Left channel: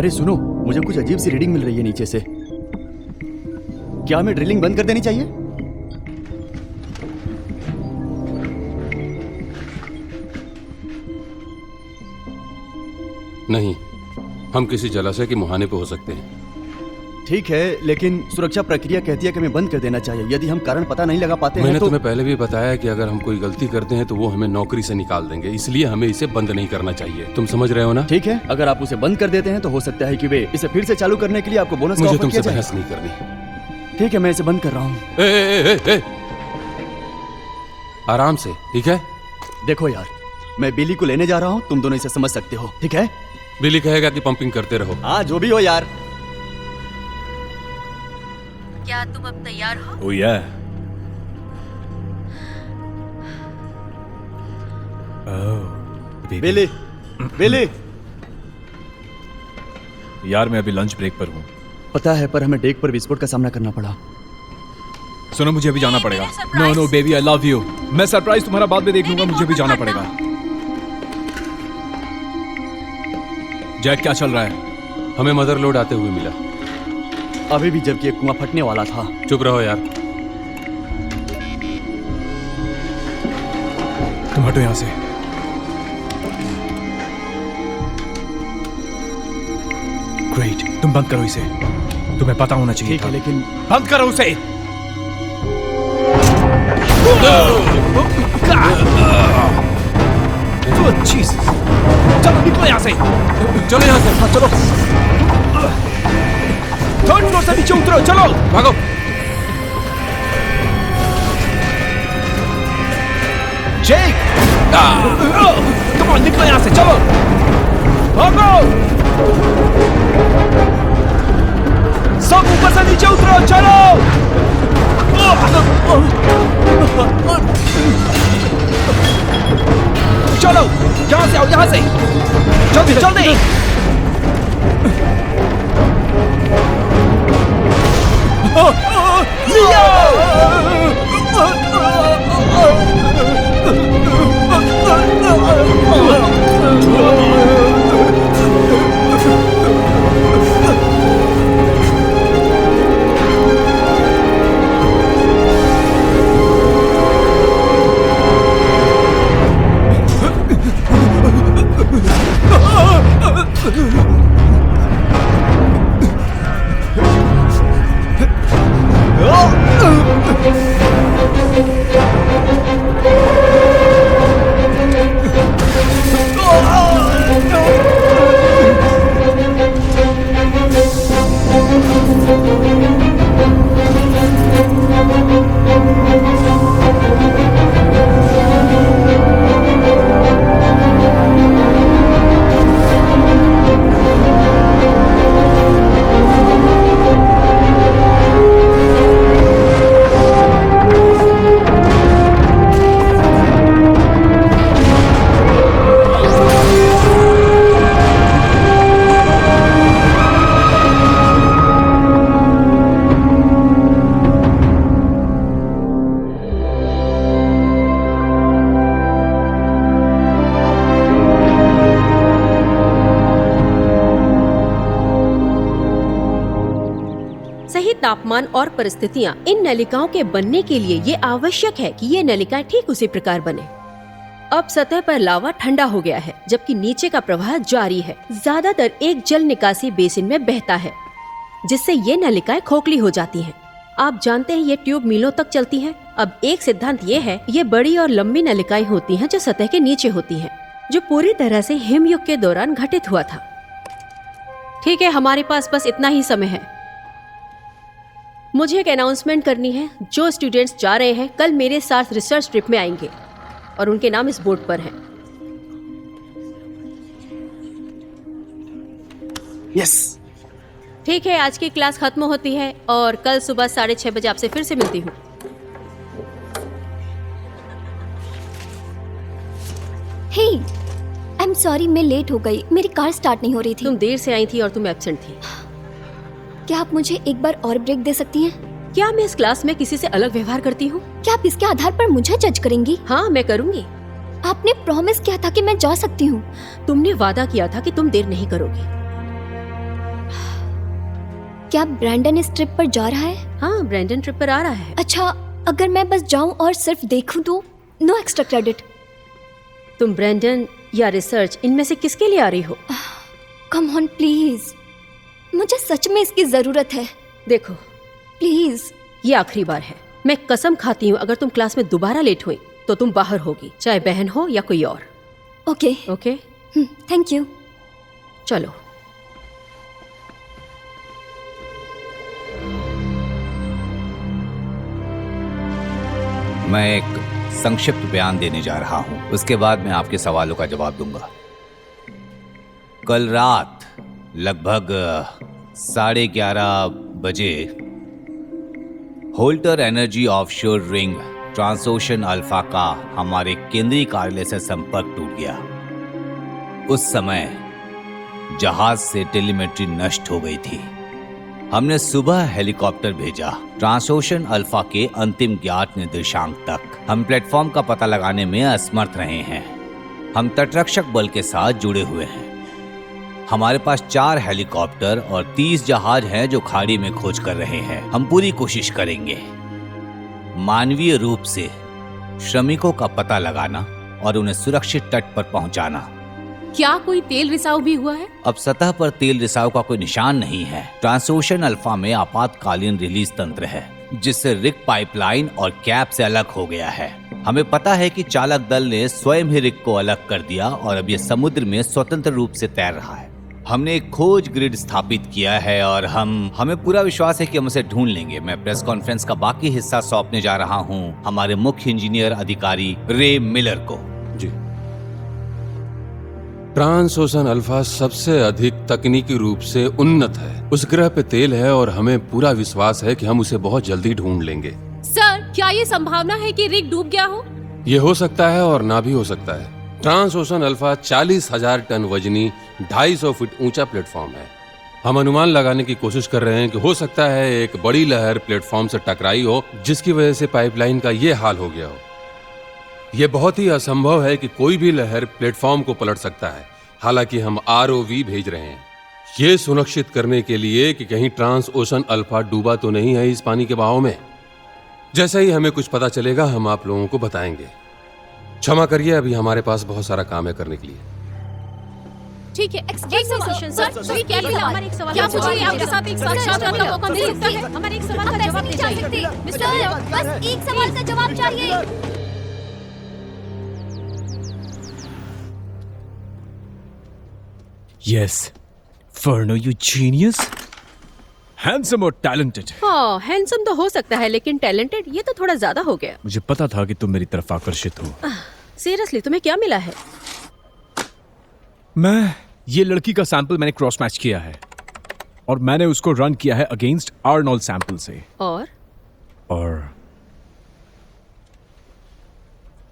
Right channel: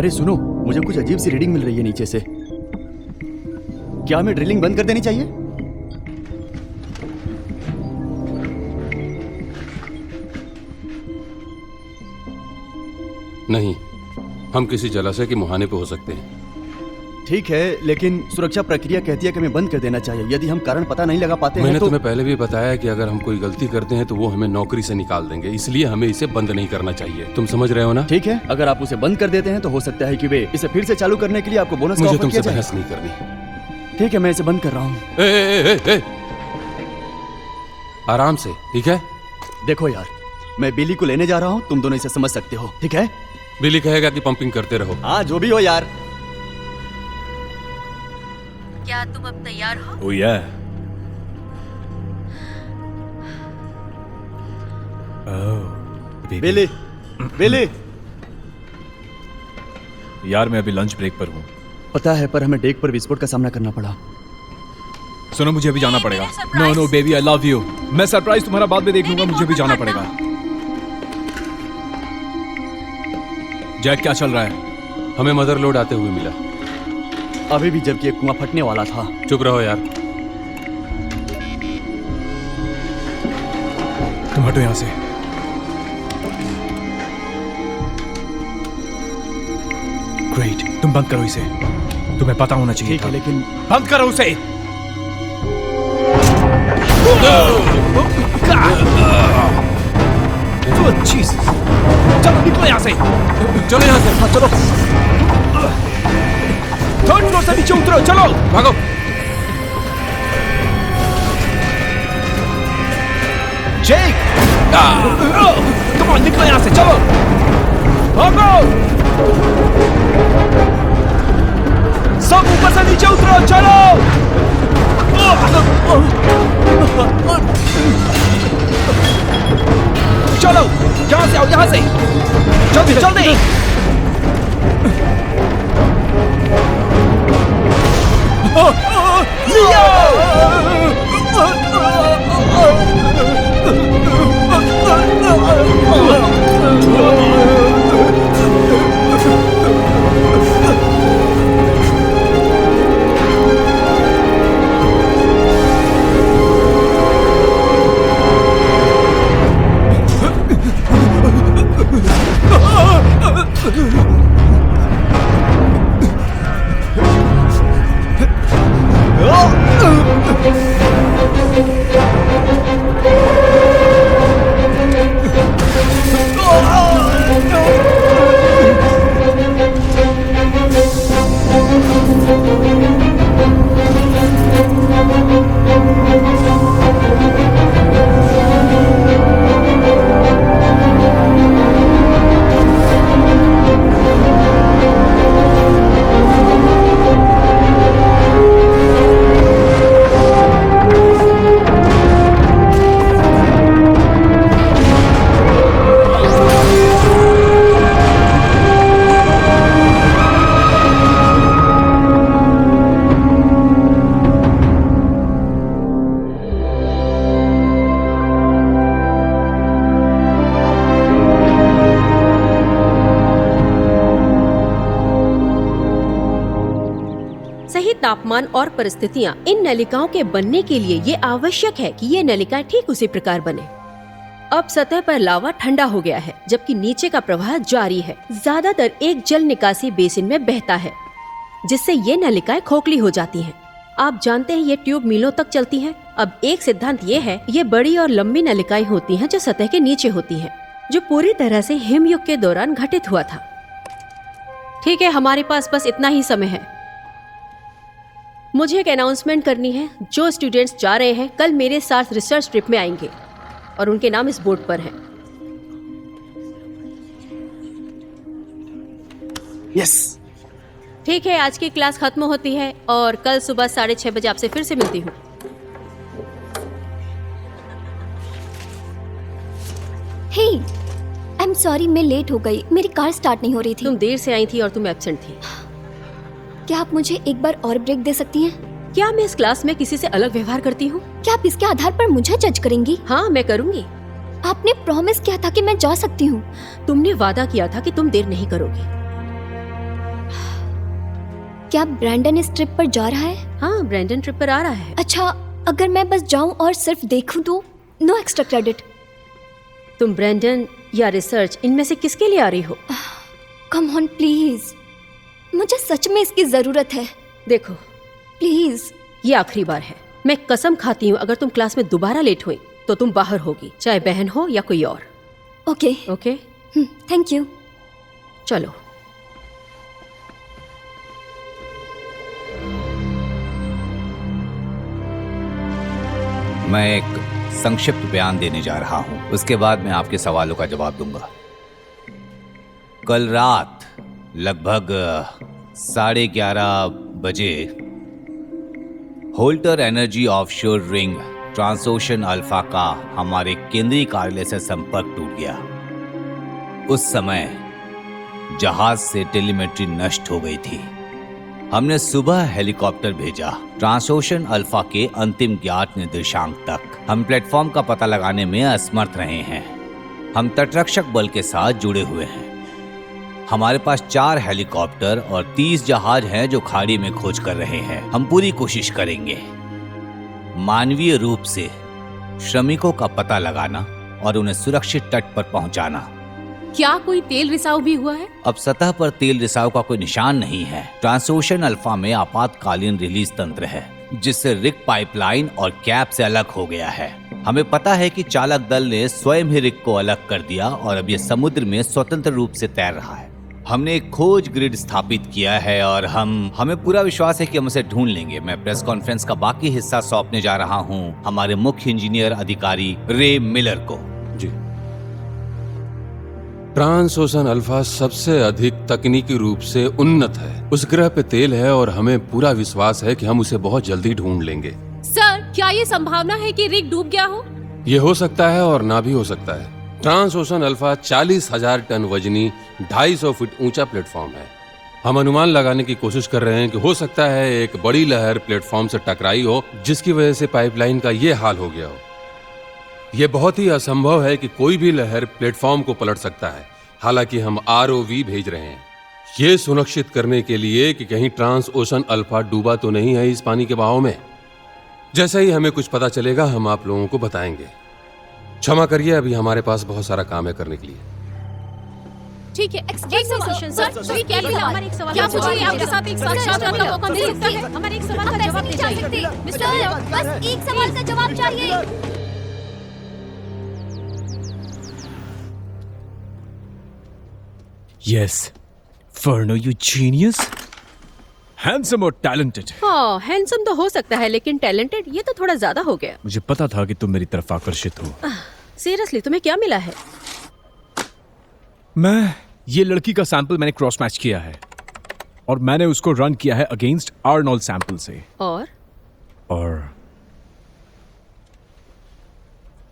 अरे सुनो, मुझे कुछ अजीब सी रीडिंग मिल रही है नीचे से। क्या हमें ड्रिलिंग बंद कर देनी चाहिए? नहीं, हम किसी जलाशय के मुहाने पे हो सकते हैं। ठीक है, लेकिन सुरक्षा प्रक्रिया कहती है कि हमें बंद कर देना चाहिए। यदि हम कारण पता नहीं लगा पाते हैं मैंने तो तुम्हें पहले भी बताया कि अगर हम कोई गलती करते हैं तो वो हमें नौकरी से निकाल देंगे, इसलिए हमें इसे बंद नहीं करना चाहिए। तुम समझ रहे हो ना? ठीक है, अगर आप उसे बंद कर देते हैं तो हो सकता है कि वे इसे फिर से चालू करने के लिए आपको बोनस का मुझे ऑफर तुमसे किया जाए। बहस नहीं करनी। ठीक है, मैं इसे बंद कर रहा हूँ। आराम से, ठीक है? देखो यार, मैं बिली को लेने जा रहा हूँ, तुम दोनों इसे समझ सकते हो, ठीक है? बिली कहेगा कि पंपिंग करते रहो। हाँ, जो भी हो यार। क्या तुम अब तैयार हो? ओ या। बेले, बेले। यार मैं अभी लंच ब्रेक पर हूँ। पता है, पर हमें डेक पर विस्फोट का सामना करना पड़ा। सुनो, मुझे अभी जाना पड़ेगा। No no baby, I love you. मैं सरप्राइज तुम्हारा बाद में देख लूंगा, मुझे भी जाना पड़ेगा। जैक, क्या चल रहा है? हमें मदर लोड आते हुए मिला। अभी भी जबकि कुआं फटने वाला था। चुप रहो यार। तुम हटो यहाँ से। ग्रेट, तुम बंद करो इसे। तुम्हें पता होना चाहिए था। बंद करो उसे। चलो निकलो यहाँ से। चलो यहाँ से, चलो। ठंडे से नीचे उतरो, चलो भागो। जेक! तुम निकलो यहाँ से, चलो भागो। सब ऊपर से नीचे उतरो, चलो। चलो यहाँ से आओ, यहाँ से जल्दी जल्दी। सही तापमान और परिस्थितियाँ इन नलिकाओं के बनने के लिए ये आवश्यक है कि ये नलिकाएं ठीक उसी प्रकार बने। अब सतह पर लावा ठंडा हो गया है, जबकि नीचे का प्रवाह जारी है। ज्यादातर एक जल निकासी बेसिन में बहता है, जिससे ये नलिकाएं खोखली हो जाती हैं। आप जानते हैं ये ट्यूब मीलों तक चलती हैं। अब एक सिद्धांत ये है, ये बड़ी और लंबी नलिकाएं होती हैं जो सतह के नीचे होती हैं, जो पूरी तरह से हिमयुग के दौरान घटित हुआ था। ठीक है, हमारे पास बस इतना ही समय है। मुझे एक अनाउंसमेंट करनी है। जो स्टूडेंट्स जा रहे हैं कल मेरे साथ रिसर्च ट्रिप में आएंगे और उनके नाम इस बोर्ड पर है। यस। ठीक है, आज की क्लास खत्म होती है और कल सुबह 6:30 बजे आपसे फिर से मिलती हूँ। हे, आई एम सॉरी, मैं लेट हो गई। मेरी कार स्टार्ट नहीं हो रही थी। तुम देर से आई थी और तुम एब्सेंट थी। क्या आप मुझे एक बार और ब्रेक दे सकती हैं? क्या मैं इस क्लास में किसी से अलग व्यवहार करती हूँ? क्या आप इसके आधार पर मुझे जज करेंगी? हाँ, मैं करूँगी। आपने प्रॉमिस किया था कि मैं जा सकती हूँ। तुमने वादा किया था कि तुम देर नहीं करोगी। क्या ब्रैंडन इस ट्रिप पर जा रहा है? हाँ, ब्रैंडन ट्रिप पर आ रहा है। अच्छा, अगर मैं बस जाऊं और सिर्फ देखूं तो नो एक्स्ट्रा क्रेडिट। तुम ब्रैंडन या रिसर्च इनमें से किसके लिए आ रही हो? कम ऑन प्लीज, मुझे सच में इसकी जरूरत है। देखो, प्लीज। ये आखिरी बार है। मैं कसम खाती हूँ अगर तुम क्लास में दोबारा लेट हुई तो तुम बाहर होगी, चाहे बहन हो या कोई और। Okay okay, thank you. चलो। मैं एक संक्षिप्त बयान देने जा रहा हूं, उसके बाद मैं आपके सवालों का जवाब दूंगा। कल रात लगभग 11:30 बजे Holter energy offshore rig Transocean Alpha का हमारे केंद्रीय कार्यालय से संपर्क टूट गया। उस समय जहाज से टेलीमेट्री नष्ट हो गई थी। हमने सुबह हेलीकॉप्टर भेजा ट्रांसओशन अल्फा के अंतिम ज्ञात निर्देशांक तक। हम प्लेटफॉर्म का पता लगाने में असमर्थ रहे हैं। हम तटरक्षक बल के साथ जुड़े हुए हैं। हमारे पास 4 हेलीकॉप्टर और 30 जहाज हैं जो खाड़ी में खोज कर रहे हैं। हम पूरी कोशिश करेंगे मानवीय रूप से श्रमिकों का पता लगाना और उन्हें सुरक्षित तट पर पहुंचाना। क्या कोई तेल रिसाव भी हुआ है? अब सतह पर तेल रिसाव का कोई निशान नहीं है। ट्रांसओशन अल्फा में आपातकालीन रिलीज तंत्र है जिससे रिग पाइपलाइन और कैप से अलग हो गया है। हमें पता है कि चालक दल ने स्वयं ही रिग को अलग कर दिया और अब ये समुद्र में स्वतंत्र रूप से तैर रहा है। हमने एक खोज ग्रिड स्थापित किया है और हमें पूरा विश्वास है कि हम उसे ढूंढ लेंगे। मैं प्रेस कॉन्फ्रेंस का बाकी हिस्सा सौंपने जा रहा हूँ हमारे मुख्य इंजीनियर अधिकारी रे मिलर को। जी। ट्रांसओशन अल्फा सबसे अधिक तकनीकी रूप से उन्नत है। उस ग्रह पे तेल है और हमें पूरा विश्वास है कि हम उसे बहुत जल्दी ढूंढ लेंगे। सर, क्या ये संभावना है कि रिग डूब गया हो? ये हो सकता है और ना भी हो सकता है। ट्रांसओशन अल्फा 40,000 टन वजनी 250 फीट ऊंचा प्लेटफॉर्म है। हम अनुमान लगाने की कोशिश कर रहे हैं कि हो सकता है एक बड़ी लहर प्लेटफॉर्म से टकराई हो जिसकी वजह से पाइपलाइन का ये हाल हो गया हो। यह बहुत ही असंभव है कि कोई भी लहर प्लेटफॉर्म को पलट सकता है। हालांकि हम आरओवी भेज रहे हैं ये सुनिश्चित करने के लिए कि कहीं ट्रांसओशन अल्फा डूबा तो नहीं है इस पानी के बहाव में। जैसे ही हमें कुछ पता चलेगा हम आप लोगों को बताएंगे। क्षमा करिए, अभी हमारे पास बहुत सारा काम है करने के लिए। ठीक है, सर, ये क्या है? हमारे एक सवाल का जवाब दीजिए। आपके साथ एक सेशन में मौका दे सकते हैं। हमारे एक सवाल का जवाब दीजिए। सर, बस एक सवाल का जवाब चाहिए। Yes. Verno, you genius. Handsome और talented. हाँ, हैंडसम तो हो सकता है लेकिन टैलेंटेड ये तो थोड़ा ज्यादा हो गया। मुझे पता था कि तुम मेरी तरफ आकर्षित हो। सीरियसली, तुम्हें क्या मिला है? ये लड़की का सैंपल मैंने क्रॉस मैच किया है और मैंने उसको रन किया है अगेंस्ट आर्नोल्ड सैंपल से और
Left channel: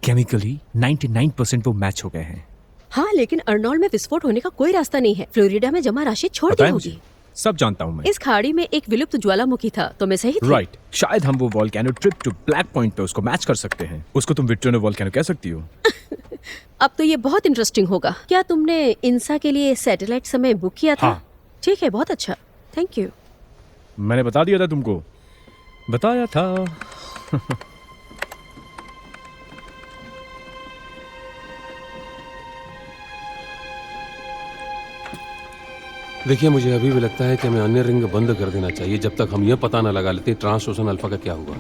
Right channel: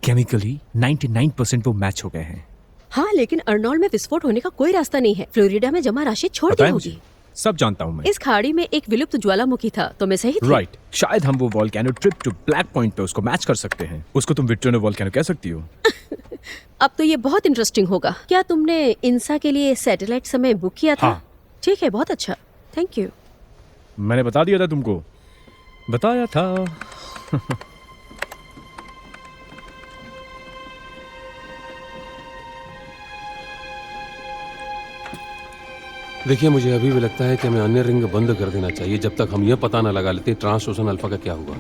केमिकली 99% वो मैच हो गए हैं। हाँ, लेकिन अर्नोल्ड में विस्फोट होने का कोई रास्ता नहीं है। फ्लोरिडा में जमा राशि छोड़ दी होगी। सब जानता हूँ मैं। इस खाड़ी में एक विलुप्त ज्वालामुखी था, तो मैं सही थी? राइट। शायद हम वो volcano trip to black point पे उसको मैच कर सकते हैं। उसको तुम विक्टोरिया वोल्केनो कह सकती हो। अब तो ये बहुत इंटरेस्टिंग होगा। क्या तुमने इंसा के लिए सैटेलाइट समय बुक किया था? हाँ। ठीक है, बहुत अच्छा, थैंक यू। मैंने बता दिया था तुमको। बताया था। देखिए, मुझे अभी भी लगता है कि हमें अन्य रिंग बंद कर देना चाहिए जब तक हम ये पता न लगा लेते ट्रांसओशन अल्फा का क्या होगा।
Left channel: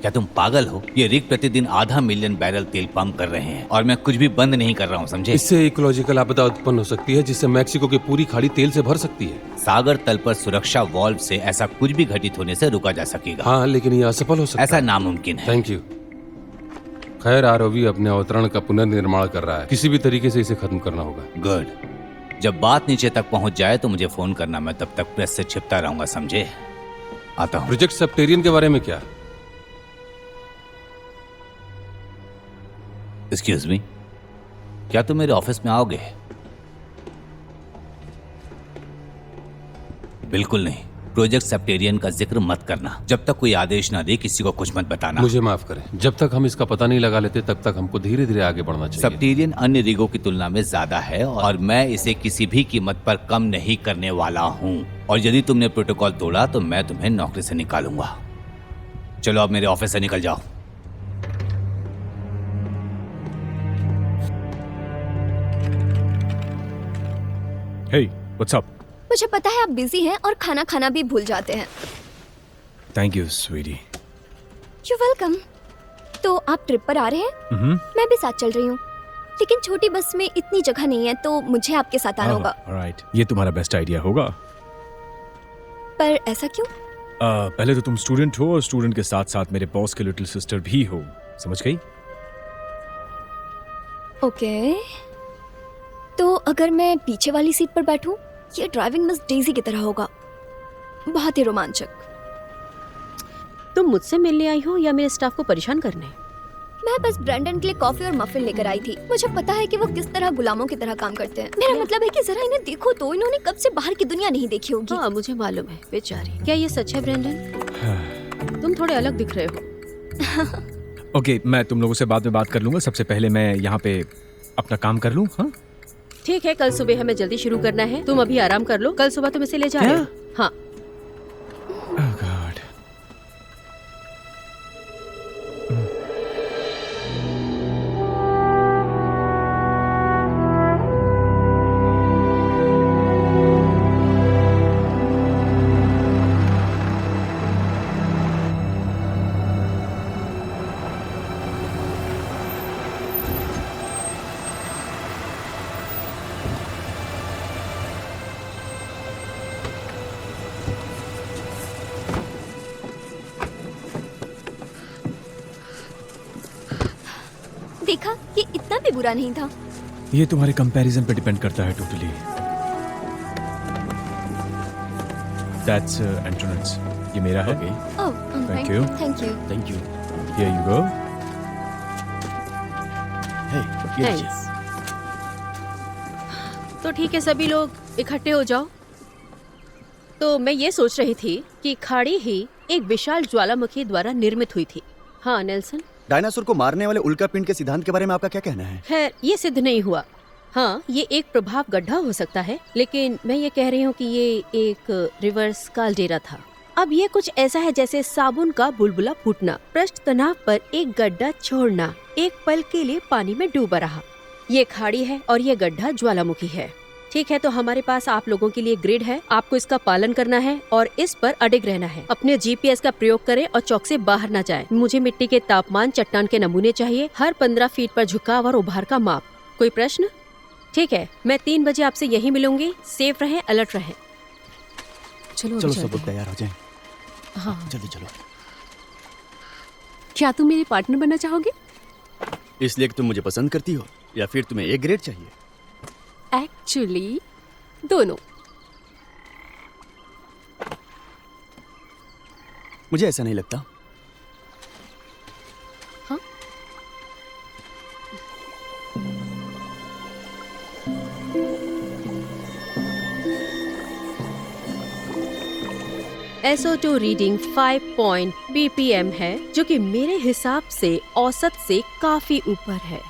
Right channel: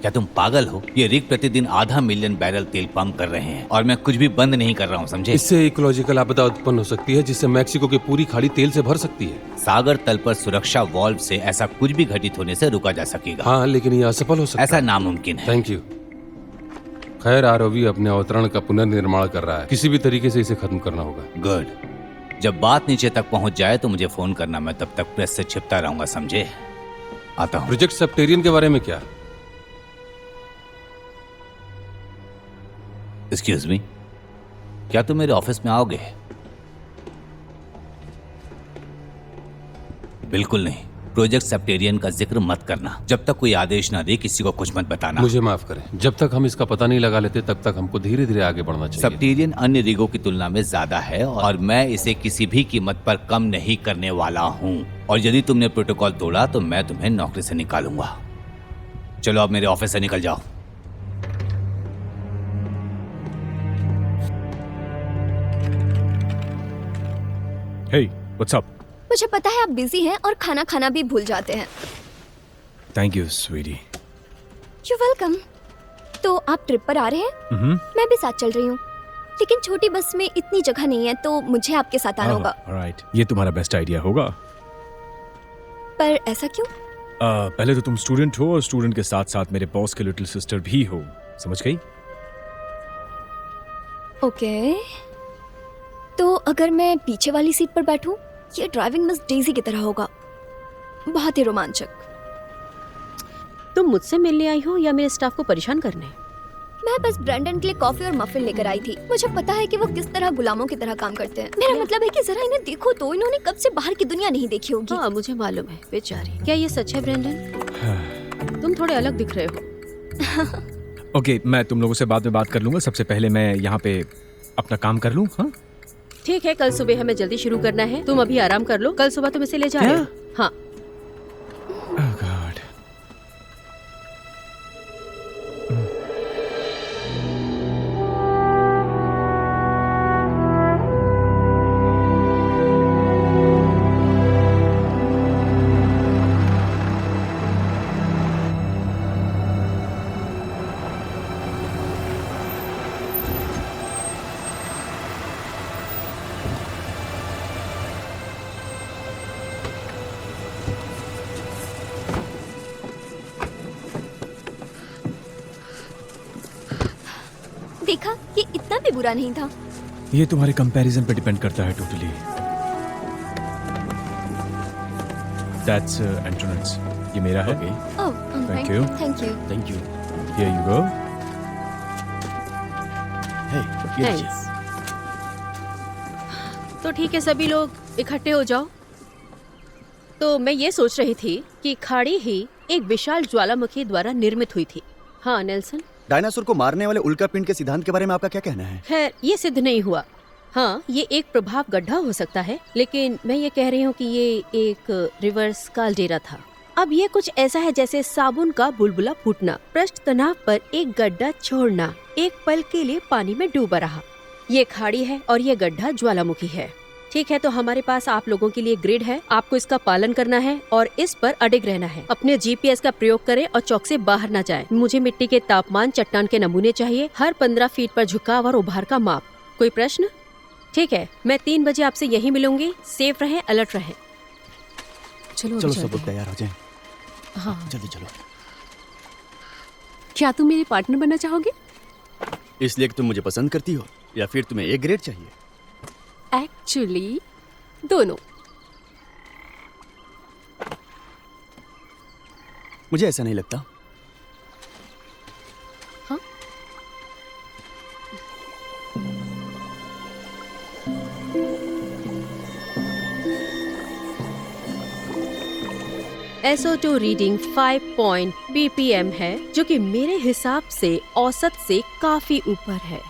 क्या तुम पागल हो? ये रिग प्रतिदिन 0.5 मिलियन बैरल तेल पंप कर रहे हैं और मैं कुछ भी बंद नहीं कर रहा हूँ, समझे? इससे इकोलॉजिकल आपदा उत्पन्न हो सकती है जिससे मैक्सिको की पूरी खाड़ी तेल से भर सकती है। सागर तल पर सुरक्षा वाल्व से ऐसा कुछ भी घटित होने से रुका जा सकेगा। हाँ, लेकिन ये असफल हो सकता ऐसा नामुमकिन है। Thank you. खैर, आरओवी अपने अवतरण का पुनर्निर्माण कर रहा है। किसी भी तरीके से इसे खत्म करना होगा। गुड। जब बात नीचे तक पहुंच जाए तो मुझे फोन करना, मैं तब तक प्रेस से छिपता रहूंगा, समझे? आता हूँ। प्रोजेक्ट सेप्टेरियन के बारे में क्या? एक्सक्यूज मी, क्या तुम मेरे ऑफिस में आओगे? बिल्कुल नहीं। प्रोजेक्ट सेप्टेरियन का जिक्र मत करना। जब तक कोई आदेश ना दे किसी को कुछ मत बताना। माफ करें, जब तक हम इसका पता नहीं लगा लेते तब तक हमको धीरे धीरे आगे बढ़ना चाहिए। सेप्टेरियन अन्य रिगों की तुलना में ज्यादा है और मैं इसे किसी भी कीमत पर कम नहीं करने वाला हूँ। और यदि तुमने प्रोटोकॉल तोड़ा तो मैं तुम्हें नौकरी से निकालूंगा। चलो अब मेरे ऑफिस से निकल जाओ। Hey, what's up? मुझे पता है आप बिजी हैं और खाना खाना भी भूल जाते हैं। Thank you, sweetie. You welcome. तो आप ट्रिप पर आ रहे हैं? मैं भी साथ चल रही हूँ, लेकिन छोटी बस में इतनी जगह नहीं है तो मुझे आपके साथ आना होगा। Alright, ये तुम्हारा बेस्ट आइडिया होगा। पर ऐसा क्यों? पहले तो तुम स्टूडेंट हो और स्टूडेंट के साथ साथ मेरे बॉस की लिटिल सिस्टर भी हो, समझ गई? ओके, तो अगर मैं पीछे वाली सीट पर बैठूं, ये ड्राइविंग मिस डेजी की तरह होगा, बहुत ही रोमांचक। तुम मुझसे मिलने आई हो या मेरे स्टाफ को परेशान करने? मैं बस ब्रैंडन के लिए कॉफी और मफिन लेकर आई थी। मुझे पता है कि वो किस तरह गुलामों की तरह काम करते हैं। मेरा मतलब है कि जरा इन्हें देखो तो, इन्होंने कब से बाहर की दुनिया नहीं देखी होगी। हाँ, मुझे मालूम है बेचारी। क्या ये सच है ब्रैंडन? तुम थोड़े अलग दिख रहे हो। ओके, मैं तुम लोगों से बाद में बात कर लूंगा। सबसे पहले मैं यहाँ पे अपना काम कर लूँ। हाँ, ठीक है, कल सुबह हमें जल्दी शुरू करना है। तुम अभी आराम कर लो, कल सुबह तुम इसे ले जाना। हाँ। देखा, ये इतना भी बुरा नहीं था। ये तुम्हारे कंपैरिजन पे डिपेंड करता है टोटली। That's entrance. ये मेरा है। ओह, Thank you. Thank you. Thank you. Here you go. हे, ये लीजिए। थैंक्स। तो ठीक है, सभी लोग इकट्ठे हो जाओ। तो मैं ये सोच रही थी कि खाड़ी ही एक विशाल ज्वालामुखी द्वारा निर्मित हुई थी। हाँ नेल्सन? डायनासोर को मारने वाले उल्कापिंड के सिद्धांत के बारे में आपका क्या कहना है? ये सिद्ध नहीं हुआ। हाँ, ये एक प्रभाव गड्ढा हो सकता है, लेकिन मैं ये कह रही हूँ कि ये एक रिवर्स काल्डेरा था। अब ये कुछ ऐसा है जैसे साबुन का बुलबुला फूटना, पृष्ठ तनाव पर एक गड्ढा छोड़ना, एक पल के लिए पानी में डूबा रहा। ये खाड़ी है और ये गड्ढा ज्वालामुखी है। ठीक है, तो हमारे पास आप लोगों के लिए ग्रिड है। आपको इसका पालन करना है और इस पर अडिग रहना है। अपने जीपीएस का प्रयोग करें और चौक से बाहर ना जाए। मुझे मिट्टी के तापमान, चट्टान के नमूने चाहिए, हर 15 फीट पर झुकाव और उभार का माप। कोई प्रश्न? ठीक है, मैं 3 बजे आपसे यहीं मिलूंगी। सेफ रहें, अलर्ट रहें। चलो चलो सब लोग तैयार हो जाएं। हाँ। जल्दी चलो। क्या तुम मेरे पार्टनर बनना चाहोगे? इसलिए कि तुम मुझे पसंद करती हो या फिर तुम्हें ए ग्रेड चाहिए? एक्चुअली दोनों। मुझे ऐसा नहीं लगता। तो जो रीडिंग 5 पॉइंट BPM है, जो कि मेरे हिसाब से औसत से काफी ऊपर है।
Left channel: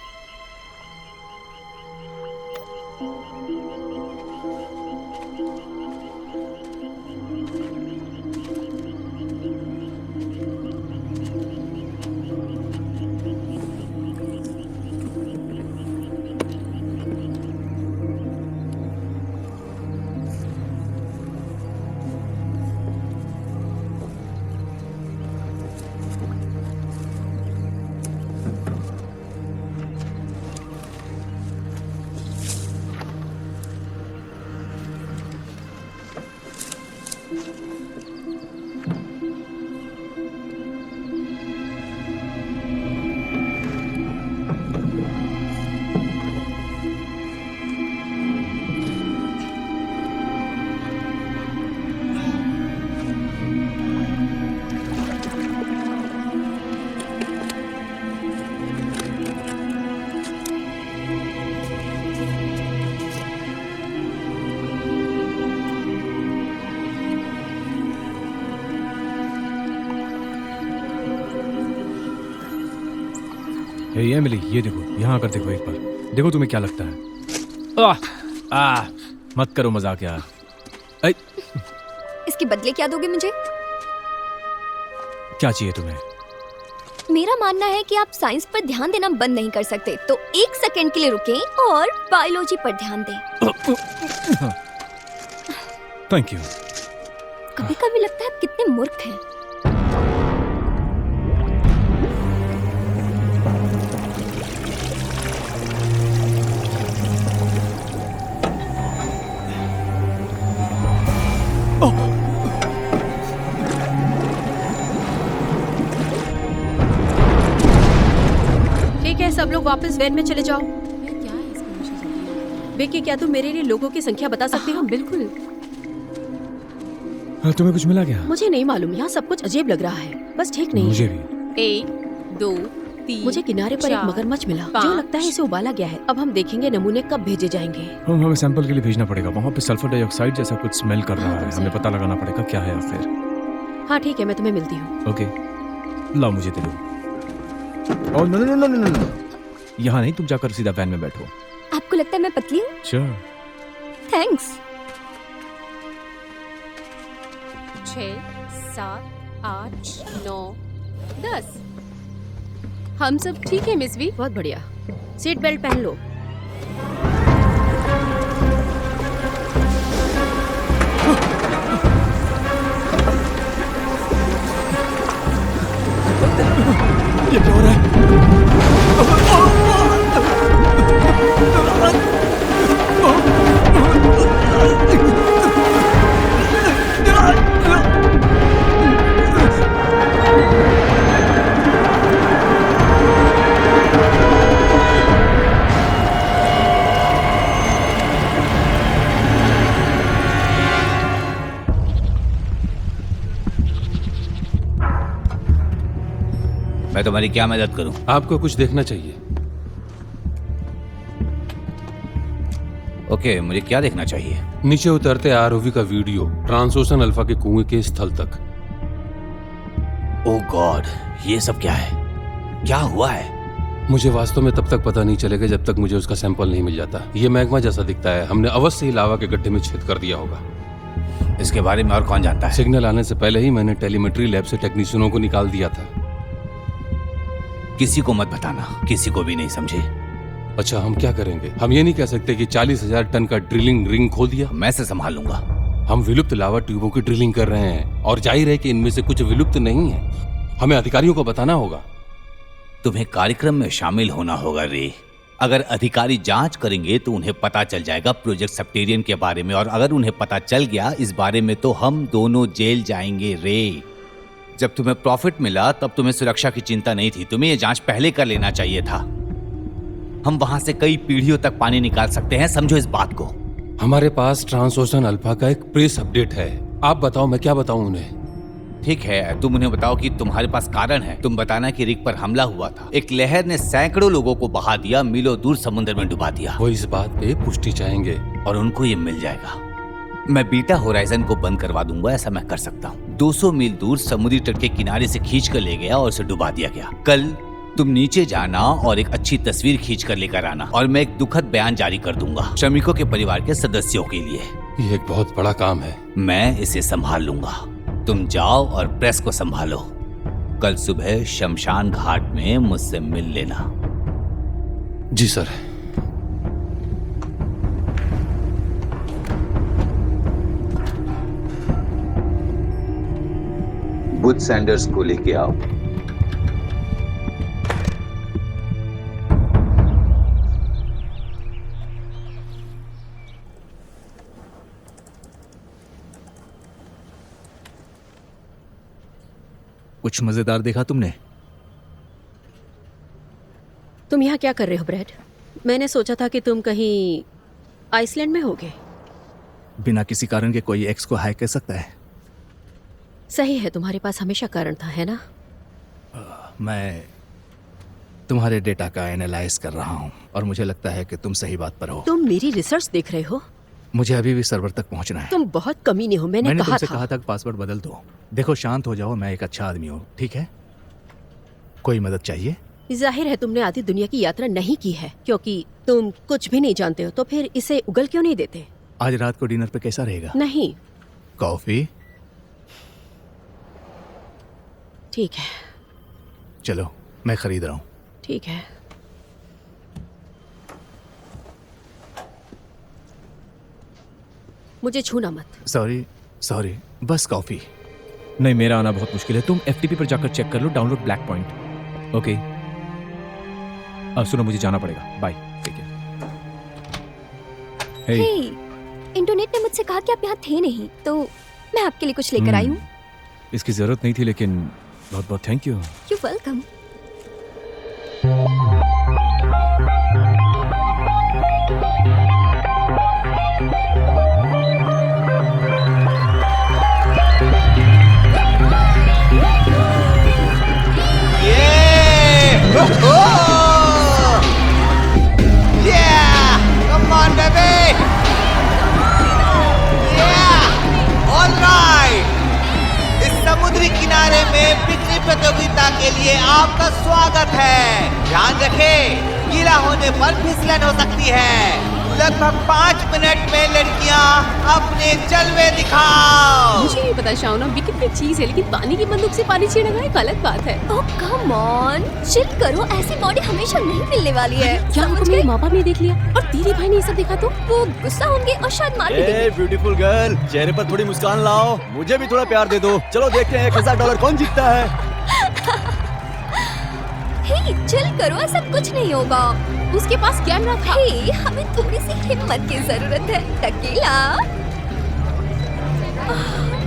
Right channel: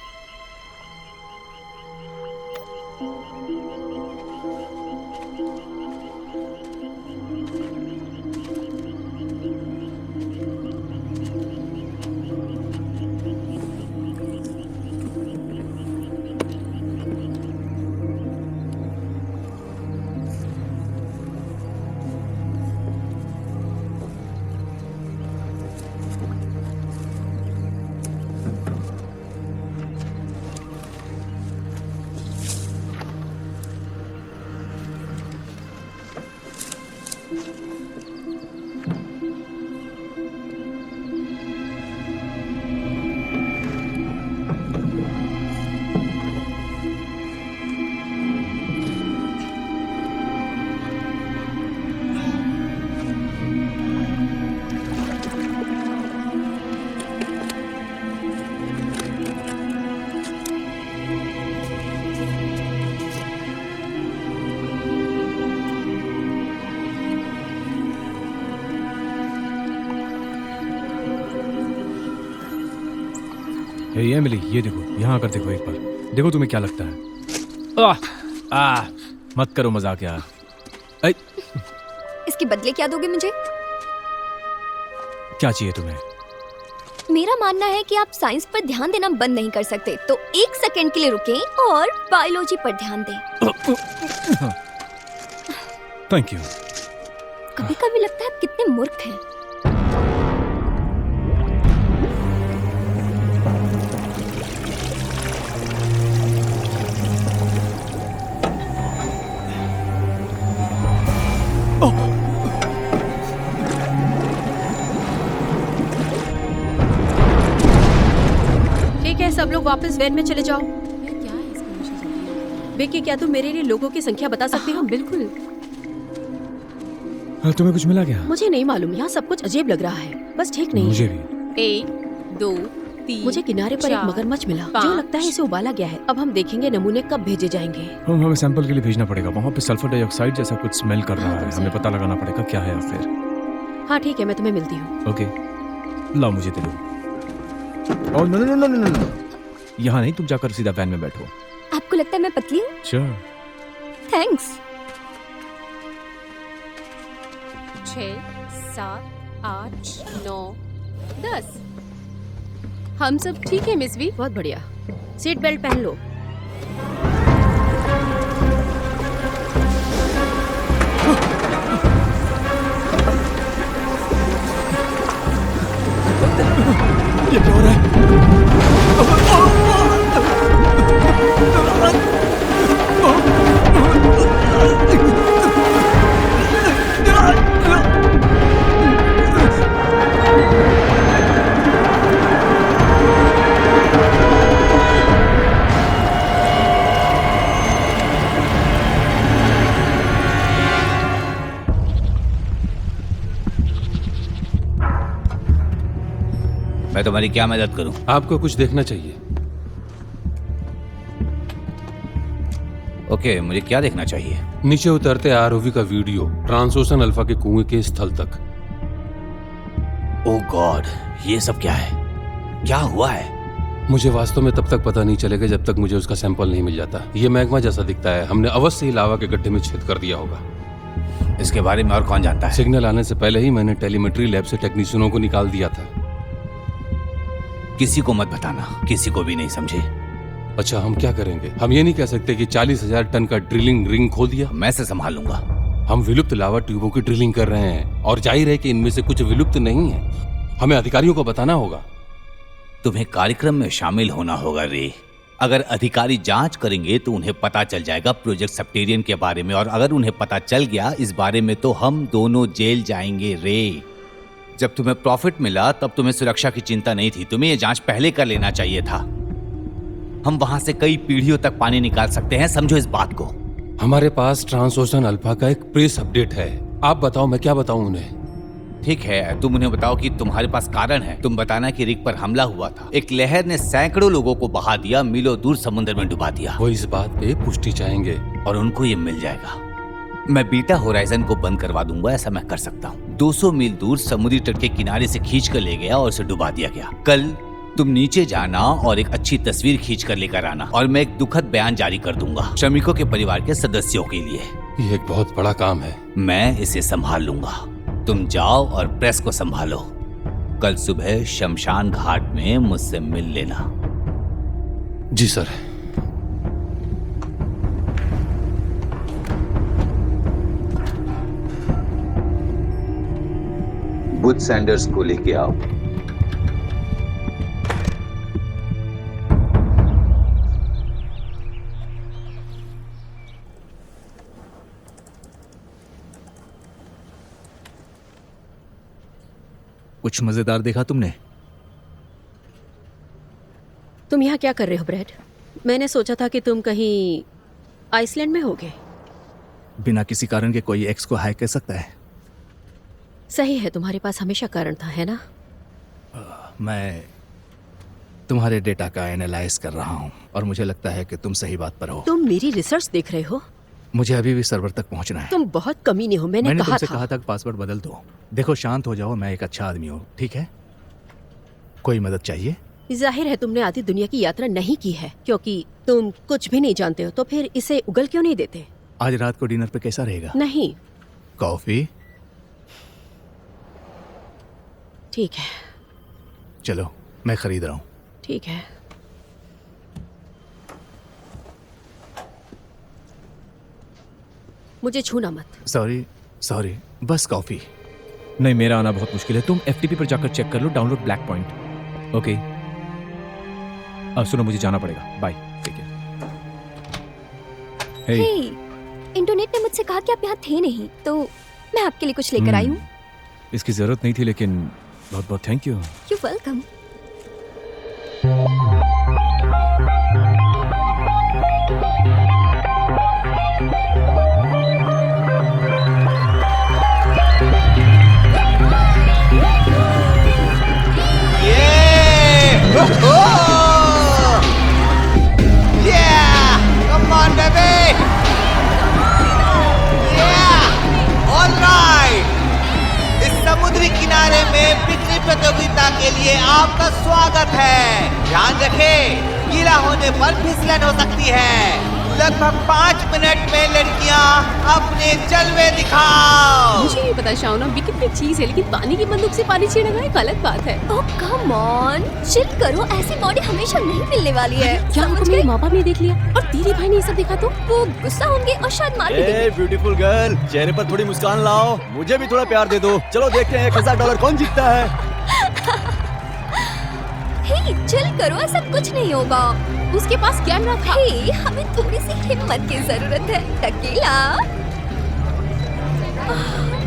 ये मिली, ये देखो, यहाँ आकर देखो एक बार, देखो तुम्हें क्या लगता है। मत करो मजाक यार। इसके बदले क्या दोगे मुझे? क्या चाहिए तुम्हें? मेरा मानना है कि आप साइंस पर ध्यान देना बंद नहीं कर सकते, तो 1 सेकंड के लिए रुकें और बायोलॉजी पर ध्यान दें। Thank you. कभी कभी लगता है आप कितनी मूर्ख हैं। सब लोग वापस वैन में चले जाओ। विकी, क्या तुम मेरे लिए लोगों की संख्या बता सकते हो? बिल्कुल। तुम्हें कुछ मिला क्या? मुझे नहीं मालूम, यहाँ सब कुछ अजीब लग रहा है, बस ठीक नहीं मुझे है। भी। 1 2 3 मुझे किनारे पर एक मगरमच्छ मिला जो लगता है उसे उबाला गया है। अब हम देखेंगे नमूने कब भेजे जाएंगे। हमें सैंपल के लिए भेजना पड़ेगा। वहाँ पे सल्फर डाइऑक्साइड जैसा कुछ स्मेल कर रहा है, हमें पता लगाना पड़ेगा क्या है फिर। हाँ ठीक है, मैं तुम्हें मिलती हूँ। ओके, लाओ मुझे दे दो। नो, यहाँ नहीं, तुम जाकर सीधा बैन में बैठो। आपको लगता है मैं पतली हूँ? श्योर। थैंक्स। 6 7 8 9 10। हम सब ठीक है मिस वी? बहुत बढ़िया। सीट बेल्ट पहन लो। ये क्या हो रहा है? मैं तुम्हारी क्या मदद करूं? आपको कुछ देखना चाहिए। ओके, मुझे क्या देखना चाहिए? नीचे उतरते आरओवी का वीडियो, ट्रांसोशन अल्फा के कुएं के स्थल तक। ओह गॉड, ये सब क्या है? क्या हुआ है? मुझे वास्तव में तब तक पता नहीं चलेगा जब तक मुझे उसका सैंपल नहीं मिल जाता। ये मैग्मा जैसा दिखता है, हमने अवश्य ही लावा के गड्ढे में छेद कर दिया होगा। इसके बारे में और कौन जानता है? सिग्नल आने से पहले ही मैंने टेलीमेट्री लैब से टेक्नीशियनों को निकाल दिया था। किसी को मत बताना, किसी को भी नहीं, समझे? अच्छा, हम क्या करेंगे? हम ये नहीं कह सकते कि 40,000 टन का ड्रिलिंग रिंग खोल दिया। मैं से संभाल लूंगा। हम विलुप्त लावा ट्यूबों की ड्रिलिंग कर रहे हैं और जाहिर है कि इनमें से कुछ विलुप्त नहीं है। हमें अधिकारियों को बताना होगा। तुम्हें कार्यक्रम में शामिल होना होगा रे। अगर अधिकारी जांच करेंगे तो उन्हें पता चल जाएगा प्रोजेक्ट सेप्टेरियन के बारे में, और अगर उन्हें पता चल गया इस बारे में तो हम दोनों जेल जाएंगे रे। जब तुम्हें प्रॉफिट मिला तब तुम्हें सुरक्षा की चिंता नहीं थी, तुम्हें ये जांच पहले कर लेना चाहिए था। हम वहां से कई पीढ़ियों तक पानी निकाल सकते हैं, समझो इस बात को। हमारे पास ट्रांसोशन अल्फा का एक प्रेस अपडेट है। आप बताओ, मैं क्या बताऊं उन्हें? ठीक है, तुम उन्हें बताओ कि तुम्हारे पास कारण है। तुम बताना कि रिग पर हमला हुआ था, एक लहर ने सैकड़ों लोगों को बहा दिया, मीलों दूर समुद्र में डुबा दिया। वो इस बात पे पुष्टि चाहेंगे और उनको ये मिल जाएगा। मैं बीटा होराइजन को बंद करवा दूंगा, ऐसा मैं कर सकता हूँ। 200 मील दूर समुद्री तट के किनारे से खींच के ले गया और उसे डुबा दिया गया। कल तुम नीचे जाना और एक अच्छी तस्वीर खींच कर लेकर आना, और मैं एक दुखद बयान जारी कर दूंगा श्रमिकों के परिवार के सदस्यों के लिए। ये एक बहुत बड़ा काम है। मैं इसे संभाल लूंगा, तुम जाओ और प्रेस को संभालो। कल सुबह शमशान घाट में मुझसे मिल लेना। जी सर। बुच सैंडर्स को लेके आओ। कुछ मजेदार देखा तुमने? तुम यहाँ क्या कर रहे हो ब्रैड? मैंने सोचा था कि तुम कहीं आइसलैंड में होगे। बिना किसी कारण के कोई एक्स को हाय कर सकता है? सही है, तुम्हारे पास हमेशा कारण था, है ना? मैं तुम्हारे डेटा का एनालाइज कर रहा हूँ और मुझे लगता है कि तुम सही बात पर हो। तुम मेरी रिसर्च देख रहे हो? मुझे अभी भी सर्वर तक पहुँचना है। तुम बहुत कमीने हो, मैंने कहा तुमसे था। कहा था कि पासवर्ड बदल दो। देखो, शांत हो जाओ, मैं एक अच्छा आदमी हूँ, ठीक है? कोई मदद चाहिए? जाहिर है तुमने आधी दुनिया की यात्रा नहीं की है, क्योंकि तुम कुछ भी नहीं जानते हो, तो फिर इसे उगल क्यों नहीं देते? आज रात को डिनर पे कैसा रहेगा? नहीं। कॉफी? ठीक है। चलो मैं खरीद रहा हूँ। ठीक है। मुझे छूना मत। सॉरी, बस कॉफी। नहीं, मेरा आना बहुत मुश्किल है। तुम FTP पर जाकर चेक कर लो, डाउनलोड ब्लैक पॉइंट। ओके, अब सुनो, मुझे जाना पड़ेगा। बाय, ठीक है। हे, इंटरनेट ने मुझसे कहा कि आप यहाँ थे नहीं, तो मैं आपके लिए कुछ लेकर आई हूँ। इसकी जरूरत नहीं थी, लेकिन बहुत थैंक यू। इस समुद्री किनारे में बिक्री प्रतियोगिता के लिए आपका स्वागत है। ध्यान रखें, गीला होने पर फिसलन हो सकती है। लगभग 5 मिनट में लड़कियां अपने जलवे दिखाओ। मुझे नहीं पता शाउना, बिकिनी एक चीज है, लेकिन पानी की बंदूक से पानी छीनना एक अलग बात है। ओह कम ऑन, चिल करो, ऐसी बॉडी हमेशा नहीं मिलने वाली है। क्या समझ हमको गए? मेरे माँ बाप ने देख लिया और तेरे भाई ने ये सब देखा तो? वो गुस्सा होंगे और शायद मार भी देंगे। ब्यूटीफुल गर्ल, चेहरे पर थोड़ी मुस्कान लाओ, मुझे भी थोड़ा प्यार दे दो। चलो देखते हैं $1000 कौन जीतता है। चिल करो, ऐसा कुछ नहीं होगा। उसके पास कैमरा था। हमें थोड़ी सी हिम्मत की जरूरत है। टकीला,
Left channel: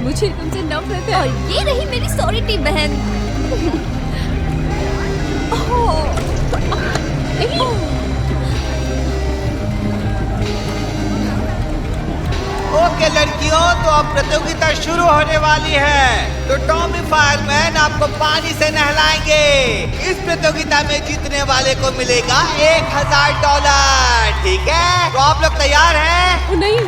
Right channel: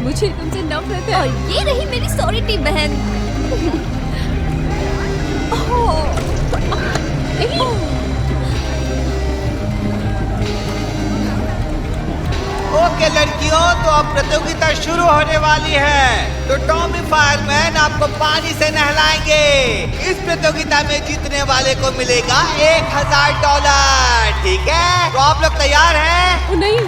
मुझे तुमसे नफरत है। और ये रही मेरी सॉरी बहन। ओके लड़कियों, तो अब प्रतियोगिता शुरू होने वाली है। तो टॉमी फायरमैन आपको पानी से नहलाएंगे। इस प्रतियोगिता में जीतने वाले को मिलेगा $1000। ठीक है, तो आप लोग तैयार हैं? नहीं,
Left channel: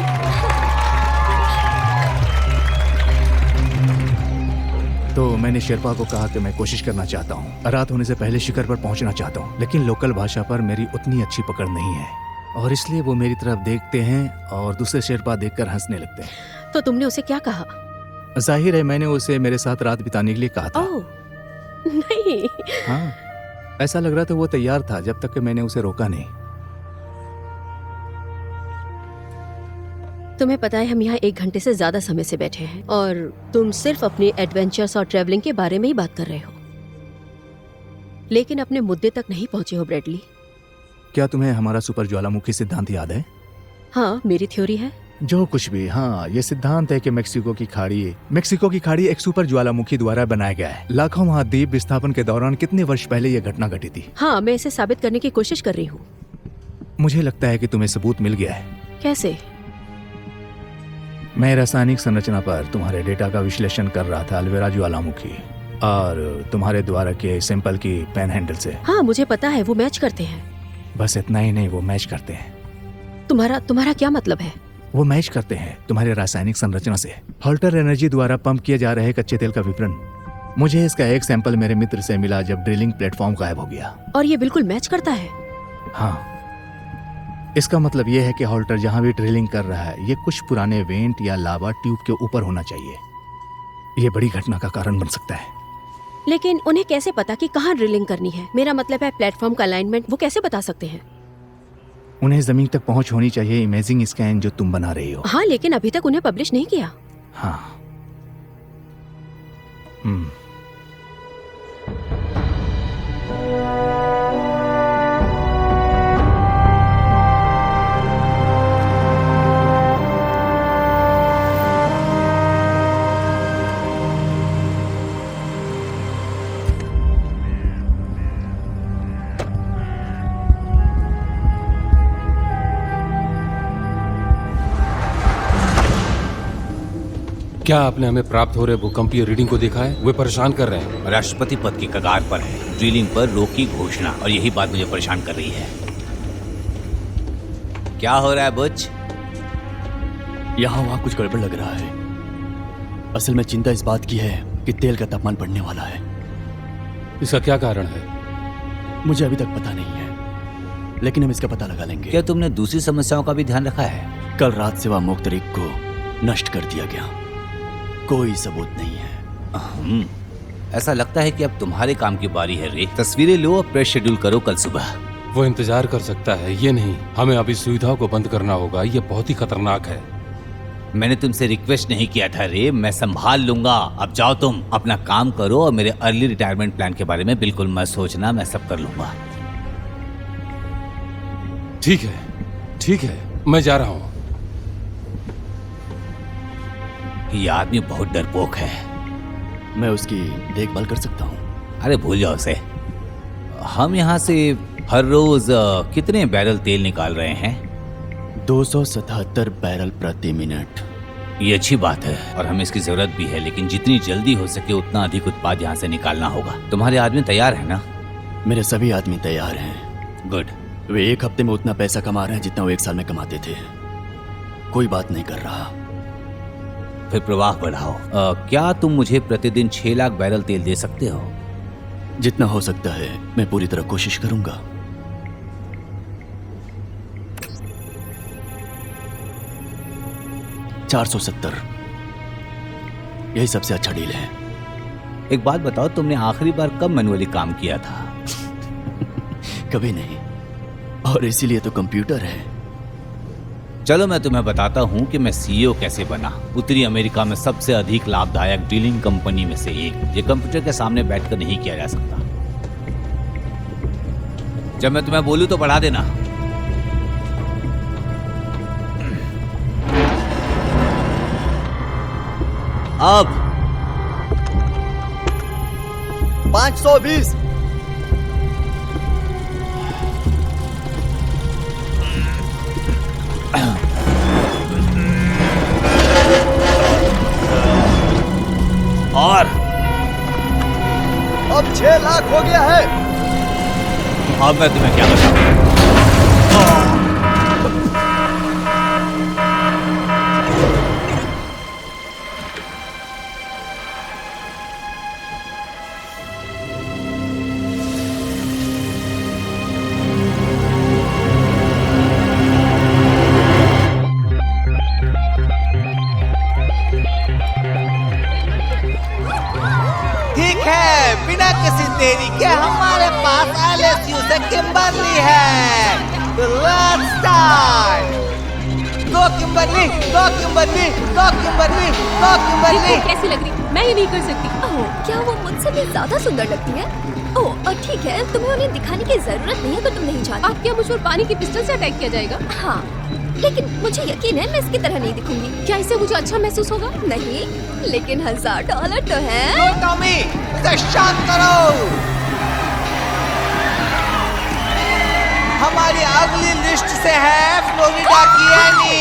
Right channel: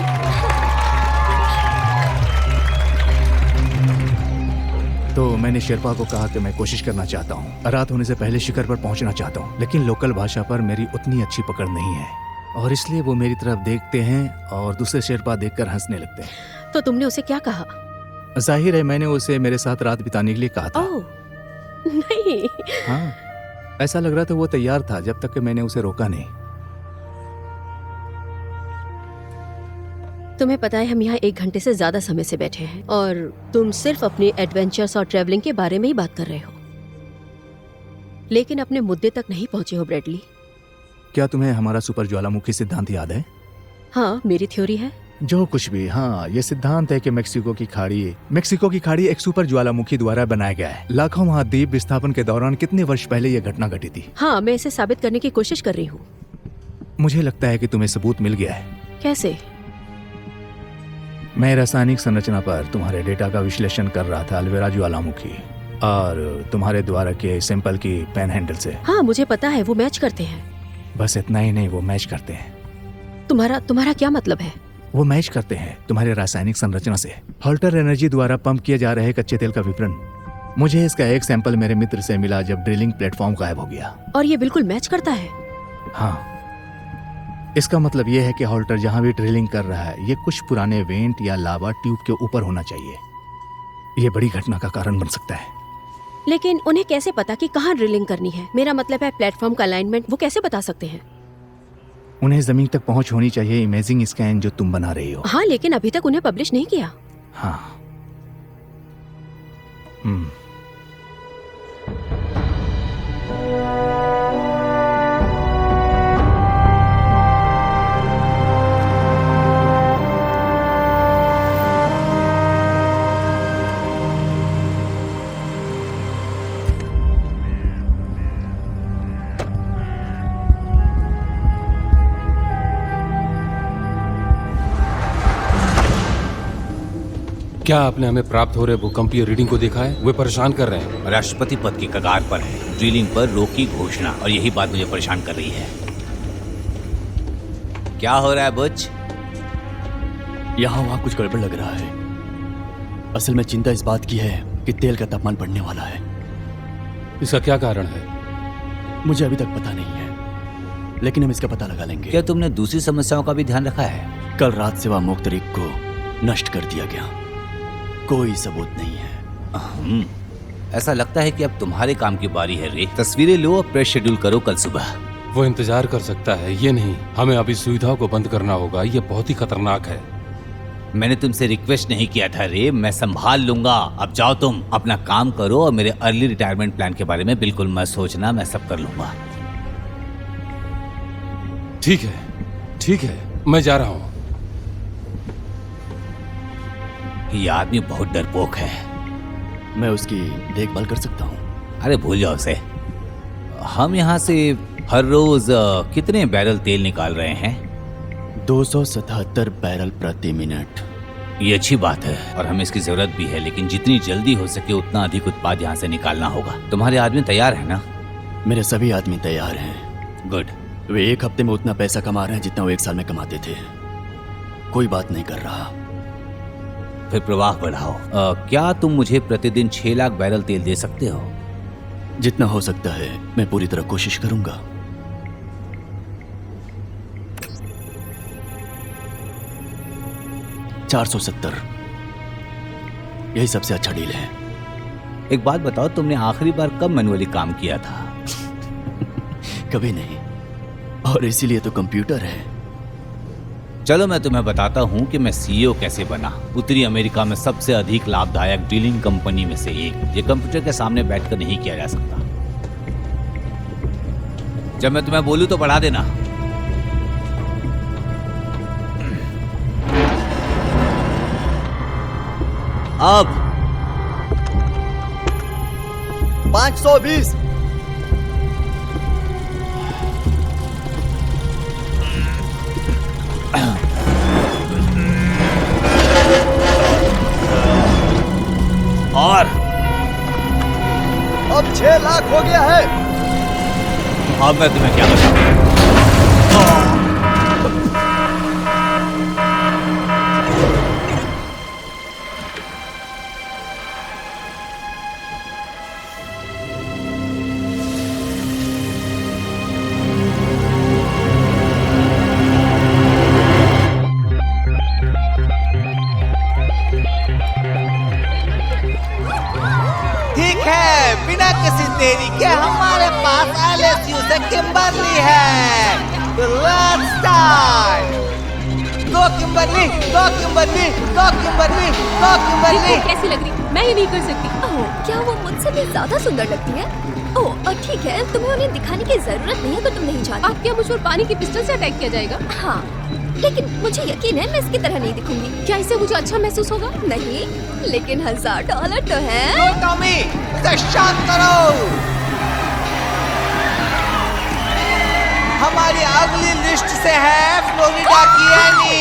थोड़े से पहले शिखर पर पहुंचना चाहता हूँ। लोकल भाषा पर मेरी इतनी अच्छी पकड़ नहीं है, और इसलिए वो मेरी तरफ देखते हैं और दूसरे शेरपा देखकर हंसने लगते हैं। तो तुमने उसे क्या कहा? जाहिर है मैंने उसे मेरे साथ रात बिताने के लिए कहा था। नहीं। हाँ, ऐसा लग रहा था वो तैयार था, जब तक कि मैंने उसे रोका नहीं। तुम्हें पता है हम यहाँ 1 घंटे से ज्यादा समय से बैठे हैं और तुम सिर्फ अपने एडवेंचर्स और ट्रैवलिंग के बारे में ही बात कर रहे हो, लेकिन अपने मुद्दे तक नहीं पहुंचे हो ब्रैडली। क्या तुम्हें हमारा सुपर ज्वालामुखी सिद्धांत याद है? हाँ, मेरी थ्योरी है। जो कुछ भी, हाँ, ये सिद्धांत है कि मेक्सिको की खाड़ी एक सुपर ज्वालामुखी द्वारा बनाई गई। लाखों महाद्वीप विस्थापन के दौरान कितने वर्ष पहले ये घटना घटी थी। हाँ, मैं इसे साबित करने की कोशिश कर रही हूँ। मुझे लगता है कि तुम्हें सबूत मिल गया है। कैसे? मैं रासायनिक संरचना पर तुम्हारे डेटा का विश्लेषण कर रहा था अल्वेरा ज्वालामुखी और तुम्हारे द्वारा के सैंपल की पेन हैंडल से। हाँ, मुझे पता है, वो मैच करते हैं। बस इतना ही नहीं, वो मैच करते हैं। तुम्हारा क्या मतलब है? वो मैच करते हैं तुम्हारे रासायनिक संरचना से। हॉल्टर एनर्जी द्वारा पंप किए जा रहे कच्चे तेल का विवरण। मुझे इसका एक सैंपल मेरे मित्र से मिला जब ड्रिलिंग प्लेटफॉर्म गायब हो गया। और ये बिल्कुल मैच करता है। हाँ, इसका मतलब यह है कि हॉल्टर जहां भी ड्रिलिंग कर रहा है, ये कुछ पुराने वेंट या लावा ट्यूब के ऊपर होना चाहिए। ये बड़ी घटना का कारण बन सकता है। लेकिन उन्हें कैसे पता कि कहाँ ड्रिलिंग करनी है? मेरा मतलब है प्लेटफॉर्म का अलाइनमेंट वो कैसे बता सकते हैं? उन्हें जमीन तक पहुंच होनी चाहिए। इमेजिंग स्कैन जो तुम बना रही हो। हाँ, लेकिन अभी तक उन्हें पब्लिश नहीं किया। हाँ। क्या आपने हमें प्राप्त हो रहे भूकंपीय रीडिंग को देखा है? वो परेशान कर रहे हैं। राष्ट्रपति पद की कगार पर है, ड्रिलिंग पर रोक की घोषणा, और यही बात मुझे परेशान कर रही है। क्या हो रहा है बुच? यहाँ वहाँ कुछ गड़बड़ लग रहा है। असल में चिंता इस बात की है कि तेल का तापमान बढ़ने वाला है। इसका क्या कारण है? मुझे अभी तक पता नहीं है, लेकिन हम इसका पता लगा लेंगे। क्या तुमने दूसरी समस्याओं का भी ध्यान रखा है? कल रात सेवा मुख्तरिक को नष्ट कर दिया गया, कोई सबूत नहीं है। ऐसा लगता है कि अब तुम्हारे काम की बारी है रे। तस्वीरें लो और प्रेस शेड्यूल करो कल सुबह। वो इंतजार कर सकता है, ये नहीं। हमें अभी सुविधाओं को बंद करना होगा, ये बहुत ही खतरनाक है। मैंने तुमसे रिक्वेस्ट नहीं किया था रे, मैं संभाल लूंगा। अब जाओ, तुम अपना काम करो और मेरे अर्ली रिटायरमेंट प्लान के बारे में बिल्कुल मत सोचना, मैं सब कर लूंगा। ठीक है, ठीक है, मैं जा रहा हूँ। ये आदमी बहुत डरपोक है। मैं उसकी देखभाल कर सकता हूँ। अरे भूल जाओ उसे। हम यहाँ से हर रोज कितने बैरल तेल निकाल रहे हैं? 277 बैरल प्रति मिनट। ये अच्छी बात है और हमें इसकी जरूरत भी है, लेकिन जितनी जल्दी हो सके उतना अधिक उत्पाद यहाँ से निकालना होगा। तुम्हारे आदमी तैयार है ना? मेरे सभी आदमी तैयार हैं। गुड। वे एक हफ्ते में उतना पैसा कमा रहे हैं जितना वो एक साल में कमाते थे। कोई बात नहीं कर रहा। फिर प्रवाह बढ़ाओ। क्या तुम मुझे प्रतिदिन 6 लाख बैरल तेल दे सकते हो? जितना हो सकता है मैं पूरी तरह कोशिश करूंगा। $470, यही सबसे अच्छा डील है। एक बात बताओ, तुमने आखिरी बार कब मैनुअली काम किया था? कभी नहीं, और इसीलिए तो कंप्यूटर है। चलो मैं तुम्हें बताता हूँ कि मैं सीईओ कैसे बना। उत्तरी अमेरिका में सबसे अधिक लाभदायक डीलिंग कंपनी में से एक। ये कंप्यूटर के सामने बैठकर नहीं किया जा सकता। जब मैं तुम्हें बोलूं तो बढ़ा देना। अब 520। और अब 6 लाख हो गया है। अब मैं तुम्हें क्या ठीक है, बिना किसी देरी के हमारे पास LSU से किम्बर्ली है। गो किम्बर्ली, गो किम्बर्ली, गो किम्बर्ली, गो किम्बर्ली। कैसी लग रही? मैं ये नहीं कर सकती। ओह, क्या वो मुझसे भी ज्यादा सुंदर लगती है? ओह, और ठीक है, तुम्हें उन्हें दिखाने की जरूरत नहीं है तो तुम नहीं चाहती। अब क्या मुझ पर पानी की पिस्टल से अटैक किया जाएगा? हाँ, लेकिन मुझे यकीन है मैं इसकी तरह नहीं दिखूंगी। क्या इससे मुझे अच्छा महसूस होगा? नहीं, लेकिन $1000 जो है। शांत करो। हमारी अगली लिस्ट से है फ्लोरिडा की एनी।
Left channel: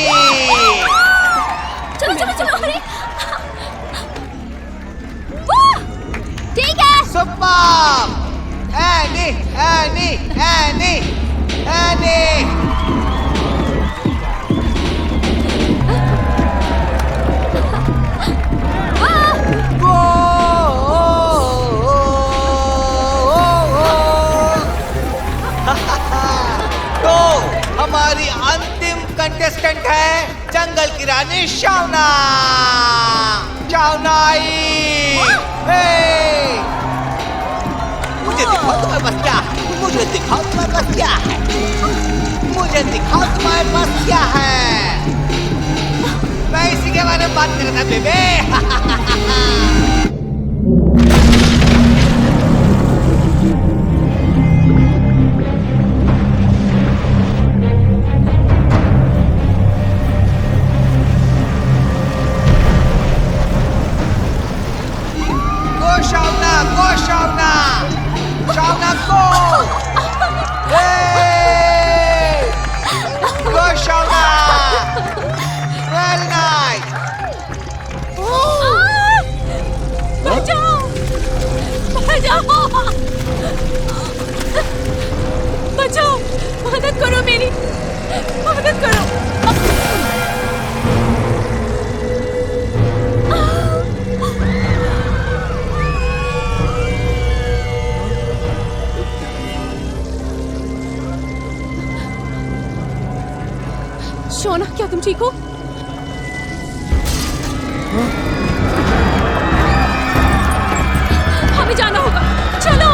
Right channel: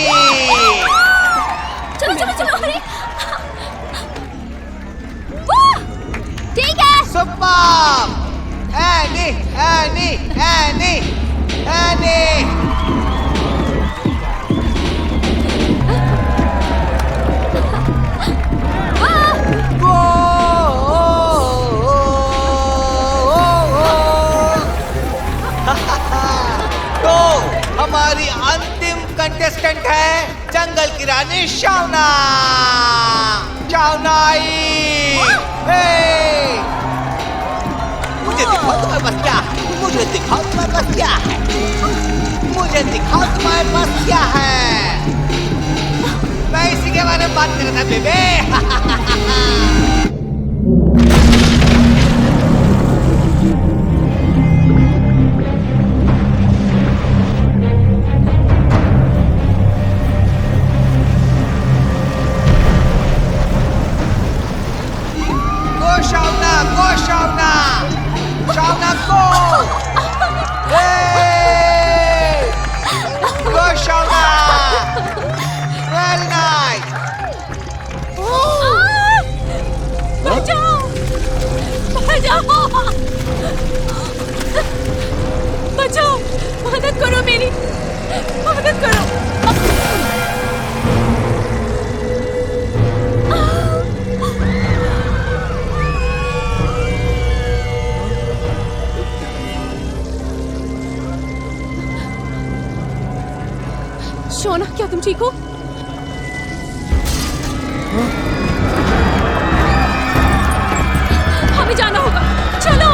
चलो चलो चलो, अरे वाह, ठीक है। Super any any any any. तो हमारी अंतिम कंटेस्टेंट है जंगल की रानी शावना। शावनाई, मुझे दिखाओ तुम्हारे पास क्या है। मुझे दिखाओ तुम्हारे पास क्या है। मुझे दिखाओ तुम्हारे पास क्या है। मैं इसी के बारे में बात करना बेबे। शावना को गो शावना। Very nice. ठीक हो? हमें जाना होगा, चलो।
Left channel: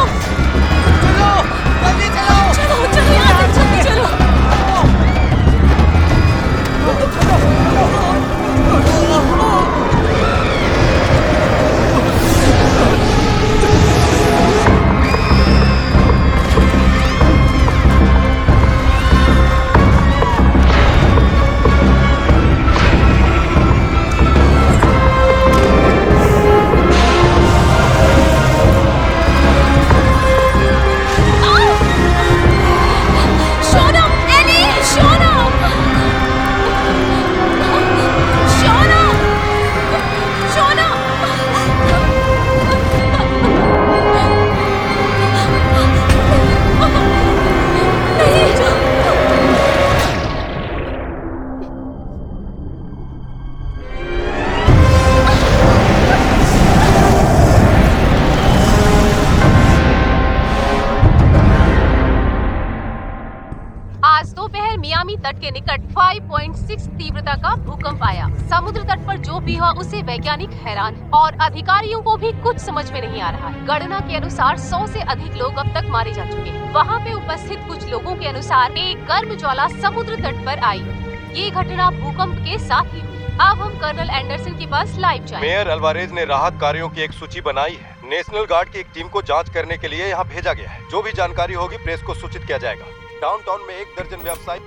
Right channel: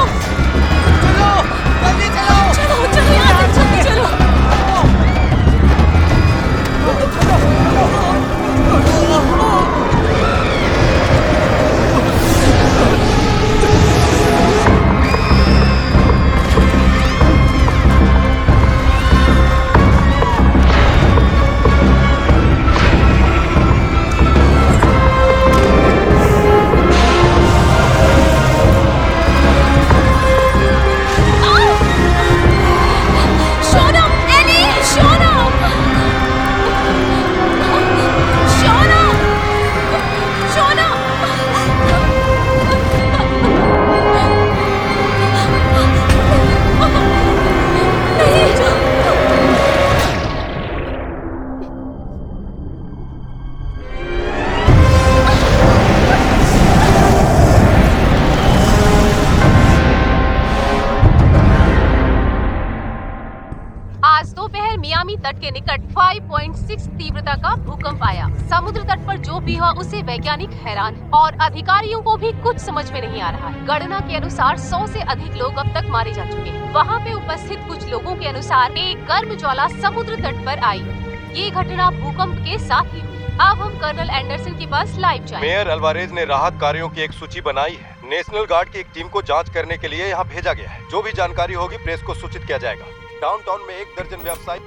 राहत कार्यों की एक सूची बनाई, नेशनल गार्ड की टीम को जांच करने के लिए यहाँ भेजा गया है। जो भी जानकारी होगी प्रेस को सूचित किया जाएगा। डाउनटाउन में 1 दर्जन व्यावसायिक।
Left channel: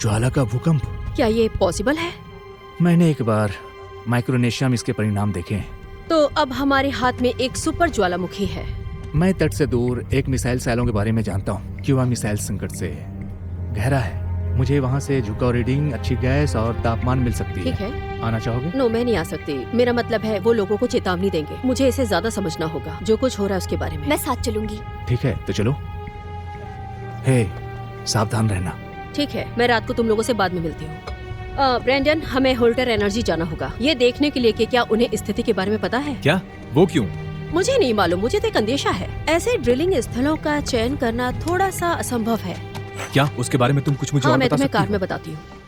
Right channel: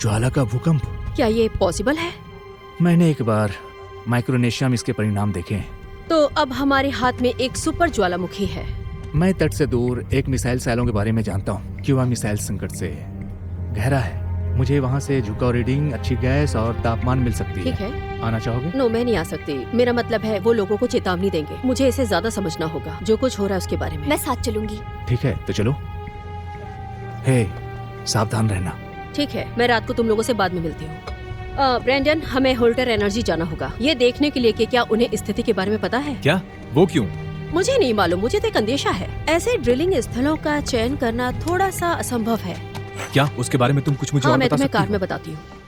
ज्वाला का भूकंप, क्या ये पॉसिबल है? मैंने एक बार माइक्रोनेशिया में इसके परिणाम देखे हैं। तो अब हमारे हाथ में एक सुपर ज्वालामुखी है। मैं तट से दूर एक मिसाइल साइलों के बारे में जानता हूँ। क्यूबा मिसाइल संकट से गहरा है। मुझे वहाँ से झुकाव रीडिंग, अच्छी गैस और तापमान मिल सकती है। आना चाहोगे? नो, मैं नहीं आ सकती। मेरा मतलब है वो लोगों को चेतावनी देंगे। मुझे इसे ज्यादा समझना होगा जो कुछ हो रहा है उसके बारे में। मैं साथ चलूंगी। ठीक है, तो चलो। हे, सावधान रहना। ठीक है, मैं रात को तुम लोगों से बाद में मिलती हूँ। ब्रैंडन, हमें होल्टर एनर्जी जाना होगा, ये देखने के लिए कि क्या उन्हें स्थिति के बारे में पता है। क्या? वो क्यों? मुझे नहीं मालूम, मुझे तो एक अंदेशा है। ऐसे ड्रिलिंग स्थलों का चयन करना थोड़ा सा असंभव है। क्या उसके बारे में तुम कुछ मुझे हाँ, और मैं बता तुम्हें सकती हो? बाद में बताती हूँ।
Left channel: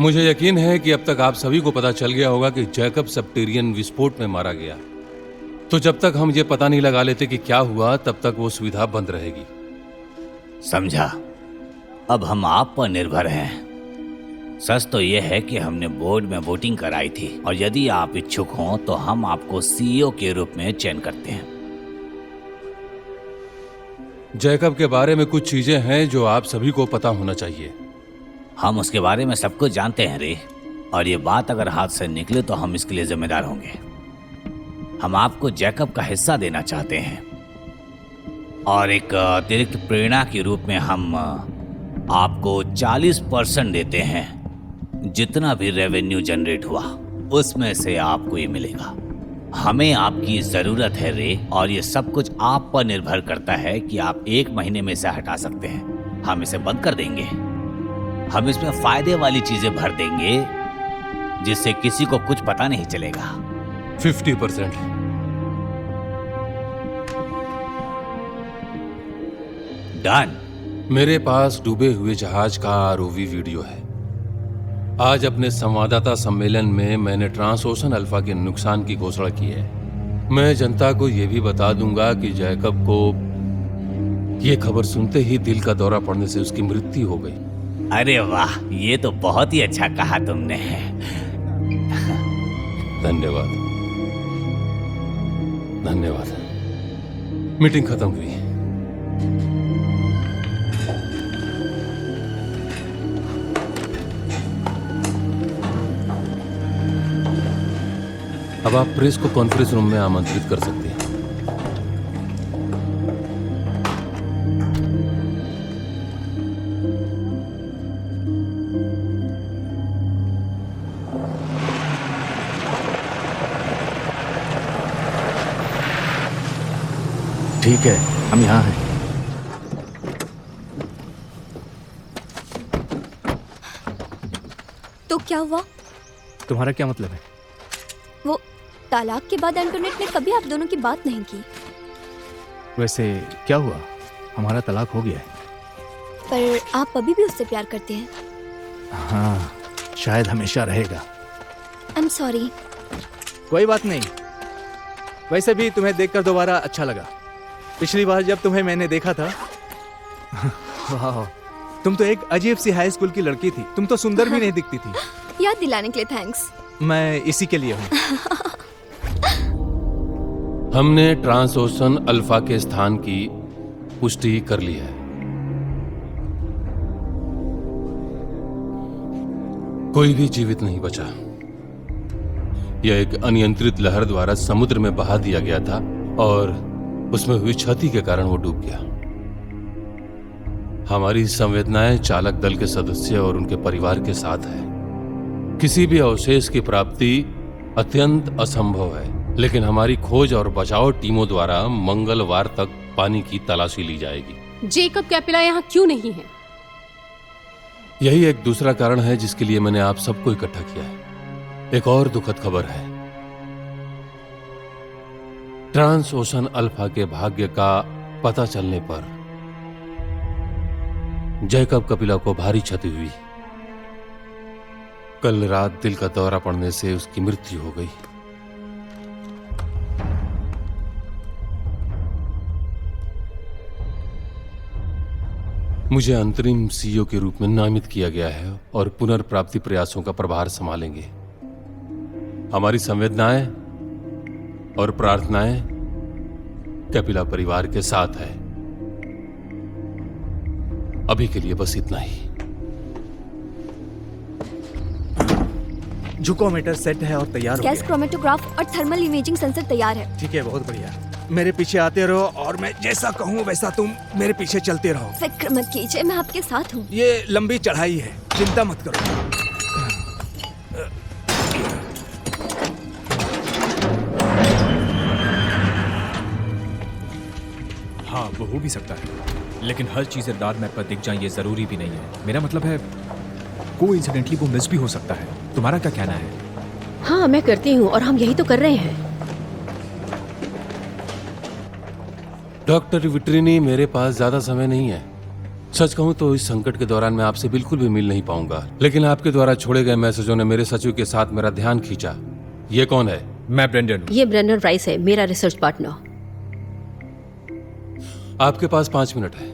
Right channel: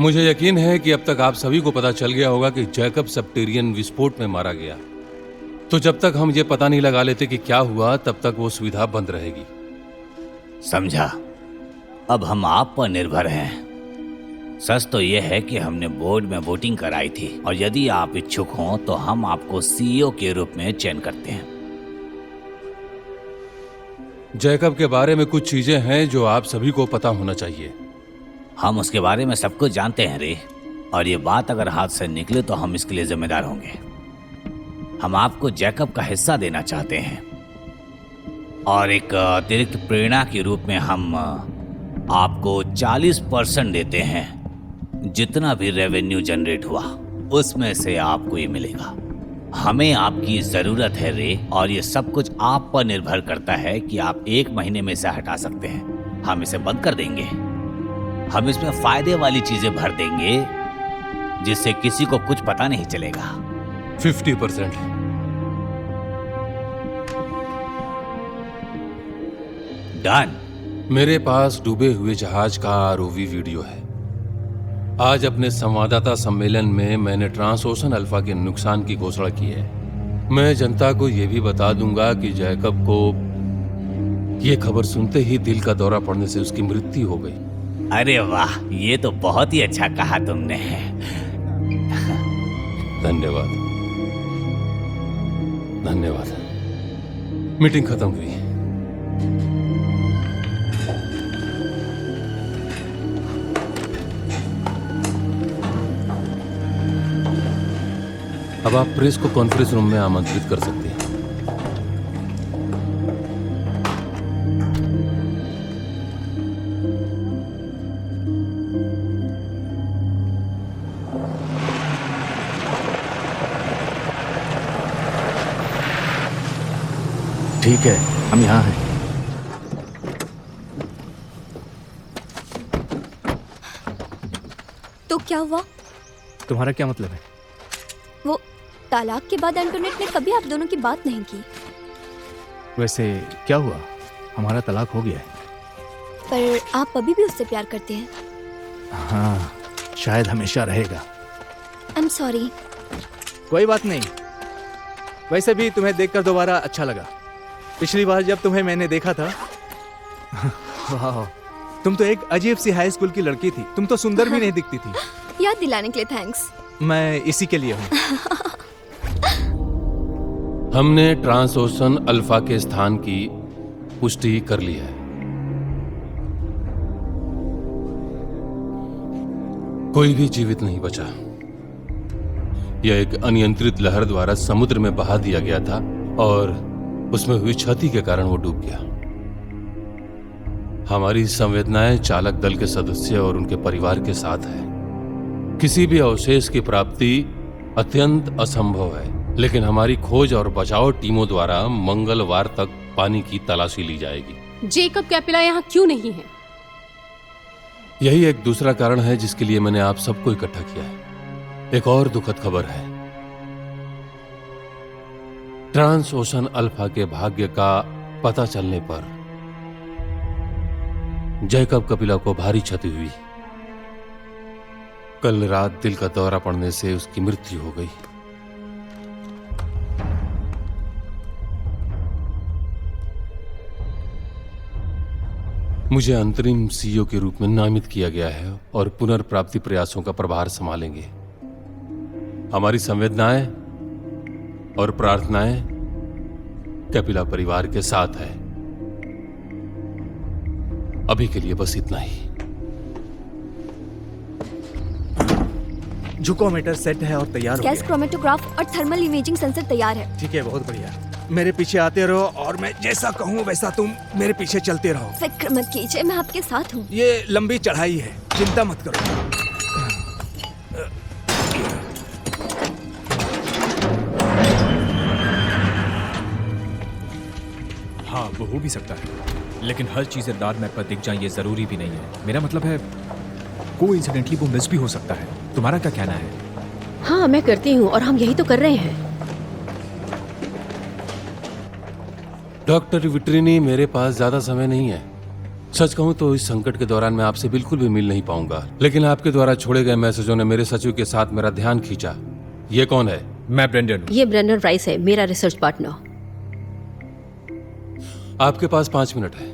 मुझे यकीन है कि अब तक आप सभी को पता चल गया होगा कि जैकब सब्टेरियन विस्फोट में मारा गया। तो जब तक हम ये पता नहीं लगा लेते कि क्या हुआ, तब तक वो सुविधा बंद रहेगी। समझा। अब हम आप पर निर्भर हैं। सच तो यह है कि हमने बोर्ड में वोटिंग कराई थी और यदि आप इच्छुक हों तो हम आपको सीईओ के रूप में चयन करते हैं। जैकब के बारे में कुछ चीजें हैं जो आप सभी को पता होना चाहिए। हम उसके बारे में सब कुछ जानते हैं रे, और ये बात अगर हाथ से निकले तो हम इसके लिए जिम्मेदार होंगे। हम आपको जैकब का हिस्सा देना चाहते हैं और एक अतिरिक्त प्रेरणा के रूप में हम आपको 40% देते हैं। जितना भी रेवेन्यू जनरेट हुआ उसमें से आपको ये मिलेगा। हमें आपकी जरूरत है रे, और ये सब कुछ आप पर निर्भर करता है कि आप 1 महीने में इसे हटा सकते हैं। हम इसे बंद कर देंगे। हम इसमें फायदे वाली चीजें भर देंगे जिससे किसी को कुछ पता नहीं चलेगा। 50%। मेरे पास डूबे हुए जहाज का आरओवी वीडियो है। आज अपने संवाददाता सम्मेलन में मैंने ट्रांसओशन अल्फा के नुकसान की घोषणा की है। मैं जनता को यह भी बता दूंगा कि जैकब को ये खबर सुनते ही दिल का दौरा पड़ने से उसकी मृत्यु हो गई। अरे वाह, ये तो बहुत ही अच्छा कहा तुमने। धन्यवाद। धन्यवाद। मीटिंग खत्म हुई। अब आप प्रेस को कॉन्फ्रेंस रूम में आमंत्रित कर सकते हैं। क्या है? तुम्हारा क्या मतलब है? वो तालाब के बाद इंटरनेट ने कभी आप दोनों की बात नहीं की। वैसे क्या हुआ? हमारा तलाक हो गया है। पर आप अभी भी उससे प्यार करते हैं? हाँ, शायद हमेशा रहेगा। I am sorry. कोई बात नहीं। वैसे भी तुम्हें देखकर दोबारा अच्छा लगा। पिछली बार जब तुम्हें मैंने देखा था वाह, तुम तो एक अजीब सी हाई स्कूल की लड़की थी। तुम तो सुंदर भी नहीं दिखती थी। याद दिलाने के लिए थैंक्स। मैं इसी के लिए हूँ। हमने ट्रांसओशन अल्फा के स्थान की पुष्टि कर ली है। कोई भी जीवित नहीं बचा। यह एक अनियंत्रित लहर द्वारा समुद्र में बहा दिया गया था और उसमें हुई क्षति के कारण वो डूब गया। हमारी संवेदनाएं चालक दल के सदस्य और उनके परिवार के साथ है। किसी भी अवशेष की प्राप्ति अत्यंत असंभव है, लेकिन हमारी खोज और बचाव टीमों द्वारा मंगलवार तक पानी की तलाशी ली जाएगी। जेकब कैपिला यहाँ क्यों नहीं है? यही एक दूसरा कारण है जिसके लिए मैंने आप सबको इकट्ठा किया है। एक और दुखद खबर है। ट्रांसओशन अल्फा के भाग्य का पता चलने पर जैकब कपिला को भारी क्षति हुई। कल रात दिल का दौरा पड़ने से उसकी मृत्यु हो गई। मुझे अंतरिम सीईओ के रूप में नामित किया गया है और पुनर्प्राप्ति प्रयासों का प्रभार संभालेंगे। हमारी संवेदनाएं और प्रार्थनाएं कपिला परिवार के साथ है। अभी के लिए बस इतना ही। जुकोमीटर सेट है और तैयार हो गैस गया क्रोमेटोग्राफ और थर्मल इमेजिंग सेंसर तैयार है। है। ठीक है, बहुत बढ़िया। मेरे पीछे आते रहो और मैं जैसा कहूँ वैसा तुम मेरे पीछे चलते रहो। फिक्र मत कीजिए, मैं आपके साथ हूँ। ये लंबी चढ़ाई है, चिंता मत करो। हाँ, वो हो भी सकता है, लेकिन हर चीज रात में अपना दिख जाए ये जरूरी भी नहीं है। मेरा मतलब है वो इंटरनेटली वो मिस भी हो सकता है। तुम्हारा क्या कहना है? हाँ, मैं करती हूँ और हम यही तो कर रहे हैं। डॉक्टर विट्रिनी, मेरे पास ज्यादा समय नहीं है। सच कहूं तो इस संकट के दौरान मैं आपसे बिल्कुल भी मिल नहीं पाऊंगा, लेकिन आपके द्वारा छोड़े गए मैसेजों ने मेरे सचिव के साथ मेरा ध्यान खींचा। ये कौन है? मैं ब्रेंडन। ये ब्रेंडन राइस है, मेरा रिसर्च पार्टनर। आपके पास 5 मिनट है।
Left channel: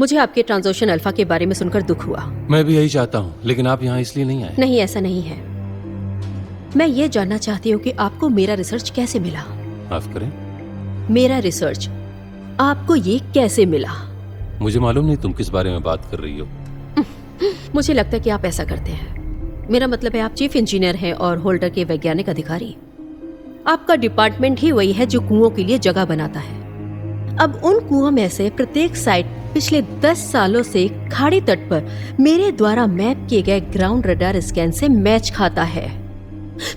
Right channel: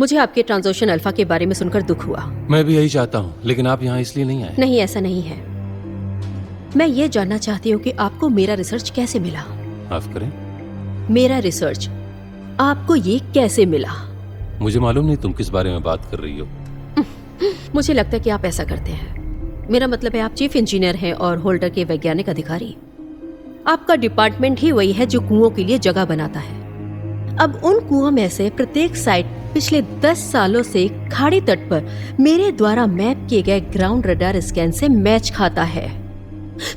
मुझे आपके ट्रांसओशन अल्फा के बारे में सुनकर दुख हुआ। मैं भी यही चाहता हूँ, लेकिन आप यहाँ इसलिए नहीं आए। नहीं, ऐसा नहीं है। मैं ये जानना चाहती हूँ कि आपको मेरा रिसर्च कैसे मिला। माफ करें, मेरा रिसर्च आपको ये कैसे मिला? मुझे मालूम नहीं तुम किस बारे में बात कर रही हो। मुझे लगता है कि आप ऐसा करते हैं। मेरा मतलब है आप चीफ इंजीनियर हैं और होल्डर के वैज्ञानिक अधिकारी। आपका डिपार्टमेंट ही वही है जो कुओं के लिए जगह बनाता है। अब उन कुओं में से प्रत्येक साइट पिछले 10 सालों से खाड़ी तट पर मेरे द्वारा मैप किए गए ग्राउंड रडार स्कैन से मैच खाता है।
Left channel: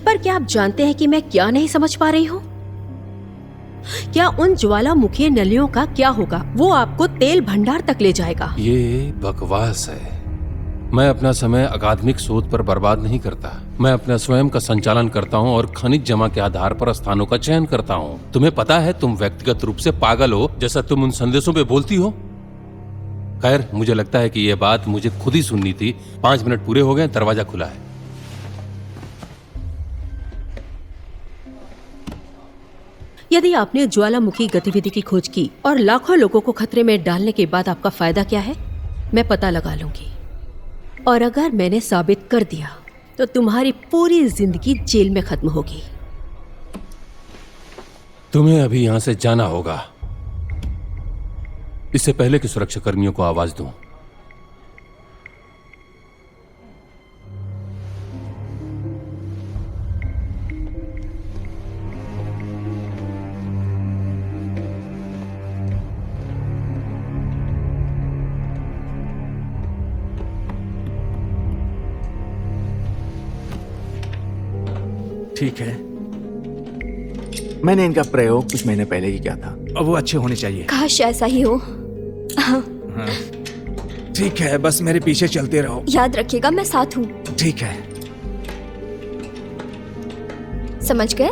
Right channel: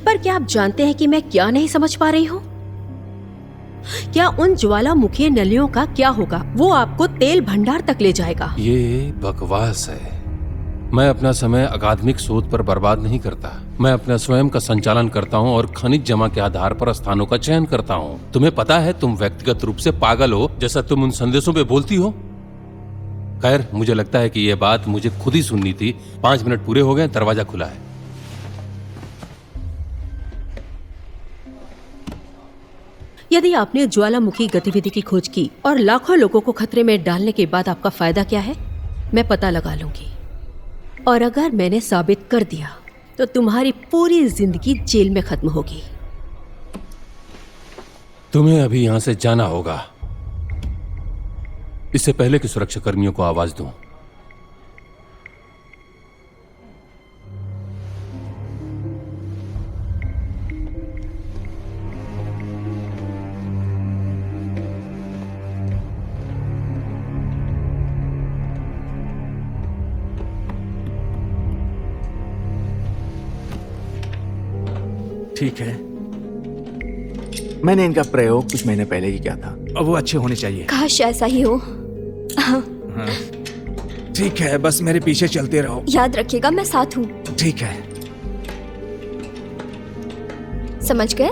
पर क्या आप जानते हैं कि मैं क्या नहीं समझ पा रही हूँ? क्या उन ज्वालामुखी नलियों का क्या होगा? वो आपको तेल भंडार तक ले जाएगा। ये बकवास है। मैं अपना समय अकादमिक शोध पर बर्बाद नहीं करता। मैं अपना स्वयं का संचालन करता हूँ और खनिज जमा के आधार पर स्थानों का चयन करता हूँ। तुम्हें पता है तुम व्यक्तिगत रूप से पागल हो, जैसा तुम उन संदेशों पे बोलती हो। खैर, मुझे लगता है कि ये बात मुझे खुद ही सुननी थी। 5 मिनट पूरे हो गए, दरवाजा खुला है। यदि आपने ज्वालामुखी गतिविधि की खोज की और लाखों लोगों को खतरे में डालने के बाद आपका फायदा क्या है? मैं पता लगा लूंगी, और अगर मैंने साबित कर दिया तो तुम्हारी पूरी जिंदगी जेल में खत्म होगी। तुम्हें अभी यहाँ से जाना होगा, इससे पहले कि सुरक्षा कर्मियों को आवाज दूं। ठीक है, मैंने इनका प्रयोग कुछ महीने पहले ही किया था। अब वो अच्छे होने चाहिए। काश ऐसा ही हो। ठीक है, बस मेरे पीछे चलते रहो। याद रखिएगा, मैं साथ हूँ। ठीक है। समझ गए?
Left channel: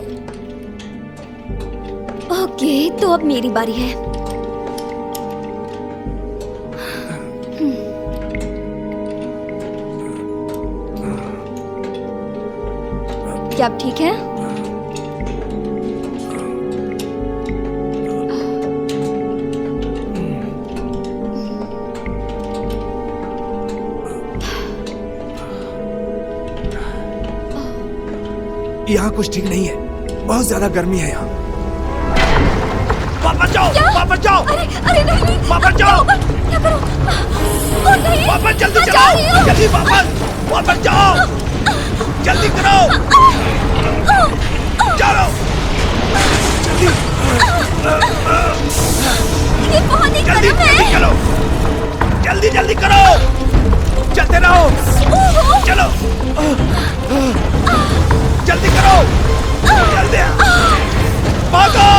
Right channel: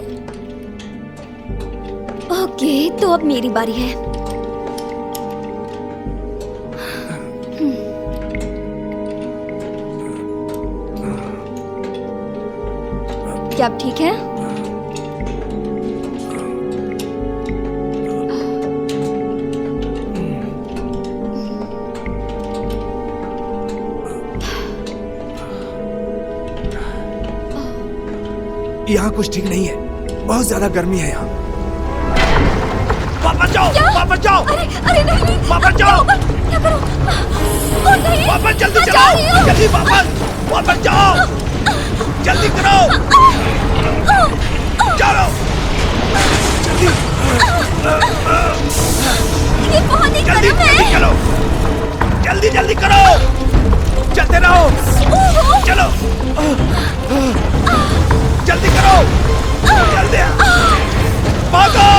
ओके, तो अब मेरी बारी है। क्या अब ठीक है? यहाँ कुछ ठीक नहीं है, बहुत ज्यादा गर्मी है यहाँ। वापस जाओ, वापस जाओ, वापस जाओ, वापस जल्दी करो, जल्दी वापस जाओ, जल्दी करो, चलो, जल्दी चलो, जल्दी करो, चलते रहो, चलो, जल्दी करो, जल्दी, भागो।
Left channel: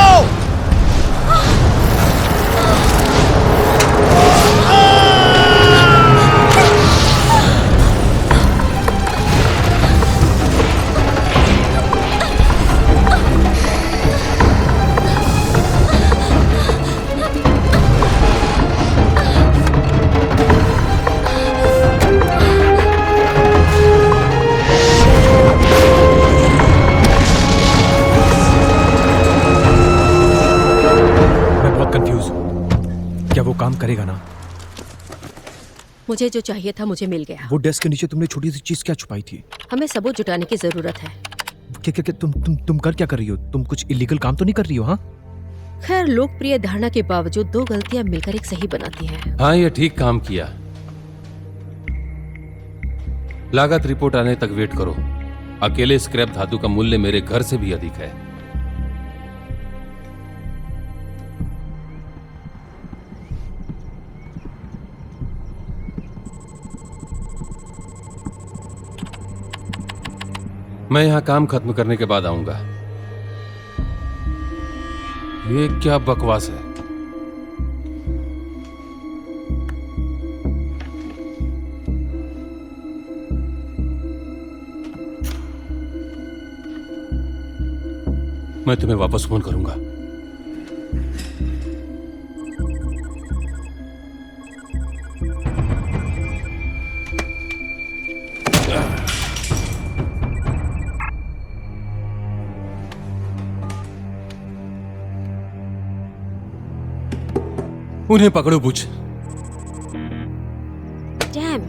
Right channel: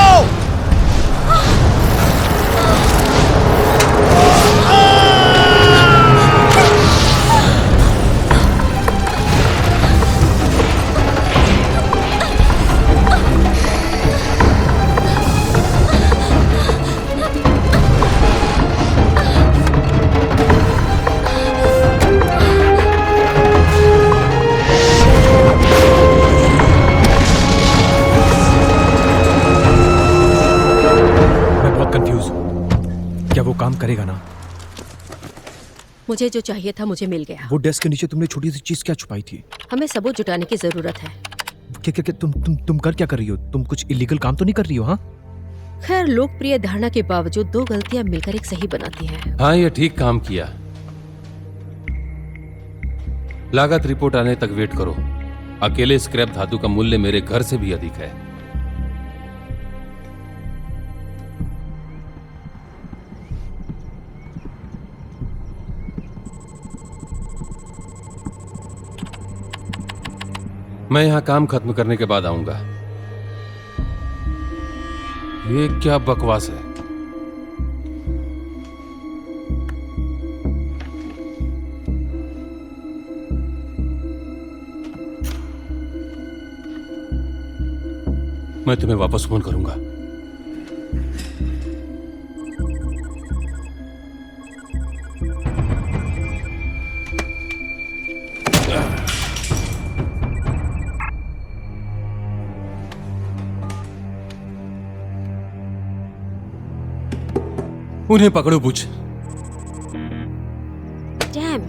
क्या वो काम करेगा ना? मुझे जो चाहिए था मुझे मिल गया। वो डेस्क के नीचे तुमने छोटी सी चीज क्या छुपाई थी? हमें सबूत जुटाने की जरूरत है। क्या तुम कर क्या कर रही हो? तुम कुछ इलीगल काम तो नहीं कर रही हो? हाँ, खैर, लोकप्रिय धारणा के बावजूद दो गलतियां मिलकर एक सही बनाती हैं। हाँ, ये ठीक काम किया। लागत रिपोर्ट आने तक वेट करो। अकेले स्क्रैप धातु का मूल्य मेरे घर से भी अधिक है। काम खत्म करने के बाद आऊंगा। ये क्या बकवास है? मैं तुम्हें वापस फोन करूंगा। उन्हें पकड़ो, पूछ। डैम।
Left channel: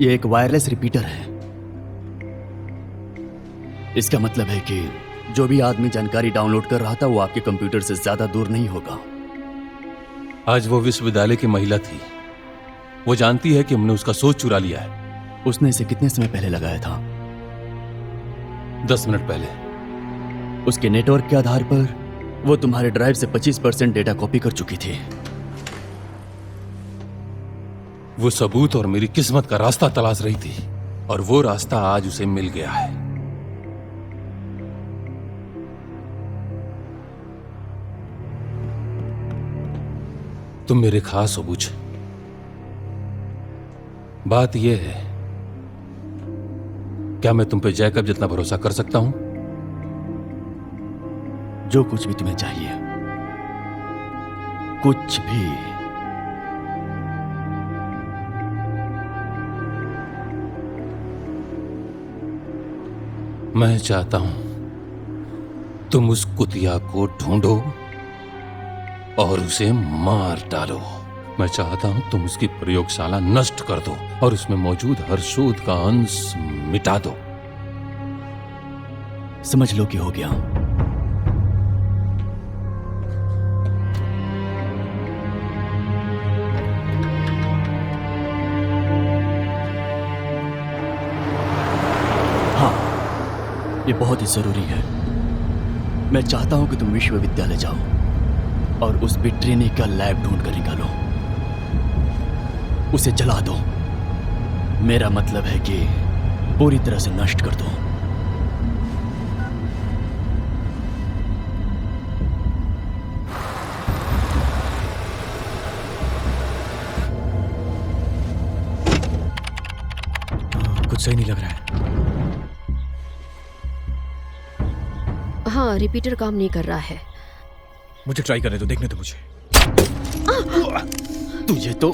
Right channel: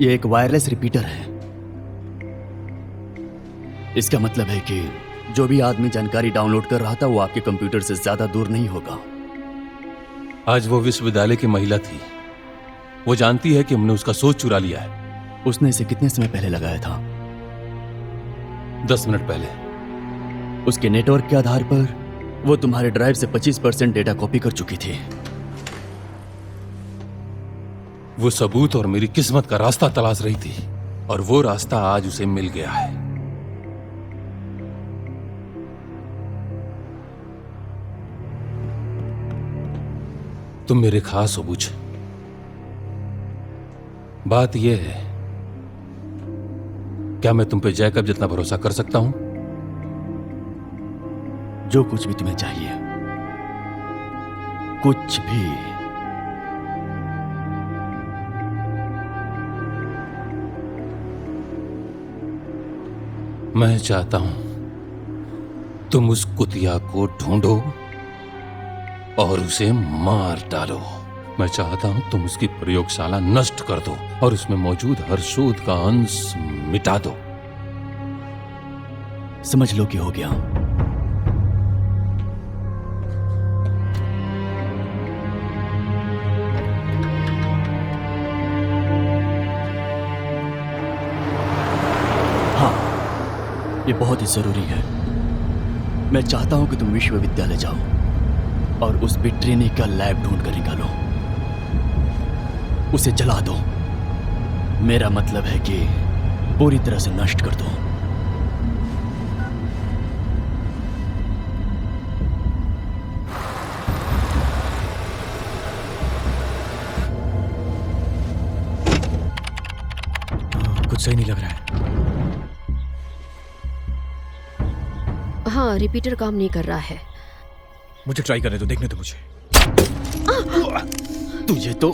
ये एक वायरलेस रिपीटर है। इसका मतलब है कि जो भी आदमी जानकारी डाउनलोड कर रहा था वो आपके कंप्यूटर से ज्यादा दूर नहीं होगा। आज वो विश्वविद्यालय की महिला थी। वो जानती है कि हमने उसका सोच चुरा लिया है। उसने इसे कितने समय पहले लगाया था? 10 मिनट पहले। उसके नेटवर्क के आधार पर वो तुम्हारे ड्राइव से 25% डेटा कॉपी कर चुकी थी। वो सबूत और मेरी किस्मत का रास्ता तलाश रही थी और वो रास्ता आज उसे मिल गया है। तुम मेरे खास हो, पूछ। बात ये है, क्या मैं तुम पे जैकब जितना भरोसा कर सकता हूं? जो कुछ भी तुम्हें चाहिए, कुछ भी। मैं चाहता हूं तुम उस कुतिया को ढूंढो और उसे मार डालो। मैं चाहता हूं तुम उसकी प्रयोगशाला नष्ट कर दो और इसमें मौजूद हर शोध का अंश मिटा दो। समझ लो कि हो गया। हाँ, ये बहुत ही जरूरी है। मैं चाहता हूं कि तुम विश्वविद्यालय जाओ और उस विट्रिनी का लैब ढूंढ कर निकालो, उसे जला दो। मेरा मतलब है कि पूरी तरह से नष्ट कर दो। कुछ सही नहीं लग रहा है। हाँ, रिपीटर काम नहीं कर रहा है। मुझे ट्राई करने दो, देखने दो मुझे। तुझे तो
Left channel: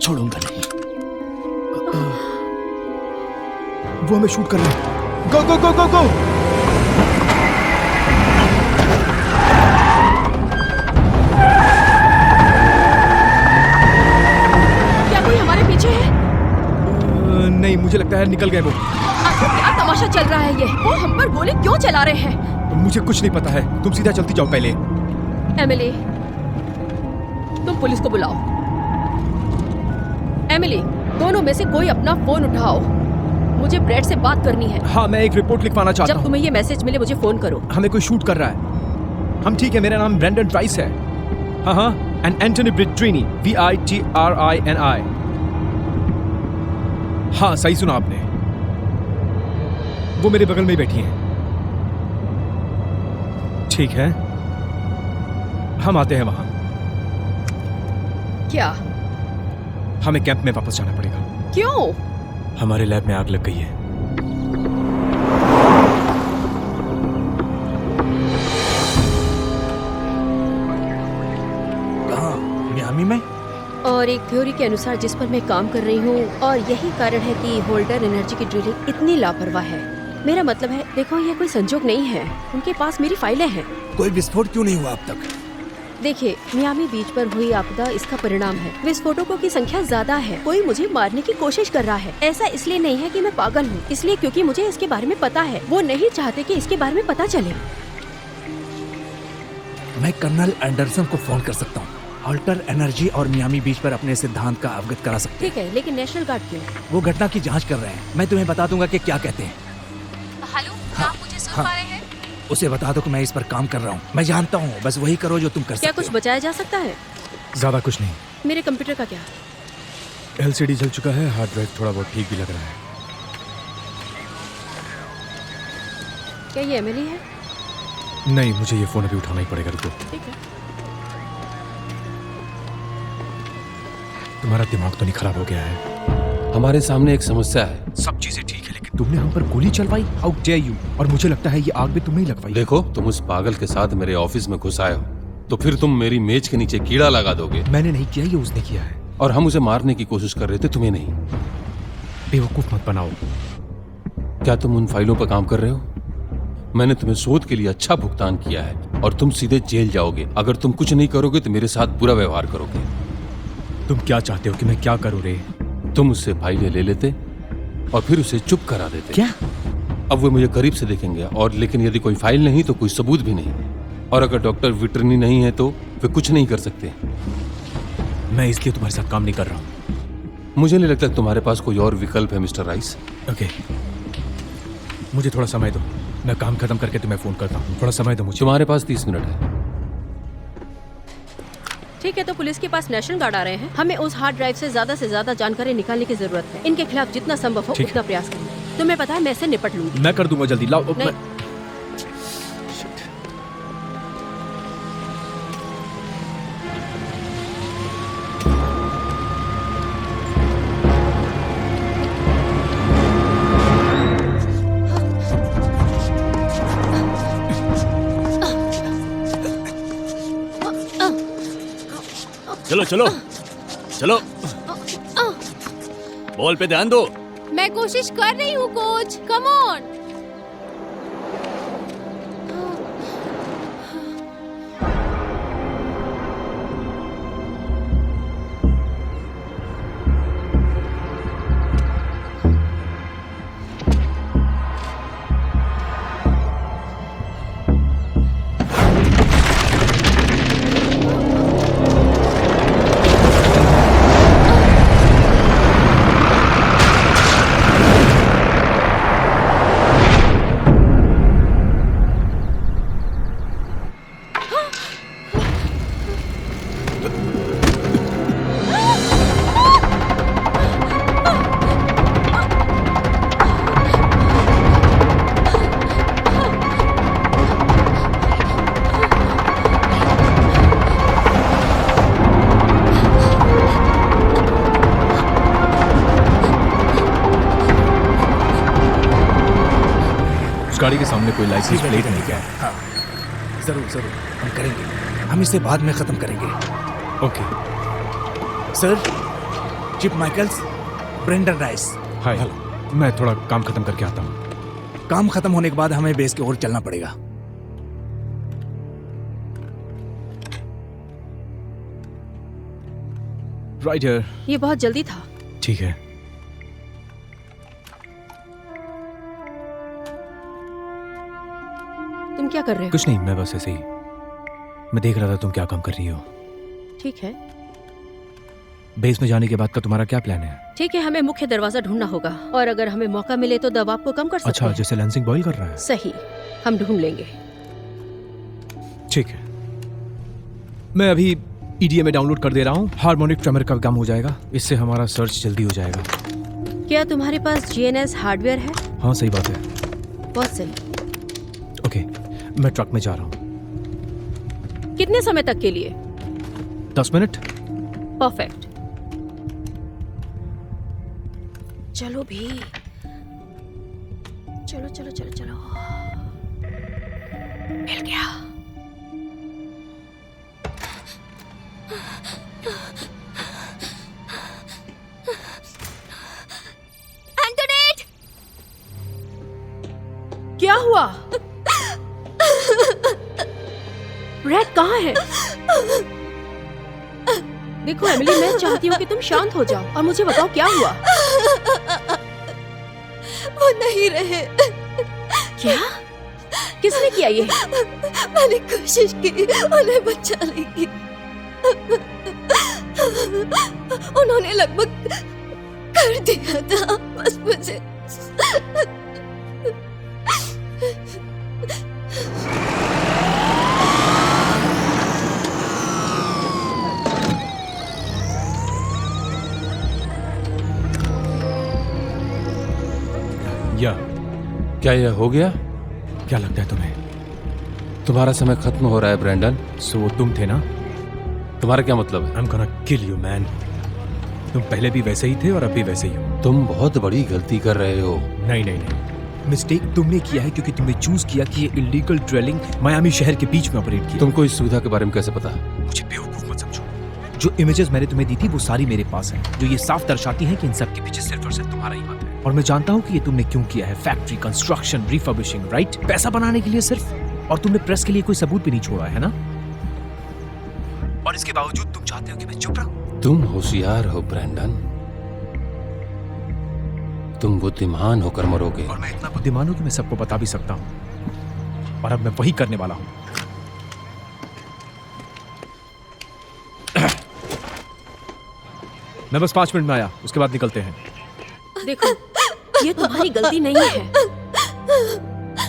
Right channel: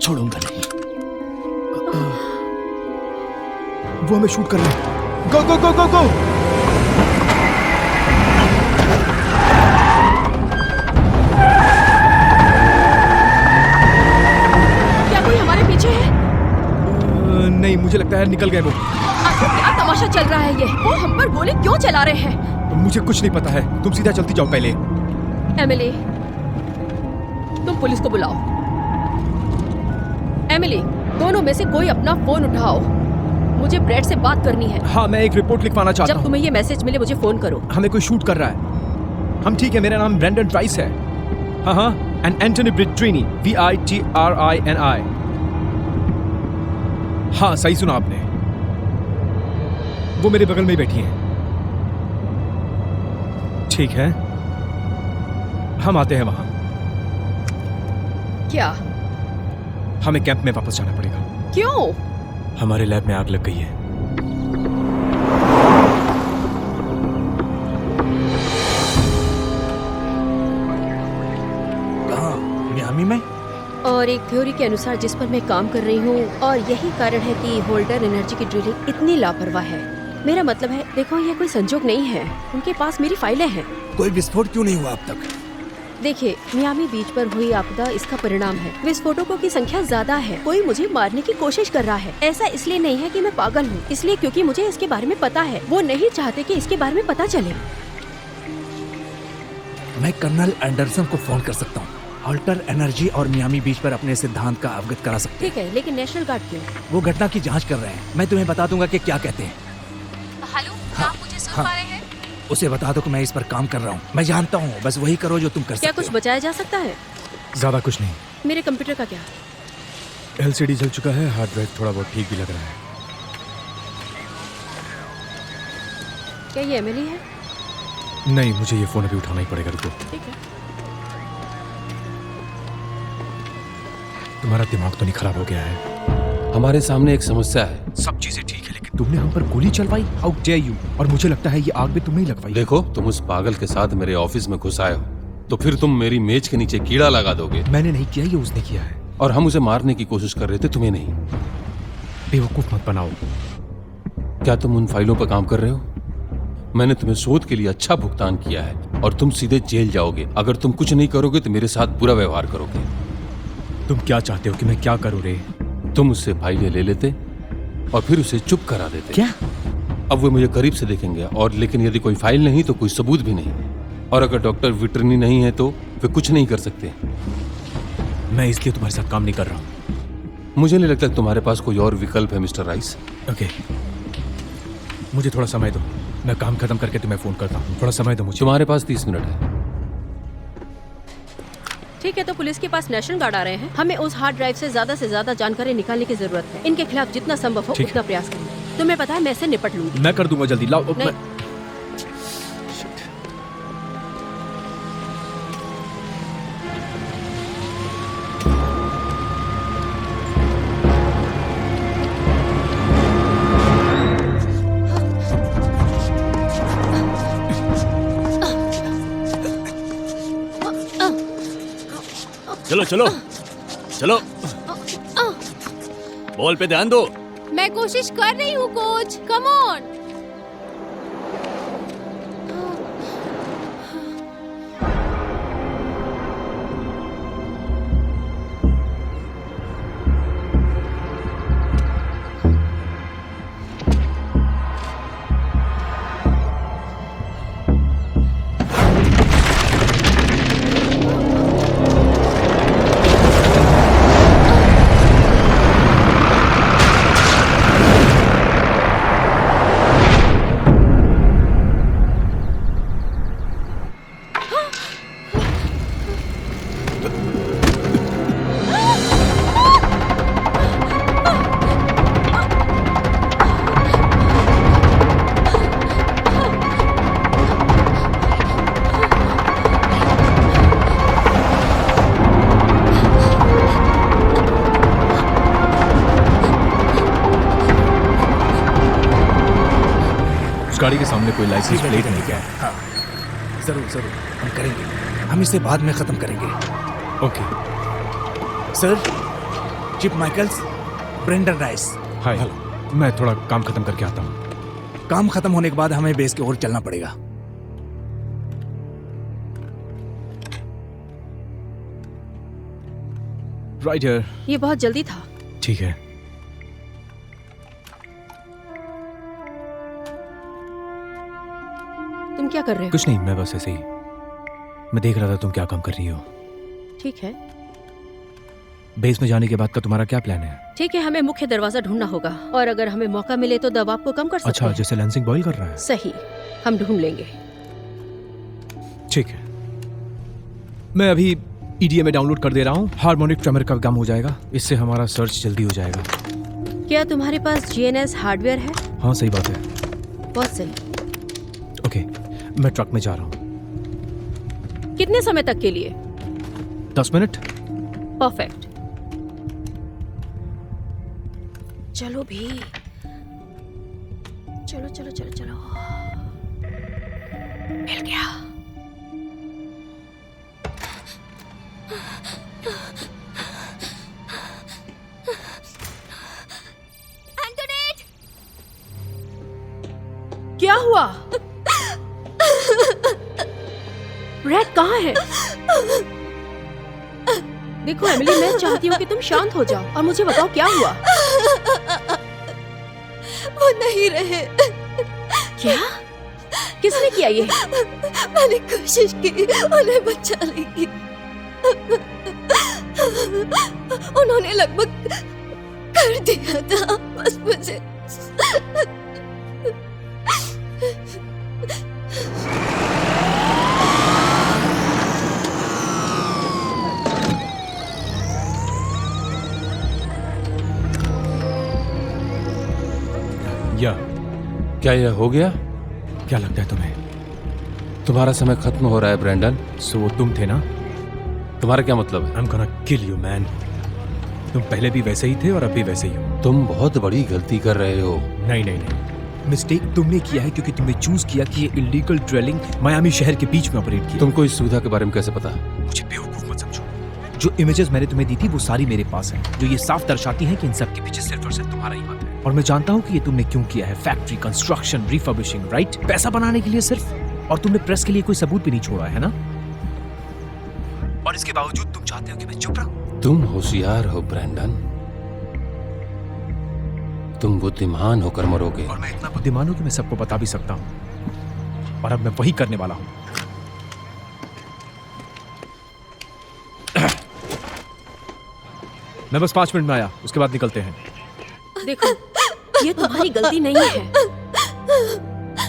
छोड़ूंगा नहीं। वो हमें शूट कर रहे हैं। गो गो गो गो गो। क्या कोई हमारे पीछे है? नहीं, मुझे लगता है निकल गए वो। आखिर क्या तमाशा चल रहा है ये? वो हम पर गोली क्यों चला रहे हैं? मुझे कुछ नहीं पता है, तुम सीधा चलती जाओ पहले। एमिली, तुम पुलिस को बुलाओ। एमिली, दोनों में से कोई अपना फोन उठाओ, मुझे ब्रैड से बात करनी है। हाँ, मैं एक रिपोर्ट लिखवाना चाहता जब हूँ। तुम्हें ये मैसेज मिले मुझे फोन करो। हमें कोई शूट कर रहा है। हम ठीक है, मेरा नाम ब्रेंडन ट्राइस है। हाँ हाँ, एंड एंटोनी विट्रिनी, VITRINI। हाँ, सही सुना आपने। वो मेरे बगल में ही बैठी है। ठीक है, हम आते हैं वहाँ। क्या? हमें कैंप में वापस आना पड़ेगा। क्यों? हमारे लैब में आग लग गई है। मियामी में? और एक थ्योरी के अनुसार जिस पर मैं काम कर रही हूँ, और यही कारण है कि होल्डर एनर्जी की ड्रिलिंग इतनी लापरवाह है। मेरा मतलब है, देखो ये कोई संजोग नहीं है, उनके पास मेरी फाइलें हैं। कोई विस्फोट क्यों नहीं हुआ अब तक? देखिए, मियामी बीच पर हुई आपदा इसका परिणाम है। विस्फोटकों की संख्या ज्यादा है। कोई मुझे मारने की कोशिश कर रहा है। ऐसा इसलिए नहीं है कि मैं पागल हूँ, इसलिए क्योंकि मुझे इसके बारे में पता है। वो नहीं चाहते कि इसके बारे में पता चले। मैं कर्नल एंडरसन को फोन कर सकती हूँ। एनर्जी और मियामी बीच में करा सकती हूँ। वो घटना की जांच कर रहा है। मैं तुम्हें बता दूंगा कि क्या कहते हैं। हाँ, उसे बता दो कि मैं इस पर कॉल कर रहा हूँ। मैं जानता हूँ, बस वही करो जो तुम कर क्या सकते कुछ बचाया जा सकता है? ज्यादा कुछ नहीं। मेरे कंप्यूटर का क्या? LCD जल चुका है, हार्ड ड्राइव थोड़ा बहुत ठीक भी लग रहा है। क्या ये एमिली है? नहीं, मुझे ये फोन अभी उठाना ही पड़ेगा। रुको। ठीक है। तुम्हारा दिमाग तो नहीं खराब हो गया है? हमारे सामने एक समस्या है। तुमने हम पर गोली चलवाई, हाउ डेयर यू? और मुझे लगता है ये आग भी तुम्हें लगा। देखो, तुम एक पागल के साथ मेरे ऑफिस में घुस आए हो, तो फिर तुम मेरी मेज के नीचे कीड़ा लगा दोगे। मैंने नहीं किया, ये उसने किया है। और हम उसे मारने की कोशिश कर रहे थे, तुम्हें नहीं। बेवकूफ मत बनाओ। क्या तुम उन फाइलों पर काम कर रहे हो? मैंने तुम्हें शोध के लिए अच्छा भुगतान किया है और तुम सीधे जेल जाओगे। अगर तुम कुछ नहीं करोगे तो मेरे साथ बुरा व्यवहार करोगे। तुम क्या चाहते हो कि मैं क्या करूं रे? तुम उससे फाइलें ले लेते और फिर उसे चुप करा देते। क्या? अब वो मुझे करीब से देखेंगे, और लेकिन यदि कोई फाइल नहीं तो कोई सबूत भी नहीं, और अगर डॉक्टर विट्रिनी नहीं है तो वे कुछ नहीं कर सकते। मैं इसलिए तुम्हारे साथ काम नहीं कर रहा हूँ। मुझे नहीं लगता कि तुम्हारे पास कोई और विकल्प है मिस्टर राइस। ओके, मुझे थोड़ा समय दो, मैं काम खत्म करके तुम्हें फोन करता हूँ। थोड़ा समय दो मुझे। तुम्हारे पास 30 मिनट है। ठीक है, तो पुलिस के पास नेशनल गार्ड आ रहे हैं। हमें उस हार्ड ड्राइव से ज्यादा जानकारी निकालने की जरूरत है। इनके खिलाफ जितना संभव हो ठीक उतना प्रयास करेंगे। तुम्हें पता है, मैं इससे निपट लूंगी। मैं कर दूंगा जल्दी। लाओ। चलो चलो चलो, बॉल पे ध्यान दो। मैं कोशिश कर रही हूँ कोच, कम ऑन। कोई लाइसेंस प्लेट नहीं क्या? हाँ जरूर जरूर हम करेंगे, हम इसे बाद में खत्म करेंगे। Okay. Sir, Chip Michaels, Brendan Rice. Hi, मैं थोड़ा काम खत्म करके आता हूँ। काम खत्म होने के बाद हमें बेस की ओर चलना पड़ेगा। Right here. ये बहुत जल्दी था। ठीक है। तुम क्या कर रहे हो? कुछ नहीं, मैं बस ऐसे ही, मैं देख रहा था तुम क्या काम कर रही हो। ठीक है। बेस में जाने के बाद का तुम्हारा क्या प्लान है? ठीक है, हमें मुख्य दरवाजा ढूंढना होगा और अगर हमें मौका मिले तो दबाव को कम कर सकते अच्छा, हैं। जैसे लेंसिंग बॉयल कर रहा है। सही, हम ढूंढ लेंगे। ठीक है, मैं अभी EDA में डाउनलोड कर दे रहा हूँ। हार्मोनिक ट्रेमर का काम हो जाएगा, इससे हमारा सर्च जल्दी हो जाएगा। क्या तुम्हारे पास GNS हार्डवेयर है? हाँ सही बात है। बहुत सही। ओके, मैं ट्रक में जा रहा हूँ। कितने समय तक के लिए? 10 मिनट। परफेक्ट। चलो भी, चलो चलो चलो चलो। मिल गया। एंटोनेट! क्या हुआ? कहाँ है? देखो एमिली, मैं चाहती हूँ कि तुम शांत हो जाओ और मुझे बताओ क्या हुआ। वो नहीं रहे। क्या? किसने किया ये? मैंने कोशिश की उन्हें बचाने की। उन्होंने लगभग कर दिया था, बस मुझे। या क्या ये हो गया? क्या लगता है तुम्हें? तुम्हारा समय खत्म हो रहा है ब्रेंडन। सो वो तुम थे ना? तुम्हारा क्या मतलब है? I'm gonna kill you, man. तुम पहले भी वैसे ही थे और अब भी वैसे ही हो। तुम बहुत बड़ी गलती कर रहे हो। नहीं नहीं नहीं, मिस्टेक तुमने किया है क्योंकि तुमने चूज किया कि ये इलीगल ड्रिलिंग मायामी शहर के बीच में ऑपरेट किया। तुमको इस सुविधा के बारे में कैसे पता? मुझे बेवकूफ मत समझो। जो इमेजेस मैंने तुम्हें दी थी वो सारी मेरे पास है, जो ये साफ दर्शाती हैं कि इन सब के पीछे सिर्फ और सिर्फ तुम्हारा ही हाथ है। और मैं जानता हूँ कि ये तुमने क्यों किया है। Factory, construction, refurbishing, right? पैसा बनाने के लिए सिर्फ। और तुमने प्रेस के लिए कोई सबूत भी नहीं छोड़ा है ना? और इसके बावजूद तुम चाहते हो कि मैं चुप रहूं? तुम होशियार हो ब्रेंडन, तुम बुद्धिमान होकर मरोगे। और मैं इतना बुद्धिमान हूं कि मैं सबको बता भी सकता हूं। और अब मैं वही करने वाला हूं। मैं बस 5 मिनट में आया, उसके बाद निकलते हैं। देखो, ये तुम्हारी गलती नहीं है।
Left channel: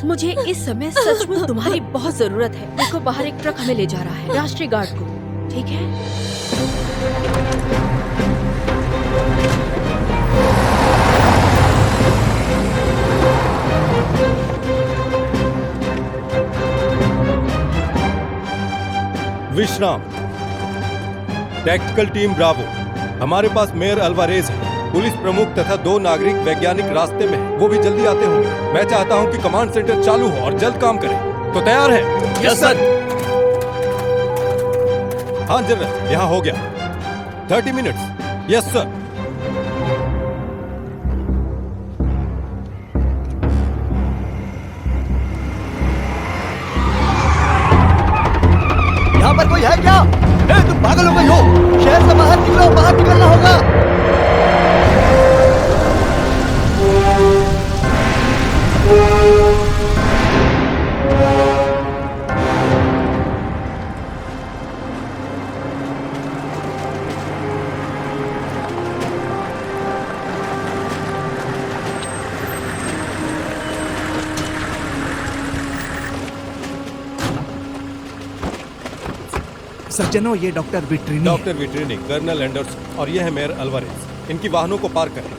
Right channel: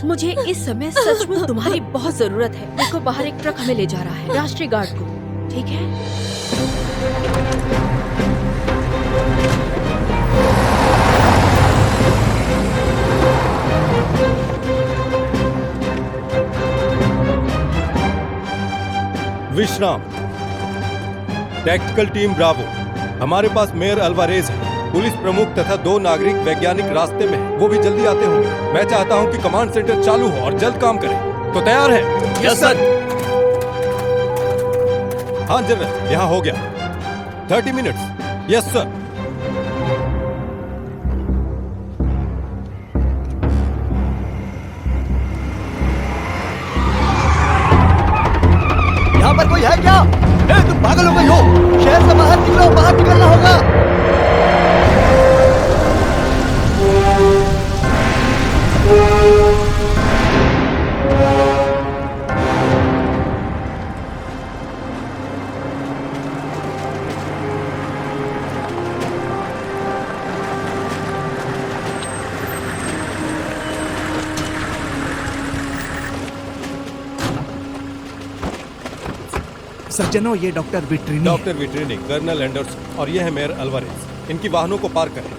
मुझे इस समय सच में तुम्हारी बहुत जरूरत है। देखो, बाहर एक ट्रक हमें ले जा रहा है, राष्ट्रीय गार्ड को। विश्राम, टैक्टिकल टीम ब्रावो, हमारे पास मेयर अल्वारेज, पुलिस प्रमुख तथा 2 नागरिक वैज्ञानिक रास्ते में, वो भी जल्दी आते हैं। मैं चाहता हूं कि कमांड सेंटर चालू हो और जल्द काम करें। तो तैयार है? Yes sir. हाँ जनरल, यहाँ हो गया। 30 मिनट्स। Yes sir. यहाँ पर कोई है क्या? पागल हो गए? शहर से बाहर निकलना होगा। सज्जनों, ये डॉक्टर विट्रिनी। डॉक्टर विट्रिनी, कर्नल एंडर्स और ये है मेयर अल्वारेज। इनकी वाहनों को पार करें।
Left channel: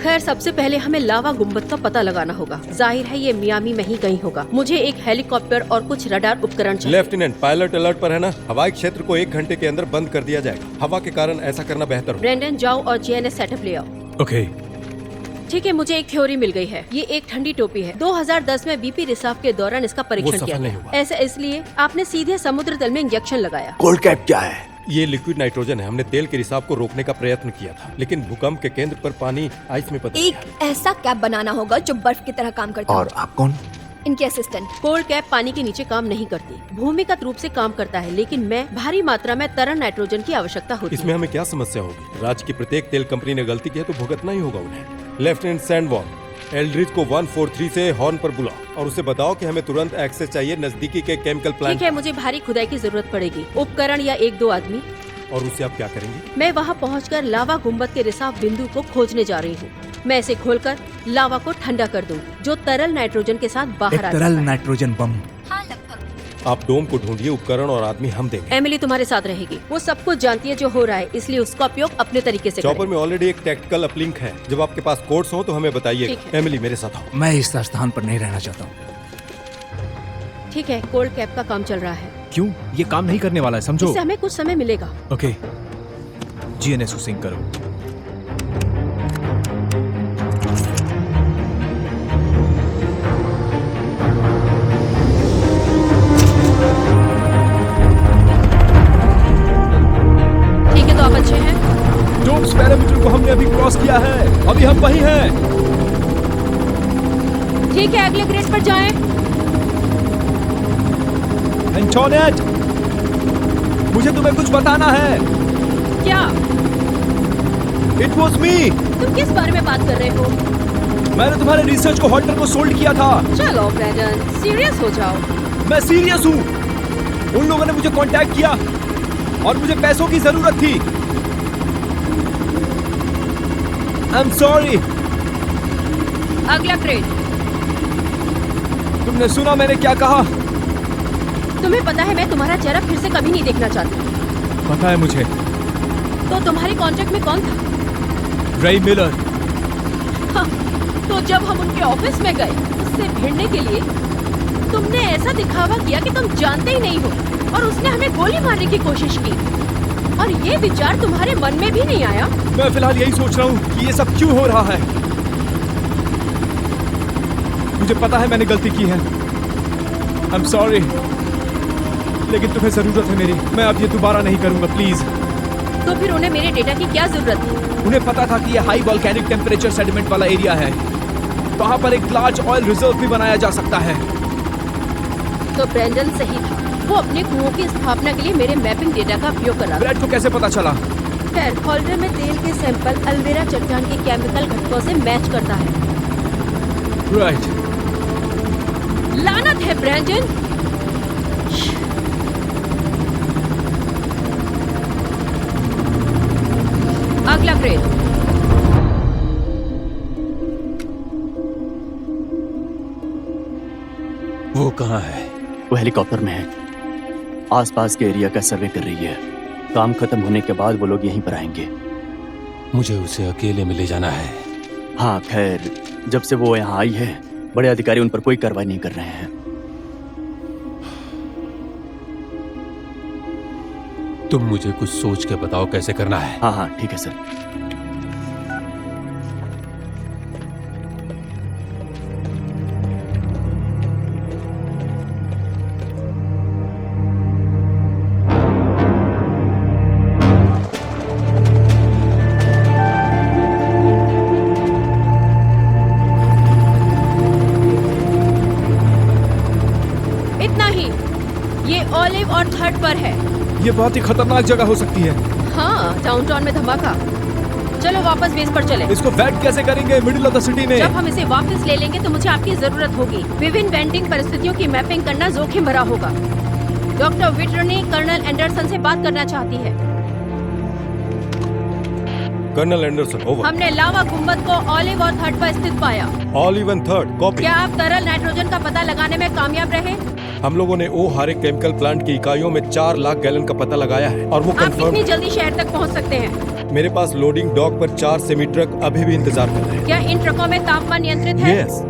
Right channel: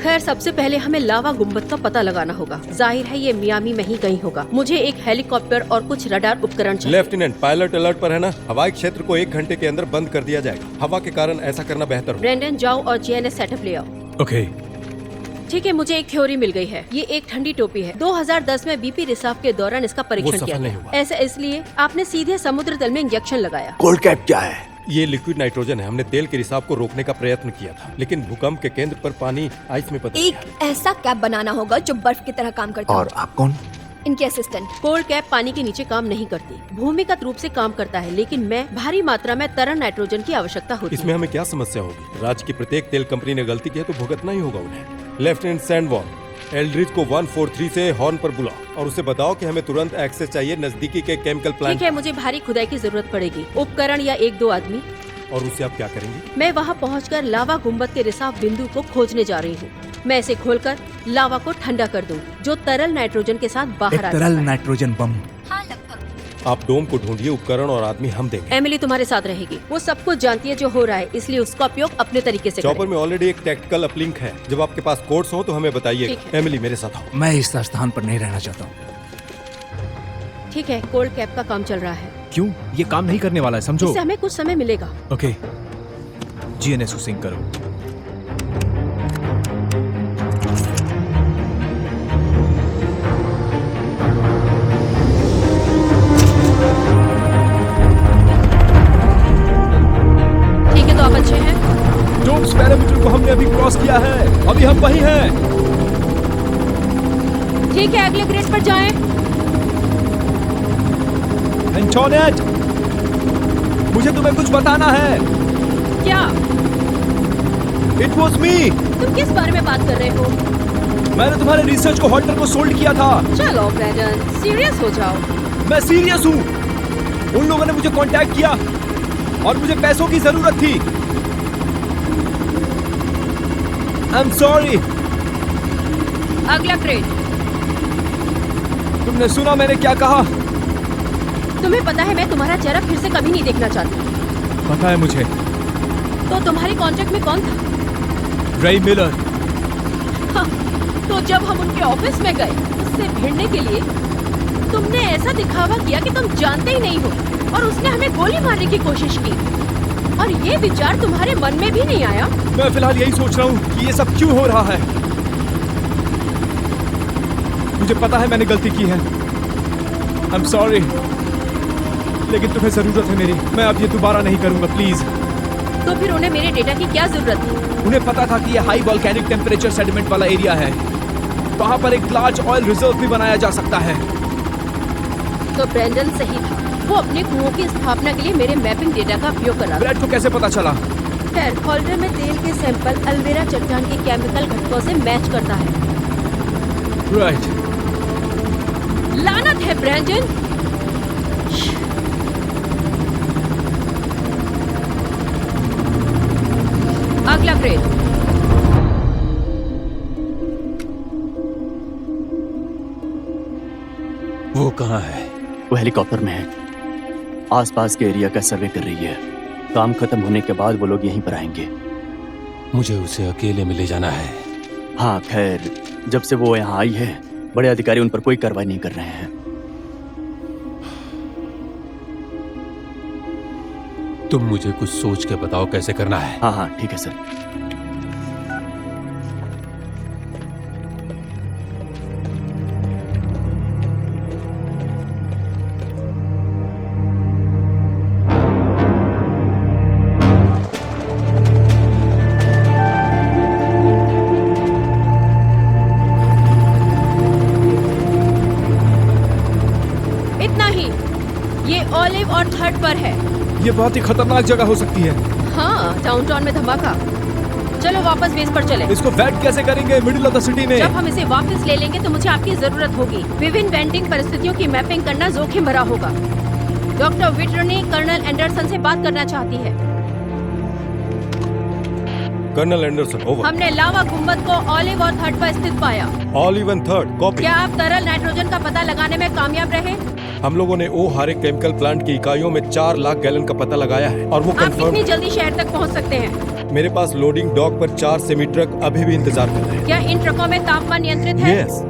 खैर, सबसे पहले हमें लावा गुंबद का पता लगाना होगा। जाहिर है ये मियामी में ही कहीं होगा। मुझे एक हेलीकॉप्टर और कुछ रडार उपकरण चाहिए। लेफ्टिनेंट, पायलट अलर्ट पर है ना? हवाई क्षेत्र को 1 घंटे के अंदर बंद कर दिया जाएगा। हवा के कारण ऐसा करना बेहतर हो। ब्रेंडन, जाओ और GNS सेटअप ले आओ। ओके। ठीक है, मुझे एक थ्योरी मिल गई है। ये एक ठंडी टोपी है। 2010 में बीपी रिसाव के दौरान इसका परीक्षण किया गया। ऐसा इसलिए आपने सीधे समुद्र तल में इंजेक्शन लगाया। कोल्ड कैप क्या है? ये लिक्विड नाइट्रोजन है। हमने तेल के रिसाव को रोकने का प्रयत्न किया था, लेकिन भूकंप के केंद्र पर पानी आइस में बदल एक ऐसा कैप बनाना होगा जो बर्फ की तरह काम करता है। और आप कौन? इनके असिस्टेंट। कोल्ड कैप पानी के नीचे काम नहीं करती, भूमिगत रूप से काम करता है, लेकिन भारी मात्रा में तरल नाइट्रोजन की आवश्यकता होती है। इसमें हमें क्या समस्या होगी? राज्य की प्रत्येक तेल कंपनी ने गलती की है तो भुगतना ही होगा उन्हें। लेफ्टिनेंट सैंडवॉल, एल्ड्रिज को 143 से हॉर्न पर बुलाओ और उसे बताओ कि हमें तुरंत एक्सेस चाहिए नजदीकी के केमिकल प्लांट। ठीक है, मुझे भारी खुदाई की जरूरत पड़ेगी, उपकरण या 1-2 आदमी। और उससे आप क्या करेंगे? मैं वहाँ पहुँचकर लावा गुंबद के रिसाव बिंदु को खोजने जा रही हूँ। मैं इसे खोलकर लावा को ठंडा कर दूंगी, जो तरल नाइट्रोजन के साथ बाहर आ तरल जाएगा। नाइट्रोजन बम। हाँ लखन। आप डोम को ढूंढिए, उपकरण और आदमी हम देंगे। एमिली तुम्हारे साथ रहेगी। वो सब कुछ जानती है जो हो रहा है, इसलिए उसका उपयोग अपने तरीके से करें। चौपर में ऑलरेडी एक टैक्टिकल अपलिंक है। जब आपके पास कोड्स हो तो हमें बताइए। ठीक है। एमिली मेरे साथ आओ। मैं इस स्थान पर नहीं रहना चाहता हूँ। ठीक है, कोल्ड कैप का काम चल रहा है। क्यों? ये काम नहीं करने वाला है, समझो। इससे हमें कुछ समय मिलेगा। ठीक है, अगले ग्रेड पर जाएं। किस बारे में बात कर रहे हो? मैंने तुम्हारे रिसर्च को हॉटल को सोल्ड किया था। चलो ब्रैंडन, सीरियस हो जाओ। मैं सीरियस हूँ। उन लोगों ने मुझे कांटेक्ट किया और मुझे पैसों की जरूरत थी। I am sorry. अगला ग्रेड। तुमने सुना मैंने क्या कहा? तुम्हें पता है मैं तुम्हारा चेहरा फिर से कभी नहीं देखना चाहती। पता है मुझे। तो तुम्हारे कॉन्ट्रैक्ट में कौन था? रे मिलर। हाँ, तो जब हम उनके ऑफिस में गए उससे भिड़ने के लिए, तुमने ऐसा दिखावा किया कि तुम जानते ही नहीं हो, और उसने हमें गोली करने की कोशिश की। और ये विचार तुम्हारे मन में भी नहीं आया? मैं फिलहाल यही सोच रहा हूँ कि ये सब क्यों हो रहा है। मुझे पता है मैंने गलती की है। I am sorry. लेकिन तुम्हें जरूरत है मेरी। मैं अब ये दोबारा नहीं करूंगा, प्लीज। तो फिर उन्हें मेरे डेटा की क्या जरूरत थी? उन्हें पता था कि ये हाई वोल्केनिक टेम्परेचर सेडिमेंट वाला एरिया है। वहाँ पर एक लार्ज ऑयल रिजर्व भी बनाया जा सकता है। तो ब्रैंडन सही था। वो अपने कुओं की स्थापना के लिए मेरे मैपिंग डेटा का उपयोग कर रहा था। ब्रैड को कैसे पता चला? होल्डर में तेल के सैंपल अल्वेरा चट्टान के केमिकल घटकों से मैच करता है। राइट। लानत है ब्रैंडन। अगला ग्रेड। वो कहाँ है? वो हेलीकॉप्टर में है। आसपास के एरिया का सर्वे कर रही है। काम खत्म होने के बाद वो लोग यहीं पर आएंगे। मुझे उसे अकेले में ले जाना है। हाँ, जब से वो यहाँ आई है बड़े अधिकारी उन पर कोई कार्रवाई नहीं कर रहे हैं। तुम मुझे कुछ सोच के बताओ कैसे करना है। हाँ हाँ ठीक है सर। इतना ही। ये ऑलिव और थर्ड पर है। ये बहुत ही खतरनाक जगह हो सकती है। हाँ, डाउनटाउन में धमाका। चलो वापस बेस पर चले। इसको वेट कैसे करेंगे मिडिल ऑफ द सिटी में? जब हम इसे वापस ले लेंगे तो मुझे आपकी जरूरत होगी। विभिन्न वेंडिंग परिस्थितियों की मैपिंग करना जोखिम भरा होगा। डॉक्टर विटरनी कर्नल एंडरसन से बात करना चाहती है। Colonel Anderson, over. हमने लावा गुंबद को ऑलिव और थर्ड पर स्थित पाया। Olive and third, copy. क्या आप तरल नाइट्रोजन का पता लगाने में कामयाब रहे? हम लोगों ने ओ हारे केमिकल प्लांट की इकाइयों में 4 लाख गैलन का पता लगाया है और वो आप कंफर्म। कितनी जल्दी शहर तक पहुंच सकते हैं? मेरे पास लोडिंग डॉक पर 4 सेमी ट्रक अभी भी इंतजार कर रहे हैं। क्या इन ट्रकों में तापमान नियंत्रित है? यस।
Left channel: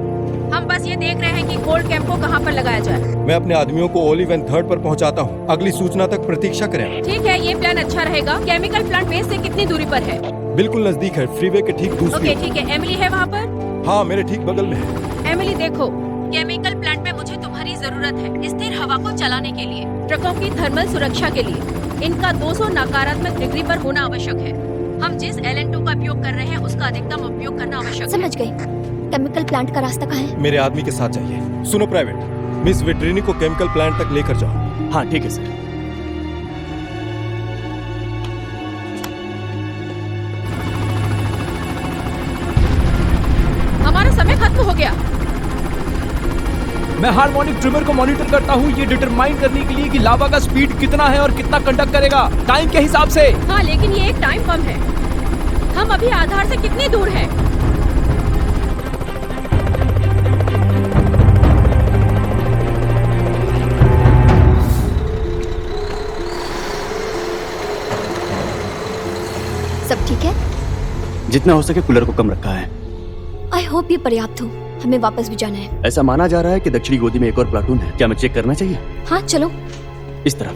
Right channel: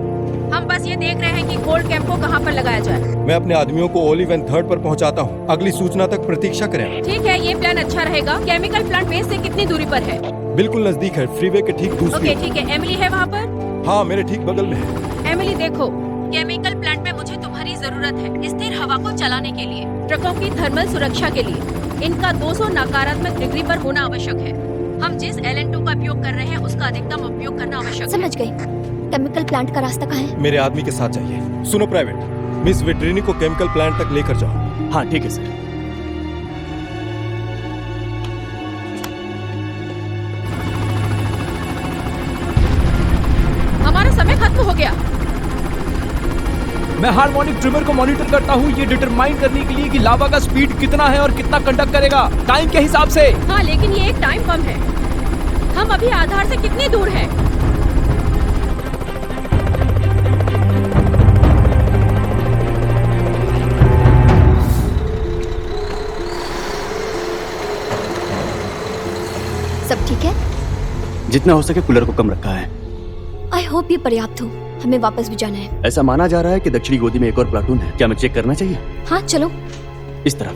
हम बस ये देख रहे हैं कि कोल्ड कैंप को कहाँ पर लगाया जाए। मैं अपने आदमियों को ओलिव एंड थर्ड पर पहुंचाता हूँ। अगली सूचना तक प्रतीक्षा करें। ठीक है, ये प्लान अच्छा रहेगा। केमिकल प्लांट बेस से कितनी दूरी पर है? बिल्कुल नजदीक है, फ्रीवे के ठीक दूसरी। ओके ठीक है। एमिली है वहाँ पर? हाँ, मेरे ठीक बगल में है। एमिली देखो, केमिकल प्लांट में मुझे तुम्हारी जरूरत है स्थिर हवा को चलाने के लिए, ट्रकों की थर्मल सुरक्षा के लिए। इनका 200 नकारात्मक डिग्री पर होना आवश्यक है। हम जिस LN2 का उपयोग कर रहे हैं उसका अधिकतम उपयोग करना आवश्यक है। समझ गई। केमिकल प्लांट का रास्ता कहाँ है? मेरे आदमी के साथ जाइए। सुनो प्राइवेट, मिस विट्रिनी को केमिकल प्लांट तक लेकर जाओ। हाँ ठीक है सर। हमारा समय खत्म हो गया। मैं हार्मोनिक ट्रिमर को मॉनिटर करता हूँ ये डिटरमाइन करने के लिए कि लावा का स्पीड कितना है और कितना कंडक्ट करेगा टाइम के हिसाब से। हाँ, लेकिन ये एक टाइम बम है। हम अभी आधार से कितनी दूर है? तब ठीक है। जितना हो सके कूलर को कम रखा है। आई होप ये पर्याप्त हो। हमें वापस भी जाना है। ऐसा माना जा रहा है कि दक्षिणी गोदी में एक और प्लाटून है। क्या मैं चेक करना चाहिए? हाँ चलो। इस तरह।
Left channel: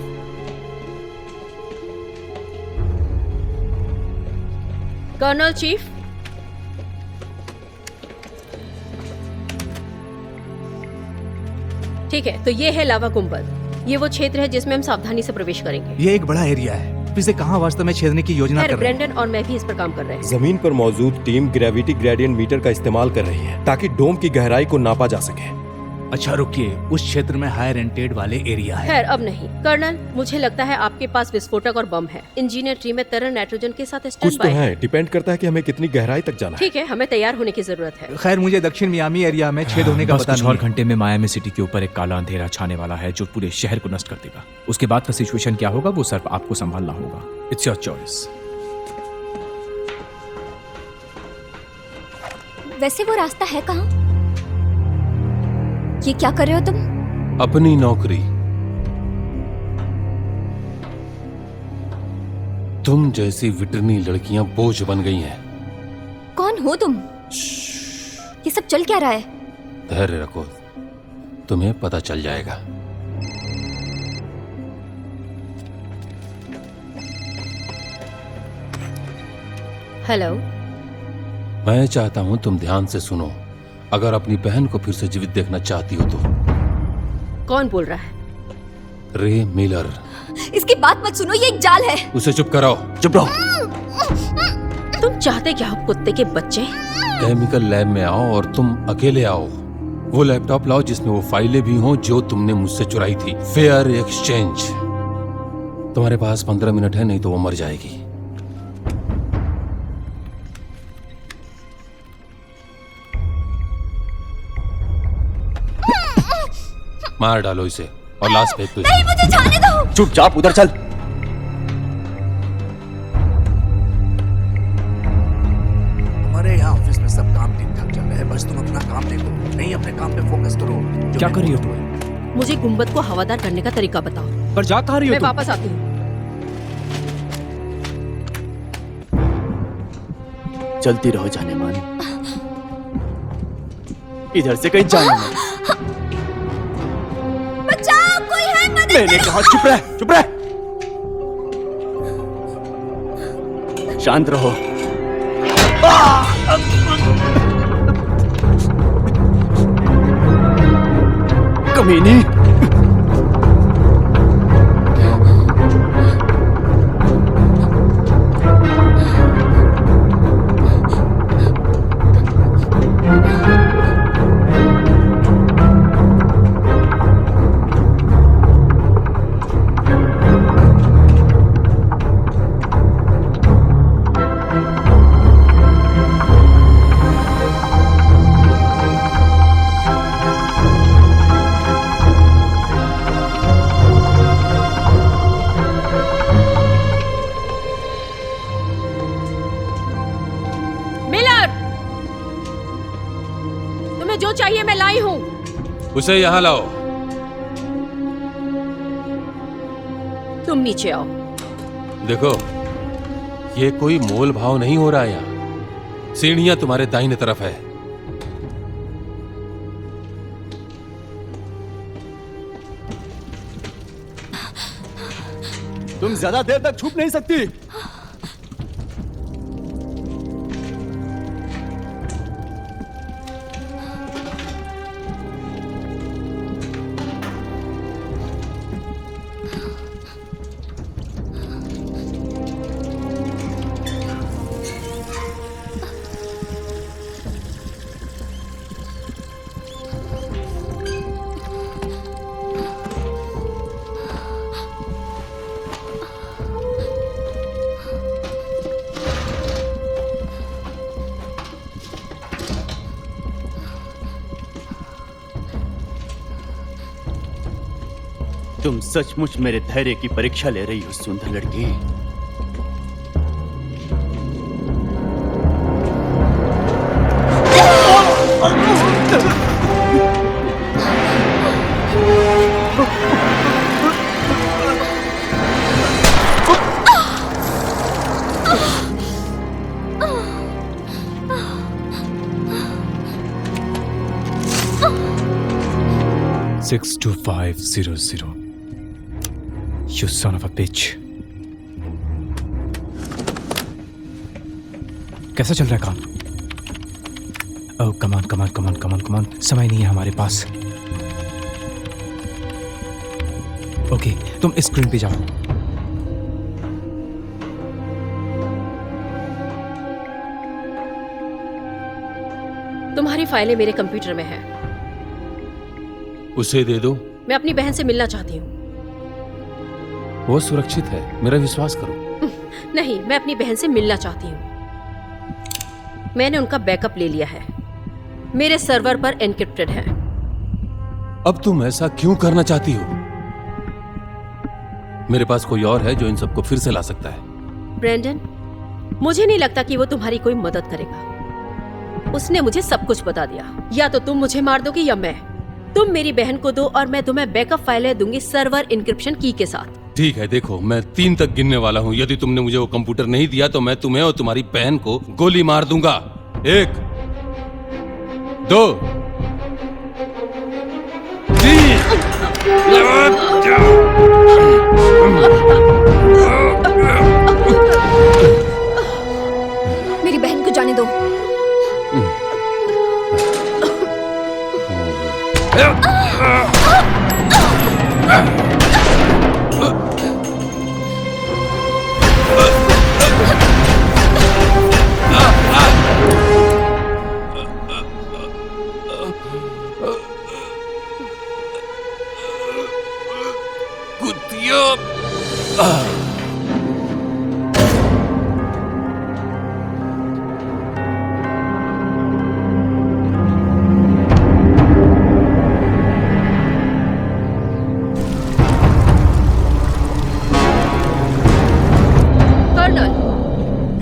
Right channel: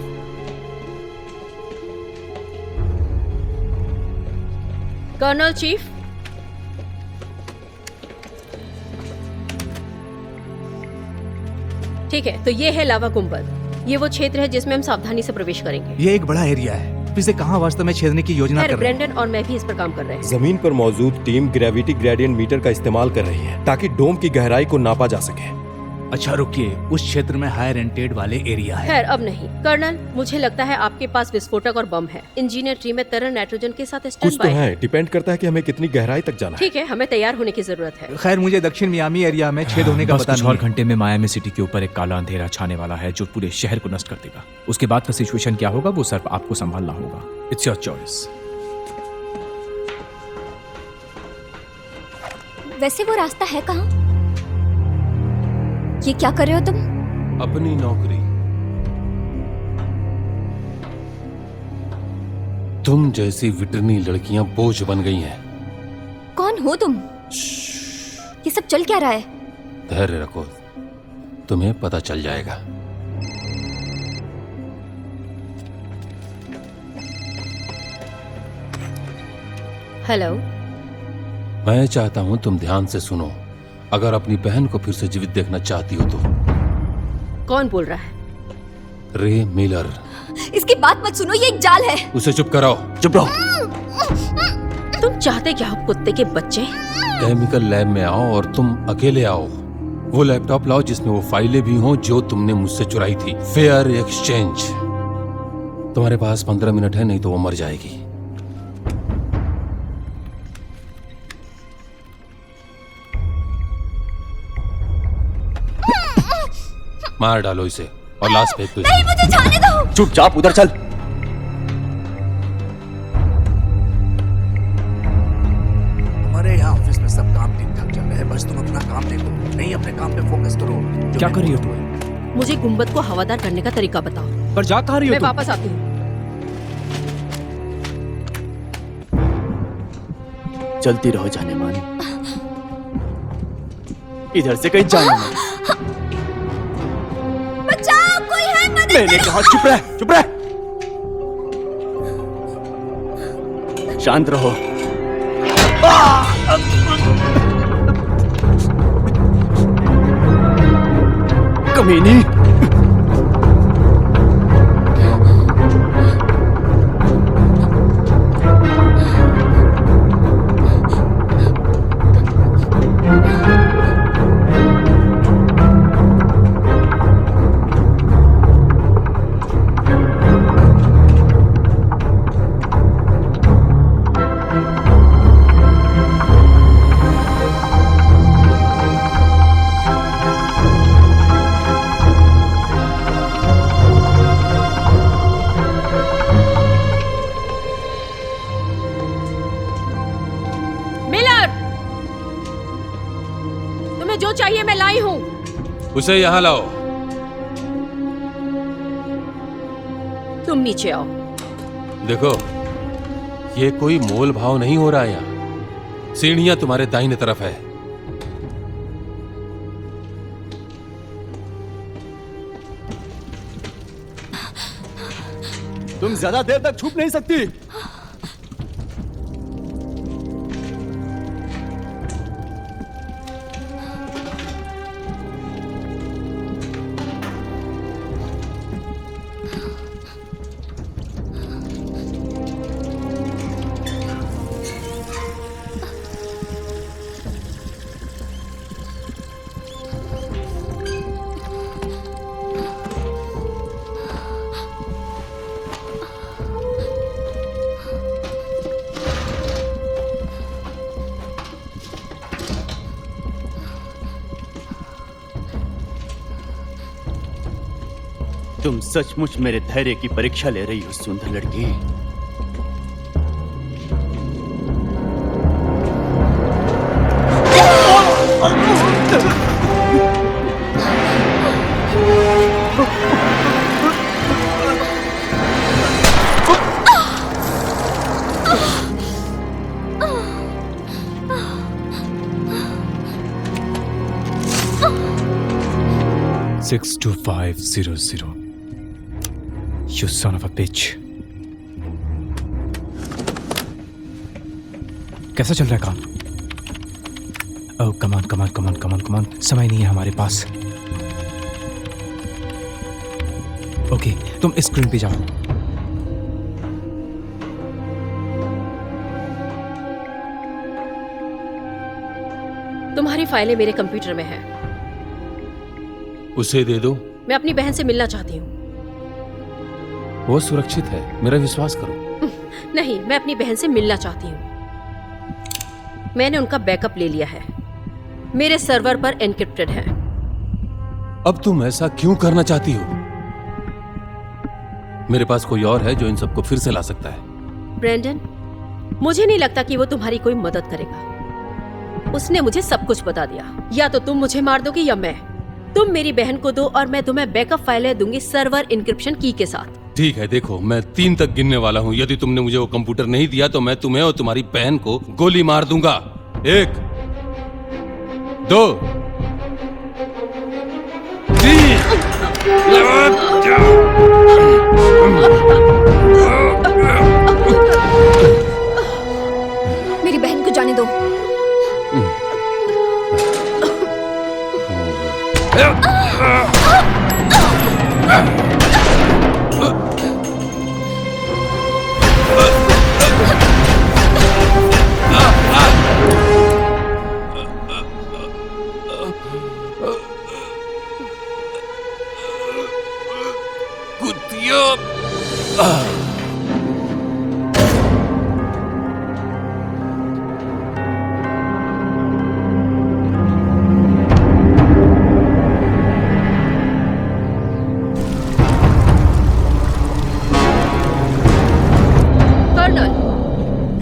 कर्नल चीफ, ठीक है, तो ये है लावा कुंभल। ये वो क्षेत्र है जिसमें हम सावधानी से प्रवेश करेंगे। ये एक बड़ा एरिया है। इसे कहाँ वास्तव में छेदने की योजना कर रहे हैं? ब्रेंडन और मैं भी इस पर काम कर रहे हैं। जमीन पर मौजूद टीम ग्रेविटी ग्रेडियंट मीटर का इस्तेमाल कर रही है ताकि डोम की गहराई को नापा जा सके। अच्छा रुकिए, उस क्षेत्र में हाई रेंटेड वाले एरिया है। खैर अब नहीं। कर्नल, मुझे लगता है आपके पास विस्फोटक और बम है। इंजीनियर ट्री में तरल नाइट्रोजन के साथ कुछ स्टैंड तो बाय। है, डिपेंड करता है कि हमें कितनी गहराई तक जाना है। ठीक है, हमें तैयार होने की जरूरत है। खैर मुझे दक्षिण मियामी एरिया में छेद होने का बस पता कुछ और घंटे में मायामी सिटी के ऊपर एक काला अंधेरा छाने वाला है जो पूरे शहर को नष्ट कर देगा। उसके बाद का सिचुएशन क्या होगा वो सिर्फ आपको संभालना होगा। It's your choice. वैसे वो रास्ता है कहाँ? ये क्या कर रहे हो तुम? अपनी नौकरी। तुम जैसी विटरनी लड़कियां बोझ बन गई हैं। कौन हो तुम? ये सब चल क्या रहा है? धैर्य रखो, तुम्हें पता चल जाएगा। हेलो। मैं चाहता हूं तुम ध्यान से सुनो। अगर अपनी बहन को फिर से जीवित देखना चाहती हो तो। कौन बोल रहा है? रे मिलर। इसकी बात मत सुनो, ये एक जाल है। उसे चुप करो। चुप रहो। तुम चाहते क्या हो कुत्ते के बच्चे? केमिकल लैब में आओ और तुम अकेले आओ। वो लैपटॉप लाओ जिसमें वो फाइलें भी हों जो तुमने मुझसे चुराई थी। Fair exchange. तुम्हारे पास 15 मिनट है, नहीं तो वो मर जाएगी। मार डालो इसे और लास्ट पेज पर। नहीं, मुझे छोड़ने दो। चुप चुप, उधर चल। हमारे यहाँ ऑफिस में सब काम ठीक ठाक चल रहा है, बस तुम अपना काम देखो। नहीं अपने काम पे फोकस करो। क्या कर रही हो तुम? मुझे गुंबद को हवादार करने का तरीका बताओ। पर जा कहाँ रही हो मैं तुम? वापस आती हूँ। चलती रहो जाने वाली। इधर से कहीं जाना। बचाओ, कोई है? मैंने कहा चुप रह, चुप रह। शांत रहो। कमीने। जो चाहिए मैं लाई हूँ। उसे यहाँ लाओ। तुम नीचे आओ। देखो, ये कोई मोल भाव नहीं हो रहा है। सीढ़ियां तुम्हारे दाहिने तरफ है। तुम ज्यादा देर तक छुप नहीं सकती। तुम सचमुच मेरे धैर्य की परीक्षा ले रही हो सुंदर लड़की। Six 2500. You son of a bitch. कैसा चल रहा है काम? कमान समय नहीं है हमारे पास। ओके, तुम इस स्क्रीन पे जाओ। तुम्हारी फाइलें मेरे कंप्यूटर में हैं। उसे दे दो। मैं अपनी बहन से मिलना चाहती हूँ। वो सुरक्षित है, मेरा विश्वास करो। नहीं, मैं अपनी बहन से मिलना चाहती हूँ। मैंने उनका बैकअप ले लिया है, मेरे सर्वर पर एन्क्रिप्टेड है। अब तुम ऐसा क्यों करना चाहती हो? मेरे पास कोई और है जो इन सबको फिर से ला सकता है। ब्रैंडन, मुझे नहीं लगता कि वो तुम्हारी कोई मदद करेगा। उसने मुझे सब कुछ बता दिया। या तो तुम मुझे मार दोगे या मैं। तुम मेरी बहन को दो और मैं तुम्हें बैकअप फाइलें दूंगी सर्वर इनक्रिप्शन की के साथ। ठीक है, देखो मैं 3 तक गिनने वाला हूँ। यदि तुमने मुझे वो कंप्यूटर नहीं दिया तो मैं तुम्हें और तुम्हारी बहन को गोली मार दूंगा। 1 2 मेरी बहन को जाने दो।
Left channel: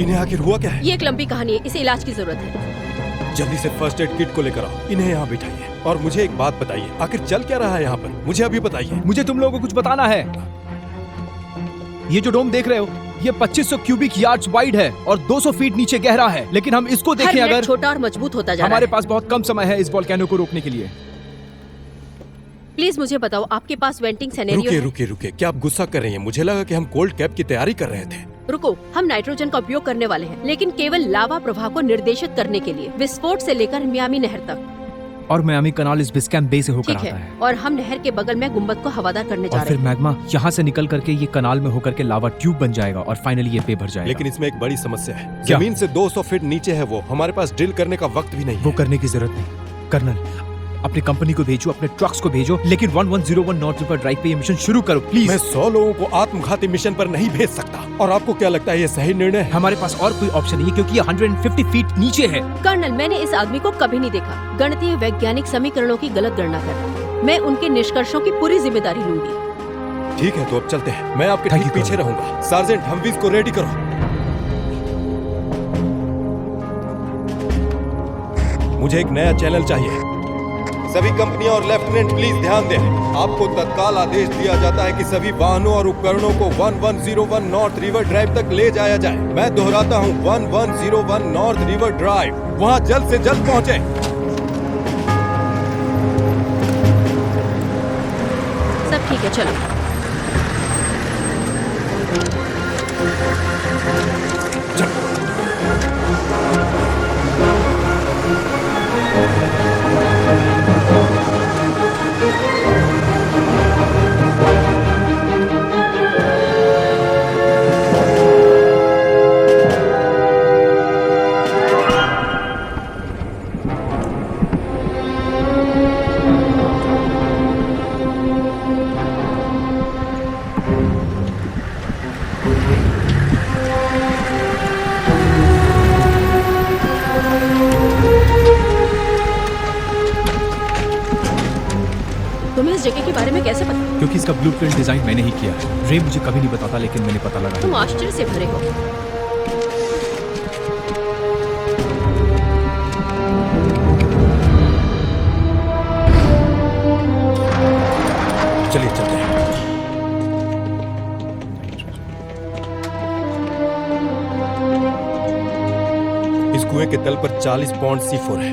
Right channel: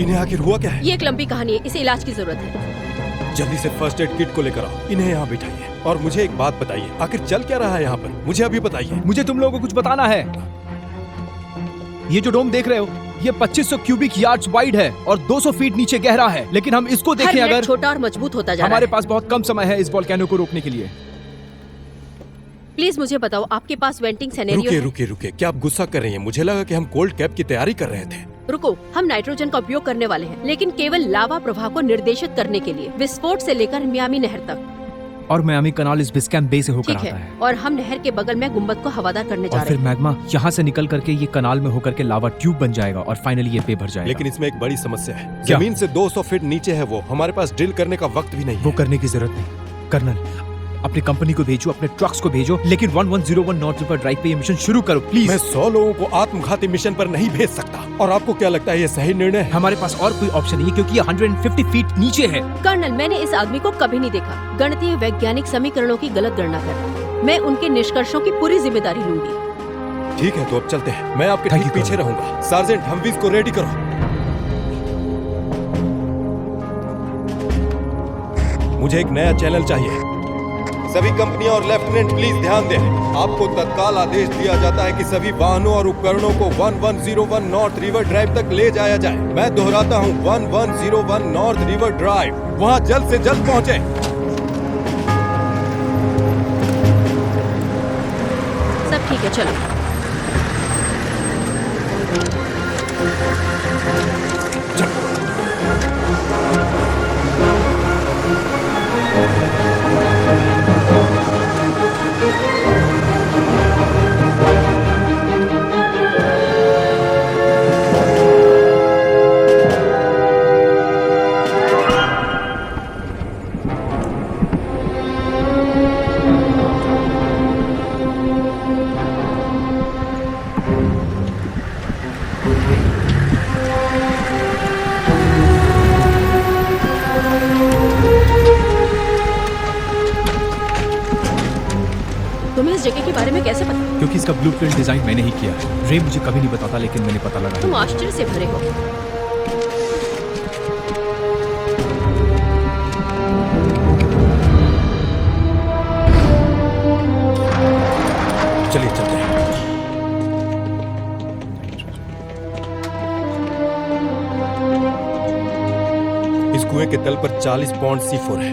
इन्हें आखिर हुआ क्या है? ये एक लंबी कहानी है, इसे इलाज की जरूरत है। जल्दी से फर्स्ट एड किट को लेकर आओ। इन्हें यहाँ बिठाइए और मुझे एक बात बताइए, आखिर चल क्या रहा है यहाँ पर? मुझे अभी बताइए। मुझे तुम लोगों को कुछ बताना है। ये जो डोम देख रहे हो, ये 2500 क्यूबिक यार्ड्स वाइड है और 200 फीट नीचे गहरा है। लेकिन हम इसको देखें, अगर छोटा और मजबूत होता जा रहा है। हमारे पास बहुत कम समय है इस वोल्केनो को रोकने के लिए। प्लीज मुझे बताओ, आपके पास वेंटिंग सिनेरियो है? रुकिए, क्या आप गुस्सा कर रही हैं? मुझे लगा कि हम कोल्ड कैप की तैयारी कर रहे थे। रुको, हम नाइट्रोजन का उपयोग करने वाले हैं, लेकिन केवल लावा प्रवाह को निर्देशित करने के लिए, विस्फोट से लेकर मियामी नहर तक। और मियामी कनाल इस बिस्कैम बे से होकर ठीक आता है, है। और हम नहर के बगल में गुम्बद को हवादार करने जा और रहे फिर हैं। मैग्मा यहाँ से निकल करके ये कनाल में होकर के लावा ट्यूब बन जाएगा और फाइनली ये पे भर जाएगा। लेकिन इसमें एक बड़ी समस्या है। क्या? जमीन से 200 फीट नीचे है वो। हमारे पास ड्रिल करने का वक्त भी नहीं। वो करने की जरूरत नहीं। कर्नल, अपनी कंपनी को भेजो, अपने ट्रक्स को भेजो, लेकिन 1101 नॉर्थ रिवर ड्राइव पे ये मिशन शुरू करो प्लीज। मैं 100 लोगों को आत्मघाती मिशन पर नहीं भेज सकता। और आपको क्या लगता है ये सही निर्णय है? हमारे पास और कोई ऑप्शन नहीं है क्योंकि ये 150 फीट नीचे है। कर्नल, मैंने इस आदमी को कभी नहीं देखा। गणितीय वैज्ञानिक समीकरणों की गलत गणना कर, मैं उनके निष्कर्षों की पूरी जिम्मेदारी लूंगी। ठीक है, तो अब चलते हैं। मैं आपके ठीक पीछे रहूंगा। सार्जेंट, हमवीज को रेडी करो। मुझे एक नया चैनल चाहिए। सभी कंपनियां और लेफ्टिनेंट प्लीज ध्यान दें। आपको तत्काल आदेश दिया जाता है कि सभी वाहनों और उपकरणों को 1101 नॉर्थ रिवर ड्राइव तक ले जाया जाए। मैं दोहराता हूं, 1101 नॉर्थ रिवर ड्राइव। वहां जल्द से जल्द पहुंचे। सब ठीक है, चलो। तुम्हें इस जगह के बारे में कैसे पता? क्योंकि इसका ब्लूप्रिंट डिजाइन मैंने ही किया। रे मुझे कभी नहीं बताता, लेकिन मैंने पता लगा। तुम आश्चर्य से भरे हो। चलिए चलते हैं। इस कुएं के तल पर 40 पौंड C4 है।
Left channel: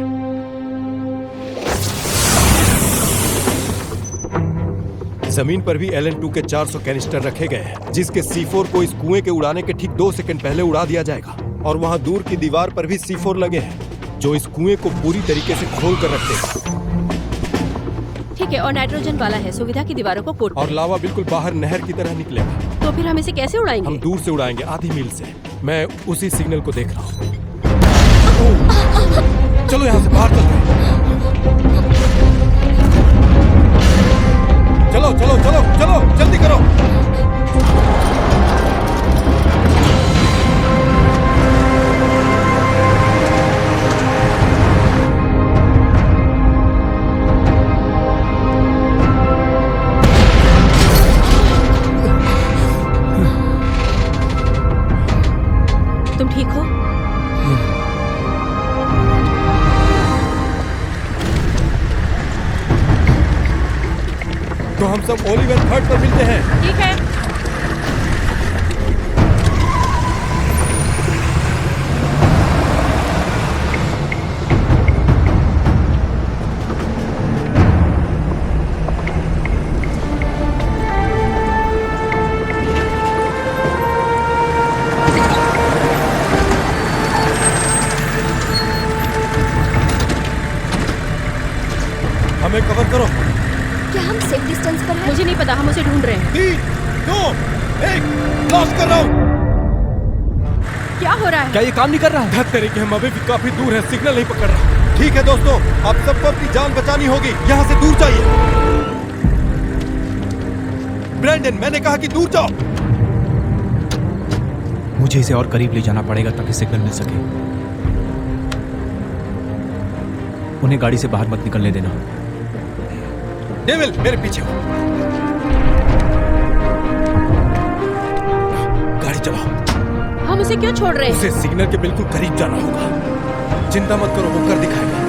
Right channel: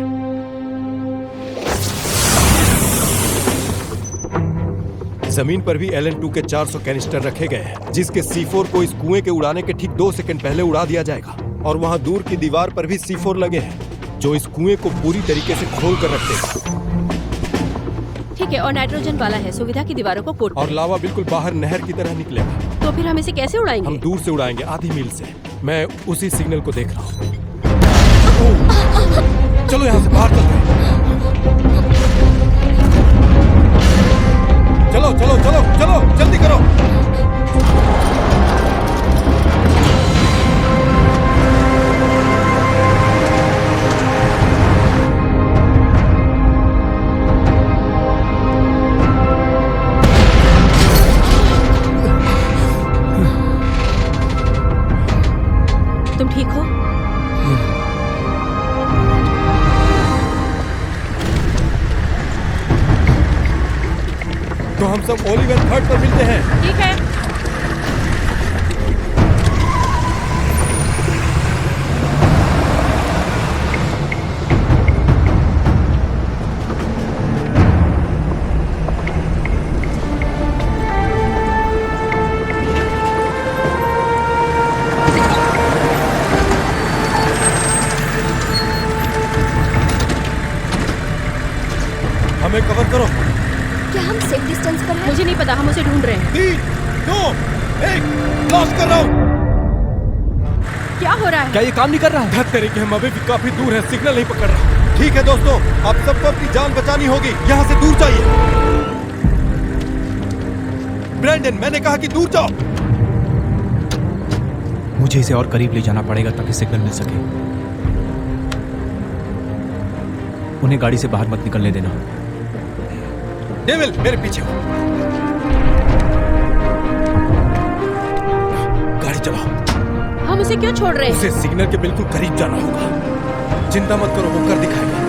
जमीन पर भी LN2 के 400 कैनिस्टर रखे गए हैं, जिसके C4 को इस कुएं के उड़ाने के ठीक 2 सेकंड पहले उड़ा दिया जाएगा। और वहां दूर की दीवार पर भी C4 लगे हैं, जो इस कुएं को पूरी तरीके से खोल कर रखते हैं। ठीक है, और नाइट्रोजन वाला है, सुविधा की दीवारों को कोट और लावा बिल्कुल बाहर नहर की तरह निकलेगा। तो फिर हम इसे कैसे उड़ाएंगे? हम दूर से उड़ाएंगे, आधी मील से। मैं उसी सिग्नल को देख रहा हूँ। चलो यहाँ से बाहर चलो चलो चलो चलो, जल्दी करो। तुम ठीक हो? तो हम सब ओलिवन थर्ड पर मिलते हैं। ठीक है। हमें कवर करो। क्या हम सेफ डिस्टेंस पर हैं? मुझे नहीं पता, हम उसे ढूंढ रहे हैं। 3, 2, 1, ब्लास्ट कर दो। क्या हो रहा है? क्या ये काम नहीं कर रहा है? धत तरीके हम अभी भी काफी दूर है, सिग्नल नहीं पकड़ रहा। ठीक है दोस्तों, अब सबको अपनी जान बचानी होगी। यहाँ से दूर जाइए। ब्रैंडन, मैंने कहा कि दूर जाओ। मुझे इसे और करीब ले जाना पड़ेगा ताकि इसे चलने पड़े। हम उसे क्यों छोड़ रहे हैं? सिग्नल के बिल्कुल करीब जाना होगा। चिंता मत करो, वो कर दिखाएगा।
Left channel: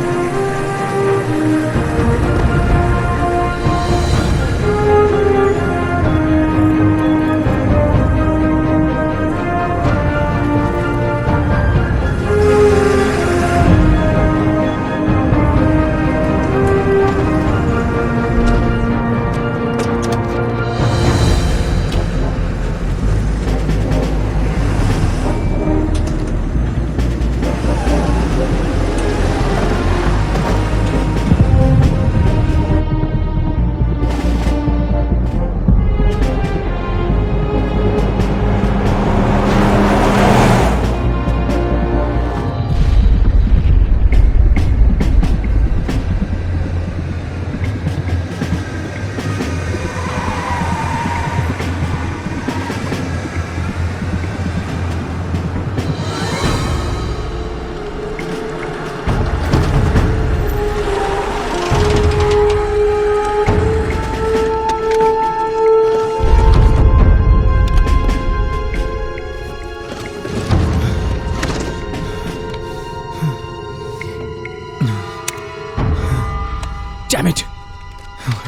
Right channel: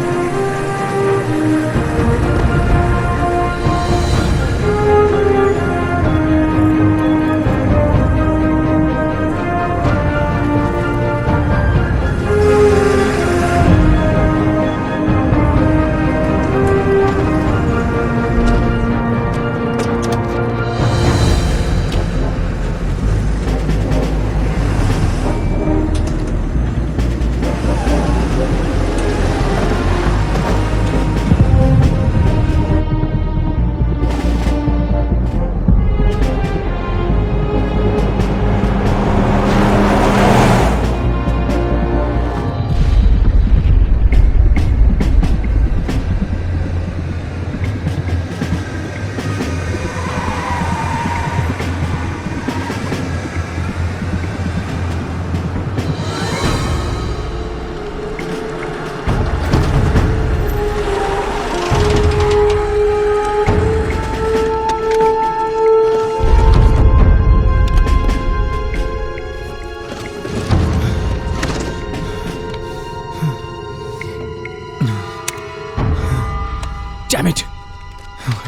Damn it!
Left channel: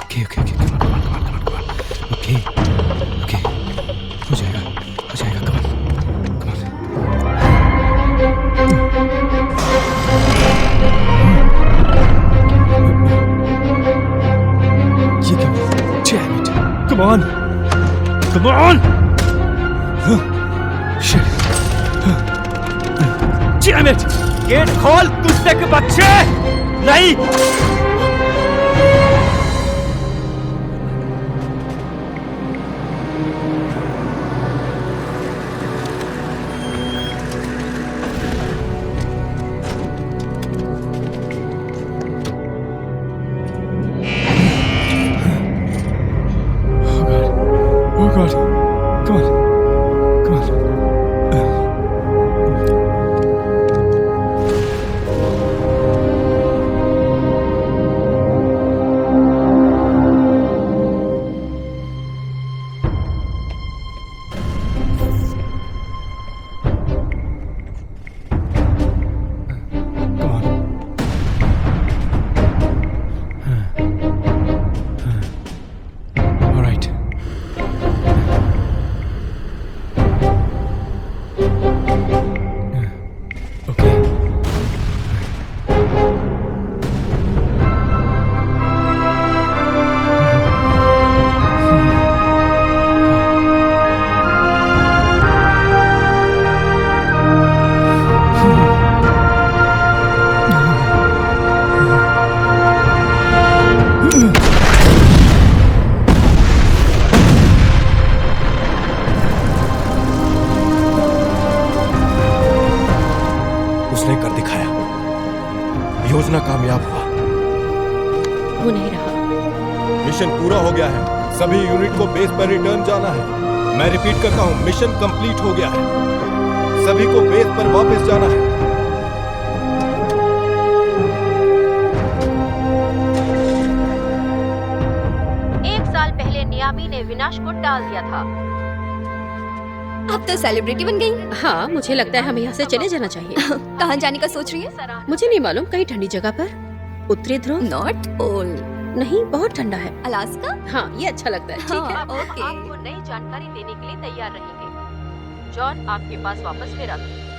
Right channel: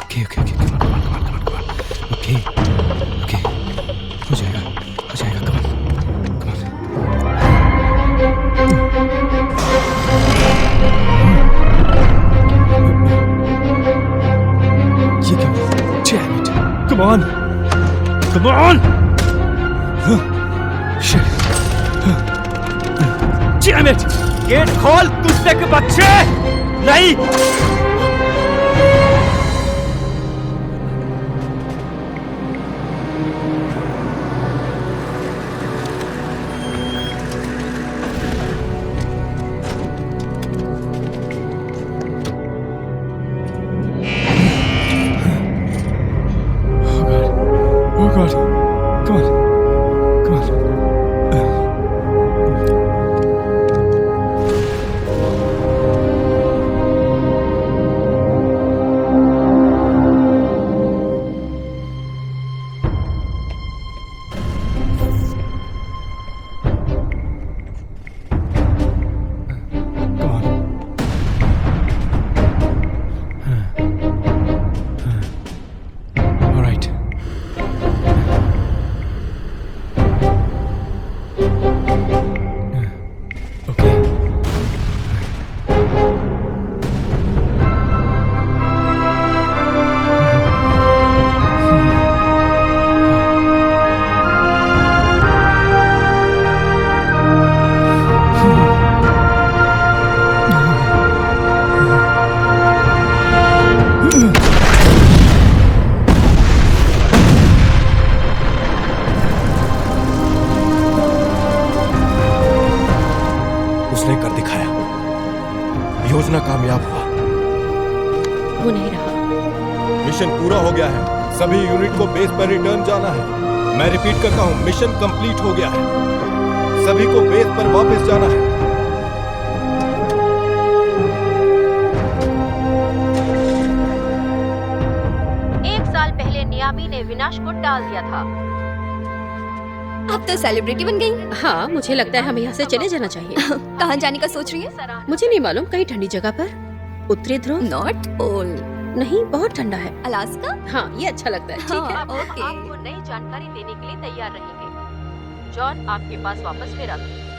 Okay. Come on. Okay. हो जाएगा. Come on. ये क्या? Damn it! Come on! Gate खोल कुत्ते के बच्चे! नहीं! Oh God. Come on. Come on. Come on. All right. Okay. उसने कर दिखाया। योजना कामयाब हुआ। वो नहीं रहा। मिशन पूरा हो गया है। सभी यूनिट को बेस पर रिटर्न जाना है। मैं रिपीट करता हूँ, मिशन कंप्लीट हो गया है। सभी को बेस पर वापस जाना है। एक साल पहले नियामी ने विनाश को टाल दिया था। अब तो सेलिब्रिटी बन गई। हाँ, मुझे लगता है हमें यहाँ से चले जाना चाहिए। कहाँ जाने का सोच रही है? मुझे नहीं मालूम, कहीं ठंडी जगह पर। उत्तरी ध्रुव? North pole. नहीं, बहुत ठंडा है। अलास्का? हाँ, ये अच्छा लगता है। ठीक है। ओके। आपको नई जानकारी देने के लिए तैयार रहेंगे। जॉन आपके पास वापस फिर आता है।